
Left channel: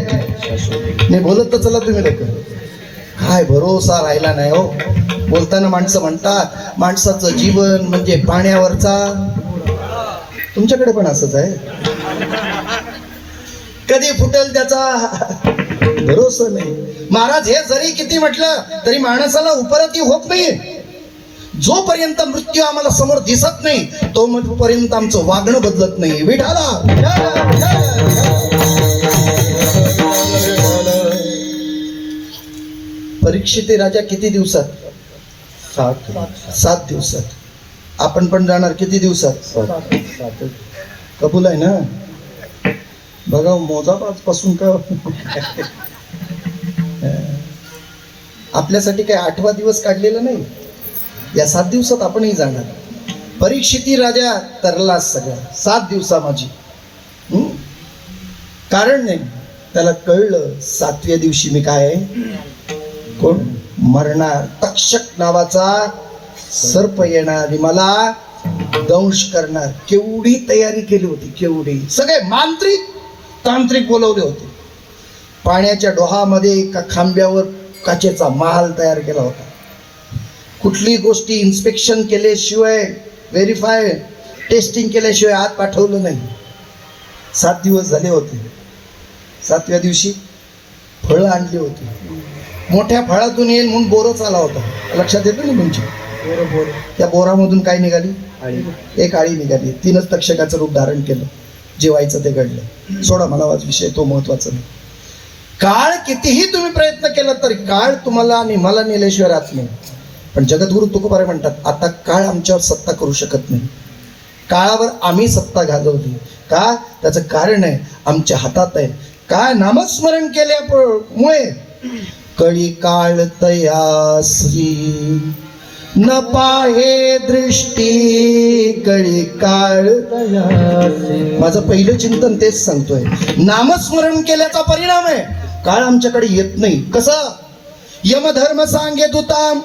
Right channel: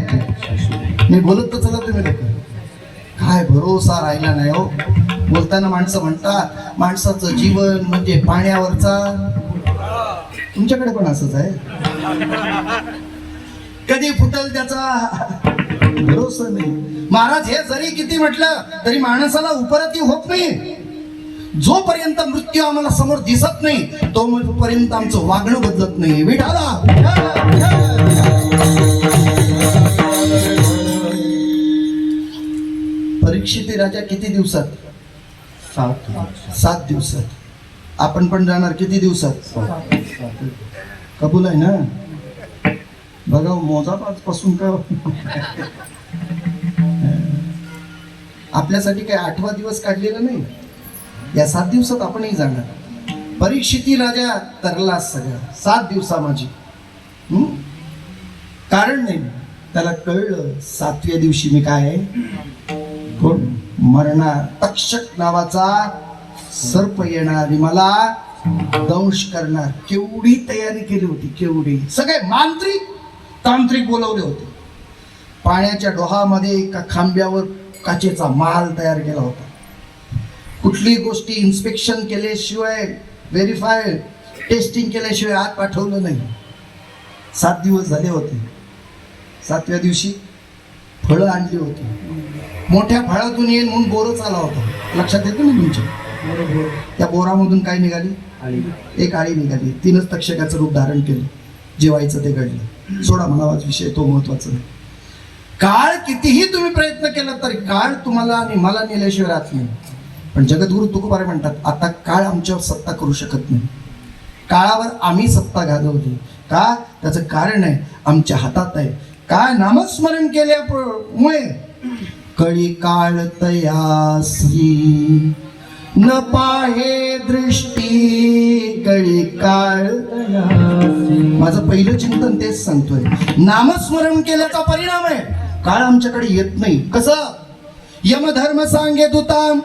नाही बोलत तर चला तुम्ही लोक. काय भरोसा राहिला नाही हो. बोलताना माणसं म्हणतात माणसाचं जीवन म्हणजे पाण्यावरचा. तुमच्याकडे पण असंच आहे. कधी फुटल त्याचा भरोसा नाही. महाराज हे जरी किती म्हटलं तरी माणसाला उपरती होत नाही. जोपर्यंत मृत्यू आम्हाला समोर दिसत नाही तोपर्यंत आमचं वागणं बदलत नाही. विठाला परीक्षित राजा किती दिवसात, 7 दिवसात. आपण पण जाणार किती दिवसात, कबूल आहे ना. बघा मोजापासून का आपल्यासाठी काय 8वा दिवस काढलेला नाही. या 7 दिवसात आपणही जाणार. परीक्षिती राजा तरला सगळा 7 दिवसा माझी कारण नाही. त्याला कळलं 7व्या दिवशी मी काय आहे, कोण मरणार. तक्षक नावाचा सर्प येणार आणि मला दंश करणार. केवढी तयारी केली होती, केवढी. सगळे मांत्रिक तांत्रिक बोलवले होते. पाण्याच्या डोहामध्ये एका खांब्यावर काचेचा महाल तयार केला होता. कुठली गोष्टी इन्स्पेक्शन केल्याशिवाय, व्हेरीफाय टेस्टिंग केल्याशिवाय आत पाठवलं नाही. 7 दिवस झाले होते. 7व्या दिवशी फळं आणली होती. मोठ्या फळातून येईल म्हणून बोरच आला होता. लक्षात येतो ना तुमच्या? त्या बोरामधून काय निघाली? एक आळी निघाली. 3च तक्षकाचं रूप धारण केलं. जेवायचं ते घडलं. सोडा, मला वाच विषय तो महत्वाचा नाही. काळ कितीही तुम्ही प्रयत्न केला तरी काळ तुम्हाला आणि मला नेल्याशिवाय राहत नाही. पण जगद्गुरु तुकोबारे म्हणतात, आता काळ आमच्यावर सत्ता करू शकत नाही. काळावर आम्ही सत्ता गाजवली. का? त्याचं कारण आहे, आमच्या हातात आहे. काय? नामस्मरण केल्यामुळे कळी काळ तयासी न पाहे दृष्टी कळी काळ. माझं पहिलं चिंतन तेच सांगतोय. नामस्मरण केल्याचा परिणाम आहे काळ आमच्याकडे येत नाही. कसं? यमधर्म सांगे दूता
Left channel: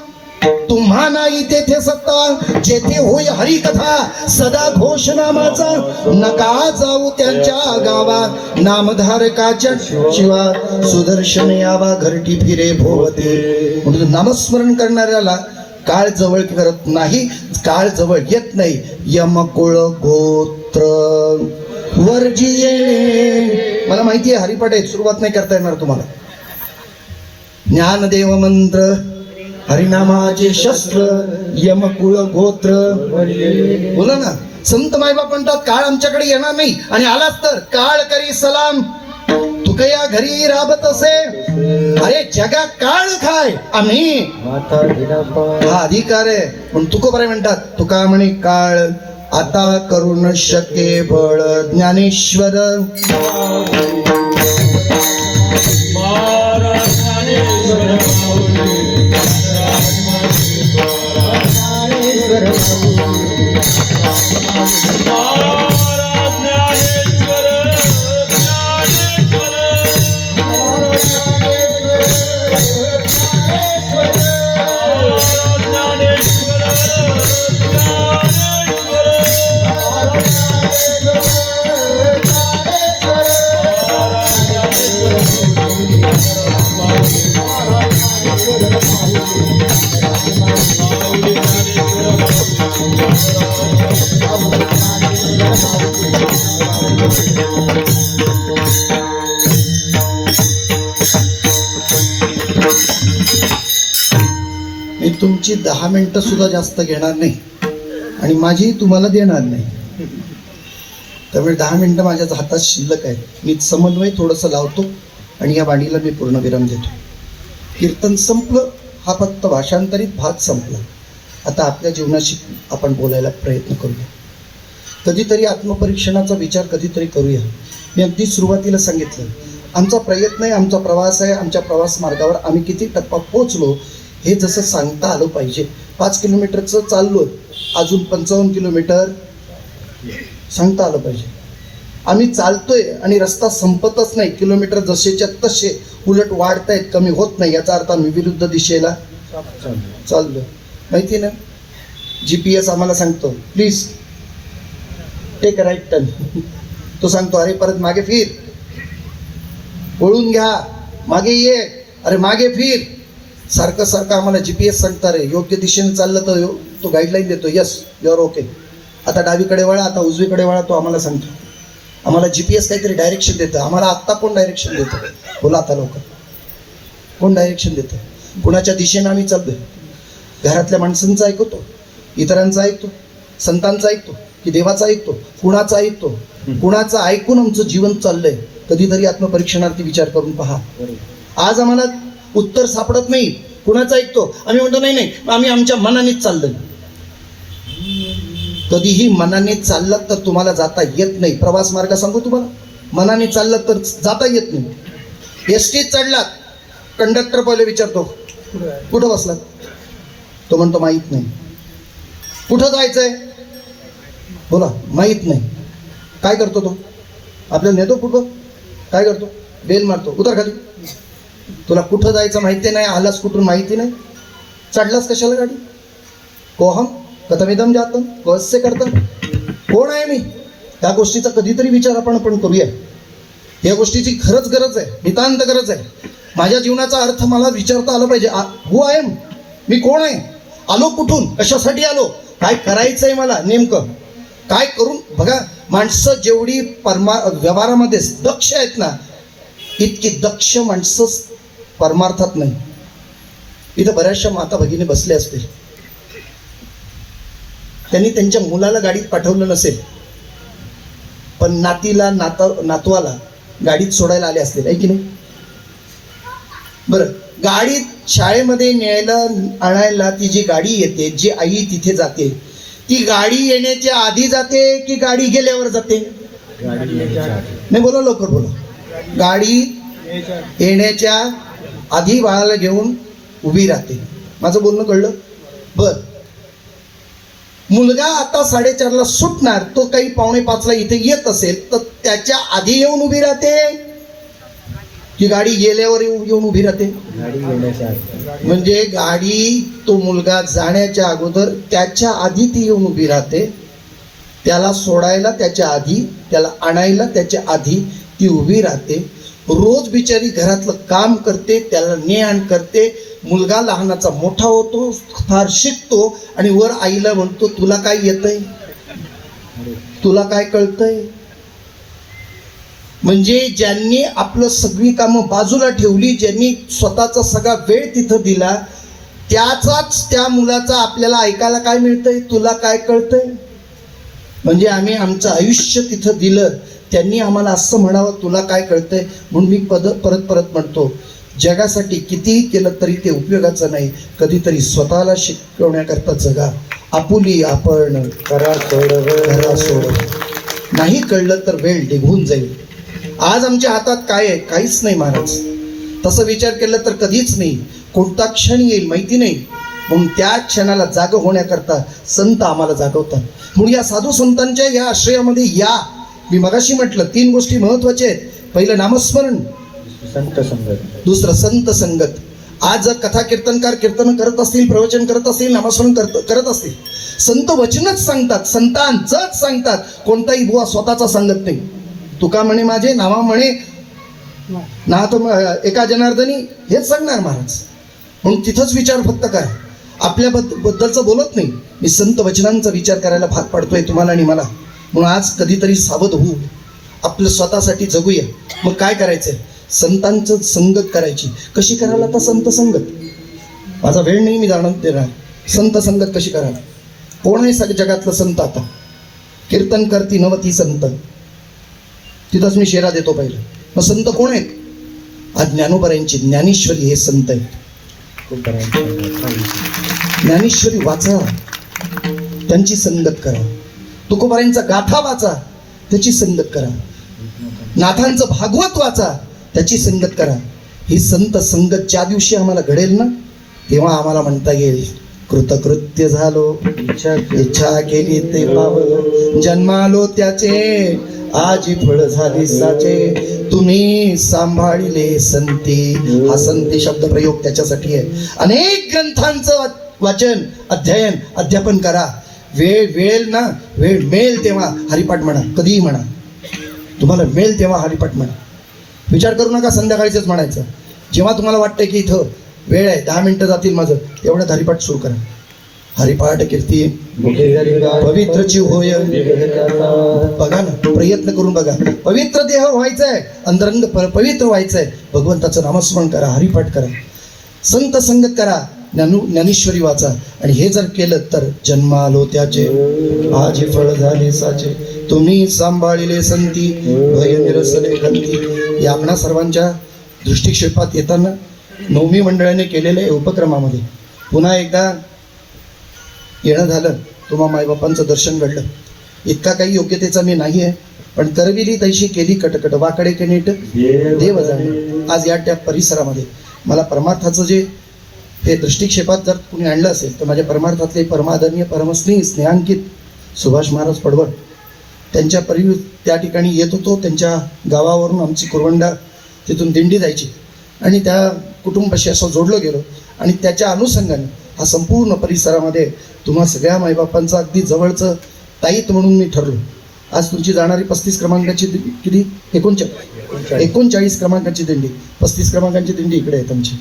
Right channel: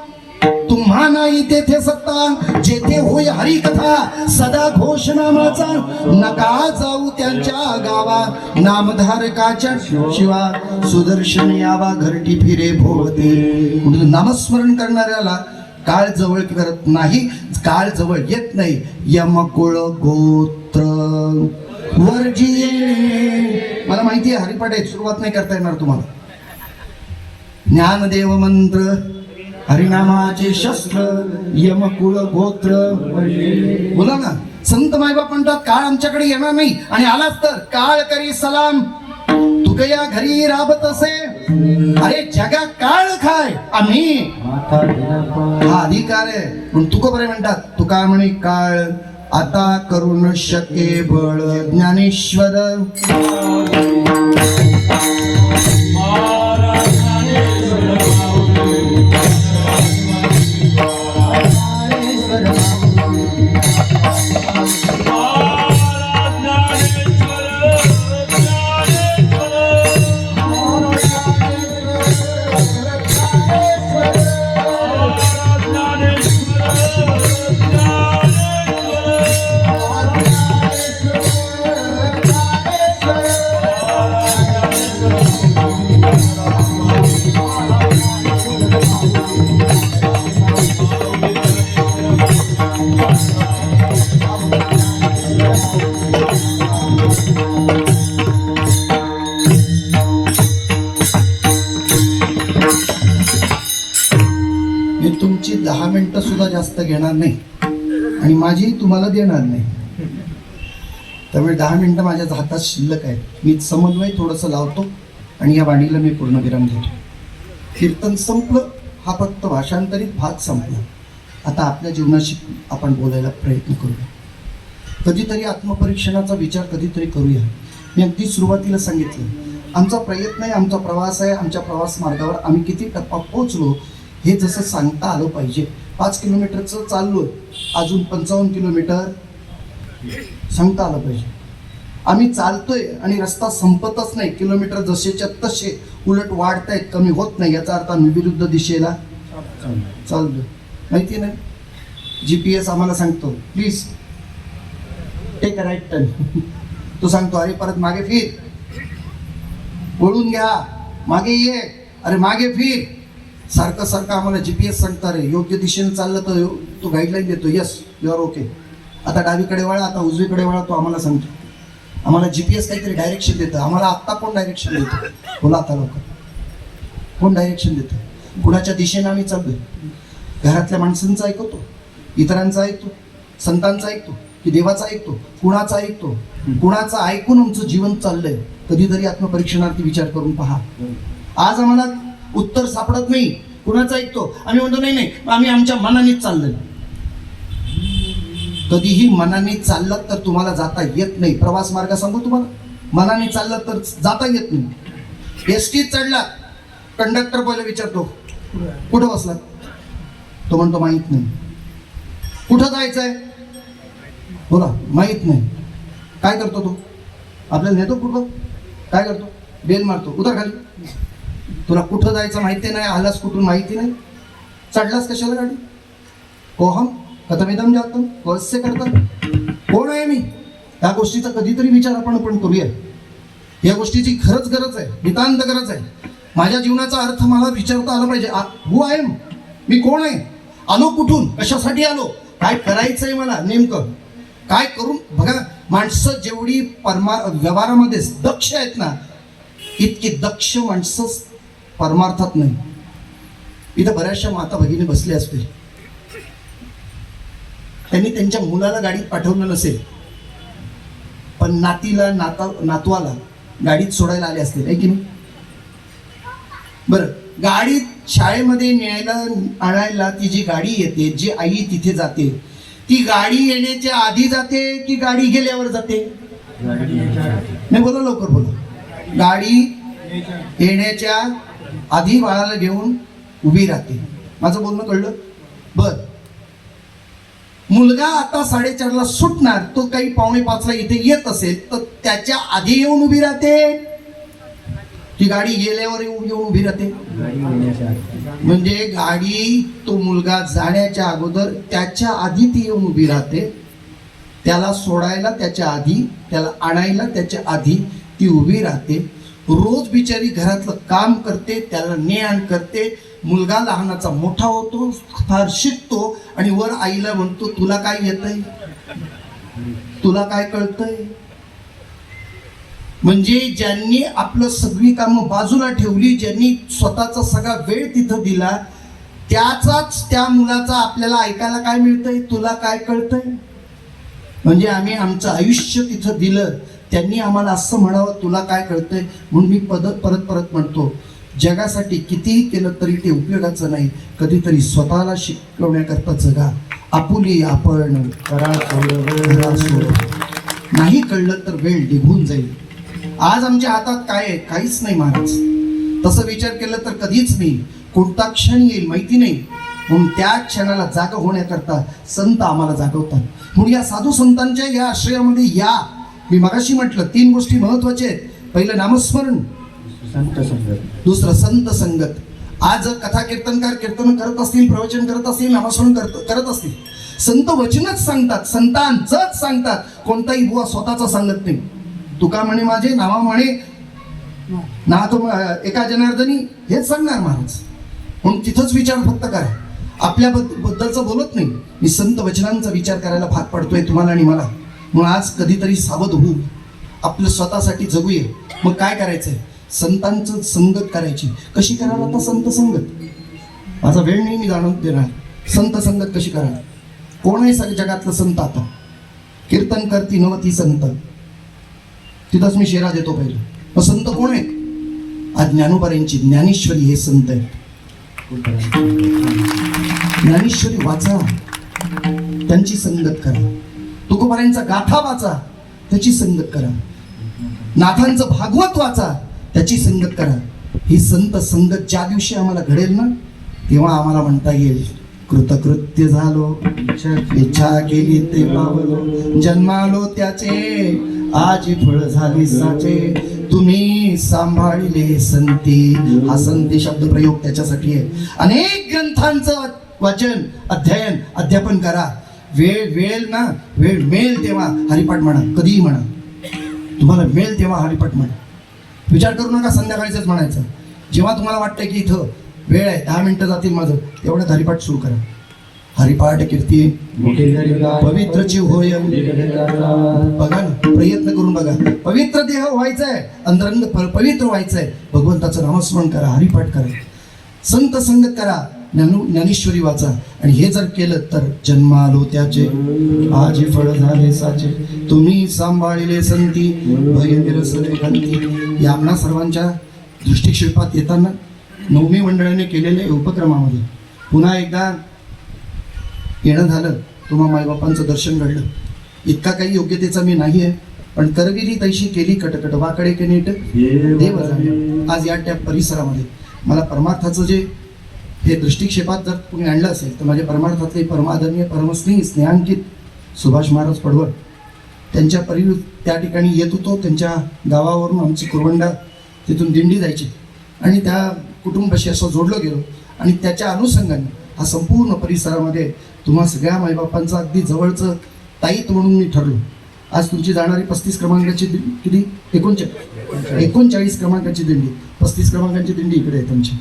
तुम्हा नाही तेथे सत्ता, जेथे होय हरी कथा सदा घोष नामाचा. नका जाऊ त्यांच्या गावा नामधारकाच्या शिवा, सुदर्शन यावा घरटी फिरे भोवते. म्हणून नामस्मरण करणाऱ्याला काळ जवळ करत नाही, काळ जवळ येत नाही. यमकुळ गोत्र वर्जिये. मला माहिती आहे हरिपाठ आहे, सुरुवात नाही करता येणार तुम्हाला. ज्ञानदेव मंत्र, हरिनामाचे शस्त्र, यमकुळ गोत्र. बोला ना. संत मायबाप म्हणतात काळ आमच्याकडे येणार नाही, आणि आलाच तर काळ करी सलाम तुकया घरी राबत असे. अरे जगा काळ खाय आम्ही, हा अधिकार आहे. पण तुकोबारे म्हणतात, तुका म्हणे काळ आता करू न शके बळ. ज्ञानेश्वर मी तुमची 10 मिनिटं सुद्धा जास्त घेणार नाही आणि माझी तुम्हाला देणार नाही. त्यामुळे 10 मिनिटं माझ्या हातात शिल्लक आहे. मी समन्वय थोडंसं लावतो आणि या वाणीला मी पूर्ण विराम देतो. कीर्तन संपलं, हा फक्त भाषांतरित भाग संपला. आता आपल्या जीवनाशी आपण बोलायला प्रयत्न करूया. कधीतरी आत्मपरीक्षणाचा विचार कधीतरी करूया. मी अगदी सुरुवातीला सांगितलं, आमचा प्रयत्न आहे, आमचा प्रवास आहे. आमच्या प्रवास मार्गावर आम्ही किती टप्पा पोहोचलो हे जसं सांगता आलं पाहिजे. 5 किलोमीटरचं चाललो, अजून 55 किलोमीटर सांगता आलं पाहिजे. आम्ही चालतोय आणि रस्ता संपतच नाही. किलोमीटर जसेच्या तसे उलट वाढतायत, कमी होत नाही. याचा अर्थ आम्ही विरुद्ध दिशेला चाललोय. माहिती नाही? GPS आम्हाला सांगतो please take a right turn. तो सांगतो अरे परत मागे फिर, वळून घ्या, मागे ये, अरे मागे फिर. सारखं सारखं आम्हाला GPS सांगता रे. योग्य दिशेने चाललं तर तो गाईडलाईन देतो, यस यू आर ओके. आता डावीकडे वळा, आता उजवीकडे वळा, तो आम्हाला सांगतो. आम्हाला GPS काहीतरी डायरेक्शन देतं. आम्हाला आत्ता कोण डायरेक्शन देतं? बोला आता लवकर. कोण डायरेक्शन देतं? कुणाच्या दिशेनं आम्ही चाललोय? घरातल्या माणसांचं ऐकतो, इतरांचं ऐकतो, संतांचं ऐकतो की देवाचं ऐकतो? कुणाचं ऐकतो? कुणाचं ऐकून आमचं जीवन चाललंय? कधीतरी आत्मपरीक्षणार्थी विचार करून पहा. आज आम्हाला उत्तर सापडत नाही. कुणाचं ऐकतो? आम्ही म्हणतो नाही नाही, आम्ही आमच्या मनानेच चाललोय. कधीही मनाने चाललं तर तुम्हाला जाता येत नाही. प्रवास मार्ग सांगू तुम्हाला, मनाने चाललं तर जाता येत नाही. एसटीत चढलात, कंडक्टर पहिले विचारतो कुठं बसलात? तो म्हणतो माहीत नाही. कुठं जायचंय? बोला माहीत नाही. काय करतो तो? आपल्याला नेतो कुठं? काय करतो? बेल मारतो, उतर खाली. तुला कुठं जायचं माहिती नाही, आलास कुठून माहिती नाही, चढलास कशाला गाडी? कोहम कथमिदम जातम वस्य करता. कोण आहे मी? या गोष्टीचा कधीतरी विचार आपण करूया. या गोष्टीची खरंच गरज आहे, नितांत गरज आहे. माझ्या जीवनाचा अर्थ मला विचारता आला पाहिजे. हु आय एम, मी कोण आहे, आलो कुठून, कशासाठी आलो, काय करायचंय मला, नेमकं काय करून. बघा, माणसं जेवढी व्यवहारामध्ये दक्ष आहेत ना, इतकी दक्ष माणसं परमार्थात नाही. इथं बऱ्याचशा माता भगिनी बसल्या असतील, त्यांनी त्यांच्या मुलाला गाडीत पाठवलं नसेल, पण नातवाला गाडीत सोडायला आले असतील, आहे की नाही? बरं, गाडीत शाळेमध्ये न्यायला आणायला ती जी गाडी येते, जी आई तिथे जाते, ती गाडी येण्याच्या आधी जाते की गाडी गेल्यावर जाते? नाही, बोला लवकर बोला. गाडी येण्याच्या आधी बाळाला घेऊन उभी राहते. माझं बोलणं कळलं? बर, मुलगा आता 4:30ला सुटणार, तो काही 4:45ला इथे येत असेल तर त्याच्या आधी येऊन उभी राहते की गाडी गेल्यावर येऊन उभी राहते? म्हणजे गाडी, तो मुलगा जाण्याच्या अगोदर त्याच्या आधी ती येऊन उभी राहते. त्याला सोडायला त्याच्या आधी, त्याला आणायला त्याच्या आधी ती उभी राहते. रोज बिचारी घरातलं काम करते, त्याला ने आण करते. मुलगा लहानाचा मोठा होतो, फार शिकतो आणि वर आईला म्हणतो, तुला काय येतंय, तुला काय कळतंय? म्हणजे ज्यांनी आपलं सगळी कामं बाजूला ठेवली, ज्यांनी स्वतःचा सगळा वेळ तिथं दिला, त्याचाच त्या मुलाचा आपल्याला ऐकायला काय मिळतंय, तुला काय कळतंय? म्हणजे आम्ही आमचं आयुष्य तिथं दिलं, त्यांनी आम्हाला असं म्हणावं, तुला काय कळतंय? म्हणून मी परत म्हणतो, जगासाठी कितीही केलं तरी ते उपयोगाचं नाही. कधीतरी स्वतःला शिकवण्याकरता जगा. आपुली आपण करा सोड. नाही कळलं तर वेळ निघून जाईल. आज आमच्या हातात काय आहे? काहीच नाही महाराज. तसं विचार केला तर कधीच नाही. कोणता क्षण येईल माहिती नाही, म्हणून त्या क्षणाला जाग होण्याकरता संत आम्हाला जागवतात. म्हणून या साधू संतांच्या या आश्रयामध्ये या. मी मगाशी म्हटलं 3 गोष्टी महत्वाच्या आहेत. पहिलं नामस्मरण, संत संगत, दुसरं संत संगत. आज जर कथा कीर्तनकार कीर्तन करत असतील, प्रवचन करत असतील, नामस्मरण करत असतील, संत वचनच सांगतात, संतांचंच सांगतात. कोणताही बुवा स्वतःचा सांगत नाही. तुका म्हणे माझे, नावा म्हणे ना तो एका जनार्दनी, हेच सांगणार महाराज. म्हणून तिथंच विचार फक्त करा. आपल्या बद्दलचं बोलत नाही, मी संत वचनांचा विचार करायला भाग पाडतोय तुम्हाला आणि मला. म्हणून आज कधीतरी सावध होऊ, आपलं स्वतःसाठी जगूया. मग काय करायचंय? संतांचं संगत करायची. कशी करायला? आता संत संगत. माझा वेळ नाही, मी जाणून देणार. संत संगत कशी करायला? कोण आहे सगळ्या जगातलं संत? आता कीर्तन करती नवती संत, तिथंच मी शेरा देतो पहिलं. मग संत कोण आहेत? आज ज्ञानोबारांची ज्ञानेश्वरी हे संत आहेत. ज्ञानेश्वरी वाचा, त्यांची संगत करा. तुकोबारांचा गाथा वाचा, त्याची संगत करा. नाथांचं भागवत वाचा, त्याची संगत करा. ही संत संगत ज्या दिवशी आम्हाला घडेल ना, तेव्हा आम्हाला म्हणता येईल, कृतकृत्य झालो, इच्छा केली ते पावलो, जन्मालो त्याचे, आजी फळ झाली साचे, तुम्ही सांभाळले संती. हा संती शब्द प्रयोग त्याच्यासाठी आहे. अनेक ग्रंथांचं वाचन, अध्ययन, अध्यापन करा. वेळ ना, वेळ मिळेल तेव्हा हरिपाठ म्हणा, कधीही म्हणा. तुम्हाला मिळेल तेव्हा हरिपाठ म्हणा. विचार करू नका संध्याकाळीच म्हणायचं. जेव्हा तुम्हाला वाटतं की इथं वेळ आहे, 10 मिनिटं जातील माझं, तेवढ्यात हरिपाठ सुरू करा. हरिपाठ कीर्ती पवित्रची होय. बघा ना, प्रयत्न करून बघा. पवित्र देह व्हायचाय, अंतरंग पवित्र व्हायचंय. भगवंताचं नामस्मरण करा, हरिपाठ करा, संत संगत करा, ज्ञानेश्वरी वाचा. आणि हे जर केलं तर जन्मालो त्याचे, आजी फळ झाले साचे, तुम्ही सांभाळिले संती, भय निरसले खंती. या आपणा सर्वांच्या दृष्टिक्षेपात येताना नवमी मंडळाने केलेल्या उपक्रमामध्ये पुन्हा एकदा येणं झालं. तुम्हा मायबापांचं दर्शन घडलं. इतका काही योग्यतेचा मी नाही आहे, पण करविली तैशी केली कटकट, वाकडे के नीट देव जाणे. आज या त्या परिसरामध्ये मला परमार्थाचं जे हे दृष्टिक्षेपात जर तुम्ही आणलं असेल तर माझ्या परमार्थातले परमादरणीय परमस्नेही स्नेहांकित सुभाष महाराज पडवळ, त्यांच्या त्या ठिकाणी येत होतो. त्यांच्या गावावरून आमची कुरवंडा तिथून दिंडी जायची आणि त्या कुटुंबाशी असं जोडलं गेलो आणि त्याच्या अनुषंगाने हा संपूर्ण परिसरामध्ये तुम्हा सगळ्या माईबापांचं अगदी जवळचं ताईत म्हणून मी ठरलो. आज तुमची जाणारी 35 क्रमांकाची किती 39 क्रमांकाची दिंडी, 35 क्रमांकाची दिंडी इकडे आहे तुमची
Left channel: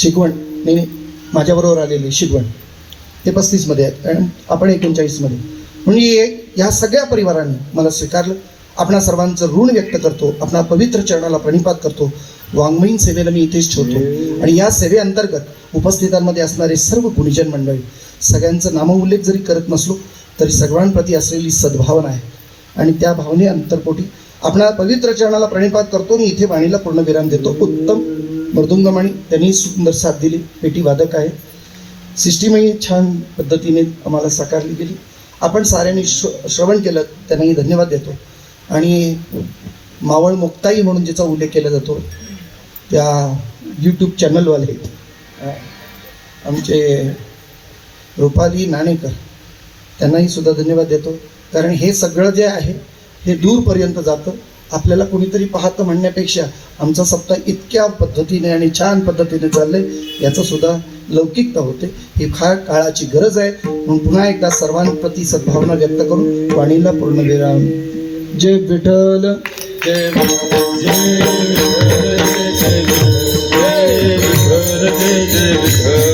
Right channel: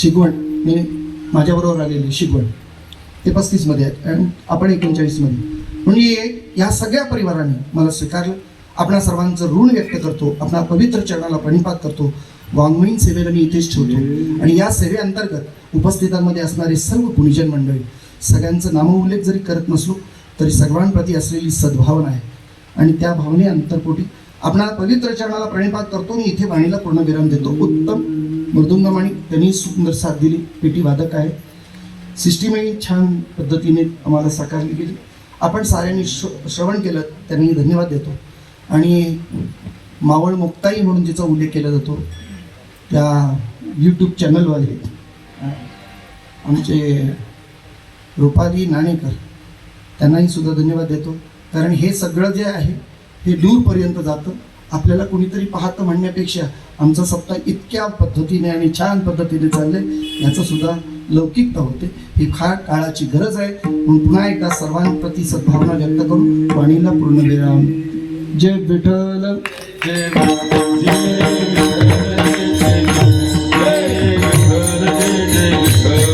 शिकवण, नाही माझ्याबरोबर आलेली शिकवण ते 35मध्ये आहेत आणि आपण 39मध्ये. म्हणजे या सगळ्या परिवाराने मला स्वीकारलं. आपणा सर्वांचं ऋण व्यक्त करतो, आपणा पवित्र चरणाला प्रणिपात करतो. वाङ्मयीन सेवेला मी इथेच ठेवतो आणि या सेवेअंतर्गत उपस्थितांमध्ये असणारे सर्व गुणीजन मंडळी सगळ्यांचं नामोल्लेख जरी करत नसलो तरी सर्वांप्रती असलेली सद्भावना आहे आणि त्या भावने अंतरपोटी आपणा पवित्र चरणाला प्रणिपात करतो. मी इथे वाणीला पूर्ण विराम देतो. उत्तम मृदुंगमणी त्यांनी सुंदर साथ दिली, पेटी वादक आहे. सिस्टीमही छान पद्धतीने आम्हाला साकारली गेली. आपण साऱ्यांनी श्रवण केलं त्यांनाही धन्यवाद देतो. आणि मावळ मुक्ताई म्हणून जिचा उल्लेख केला जातो त्या यूट्यूब चॅनलवाले आमचे रुपाली नाणेकर त्यांनाही सुद्धा धन्यवाद देतो. कारण हे सगळं जे आहे हे दूरपर्यंत जातं. आपल्याला कोणीतरी पाहतं म्हणण्यापेक्षा आमचा सप्ताह इतक्या पद्धतीने आणि छान पद्धतीने चाललंय याचं सुद्धा लौकिकता होते. ही फार काळाची गरज आहे. म्हणून पुन्हा एकदा सर्वांप्रती सद्भावना व्यक्त करून वाणीला पूर्ण विराम. जय विठ्ठल जय जय विठ्ठल जय विठ्ठल जय विठ्ठल जय विठ्ठल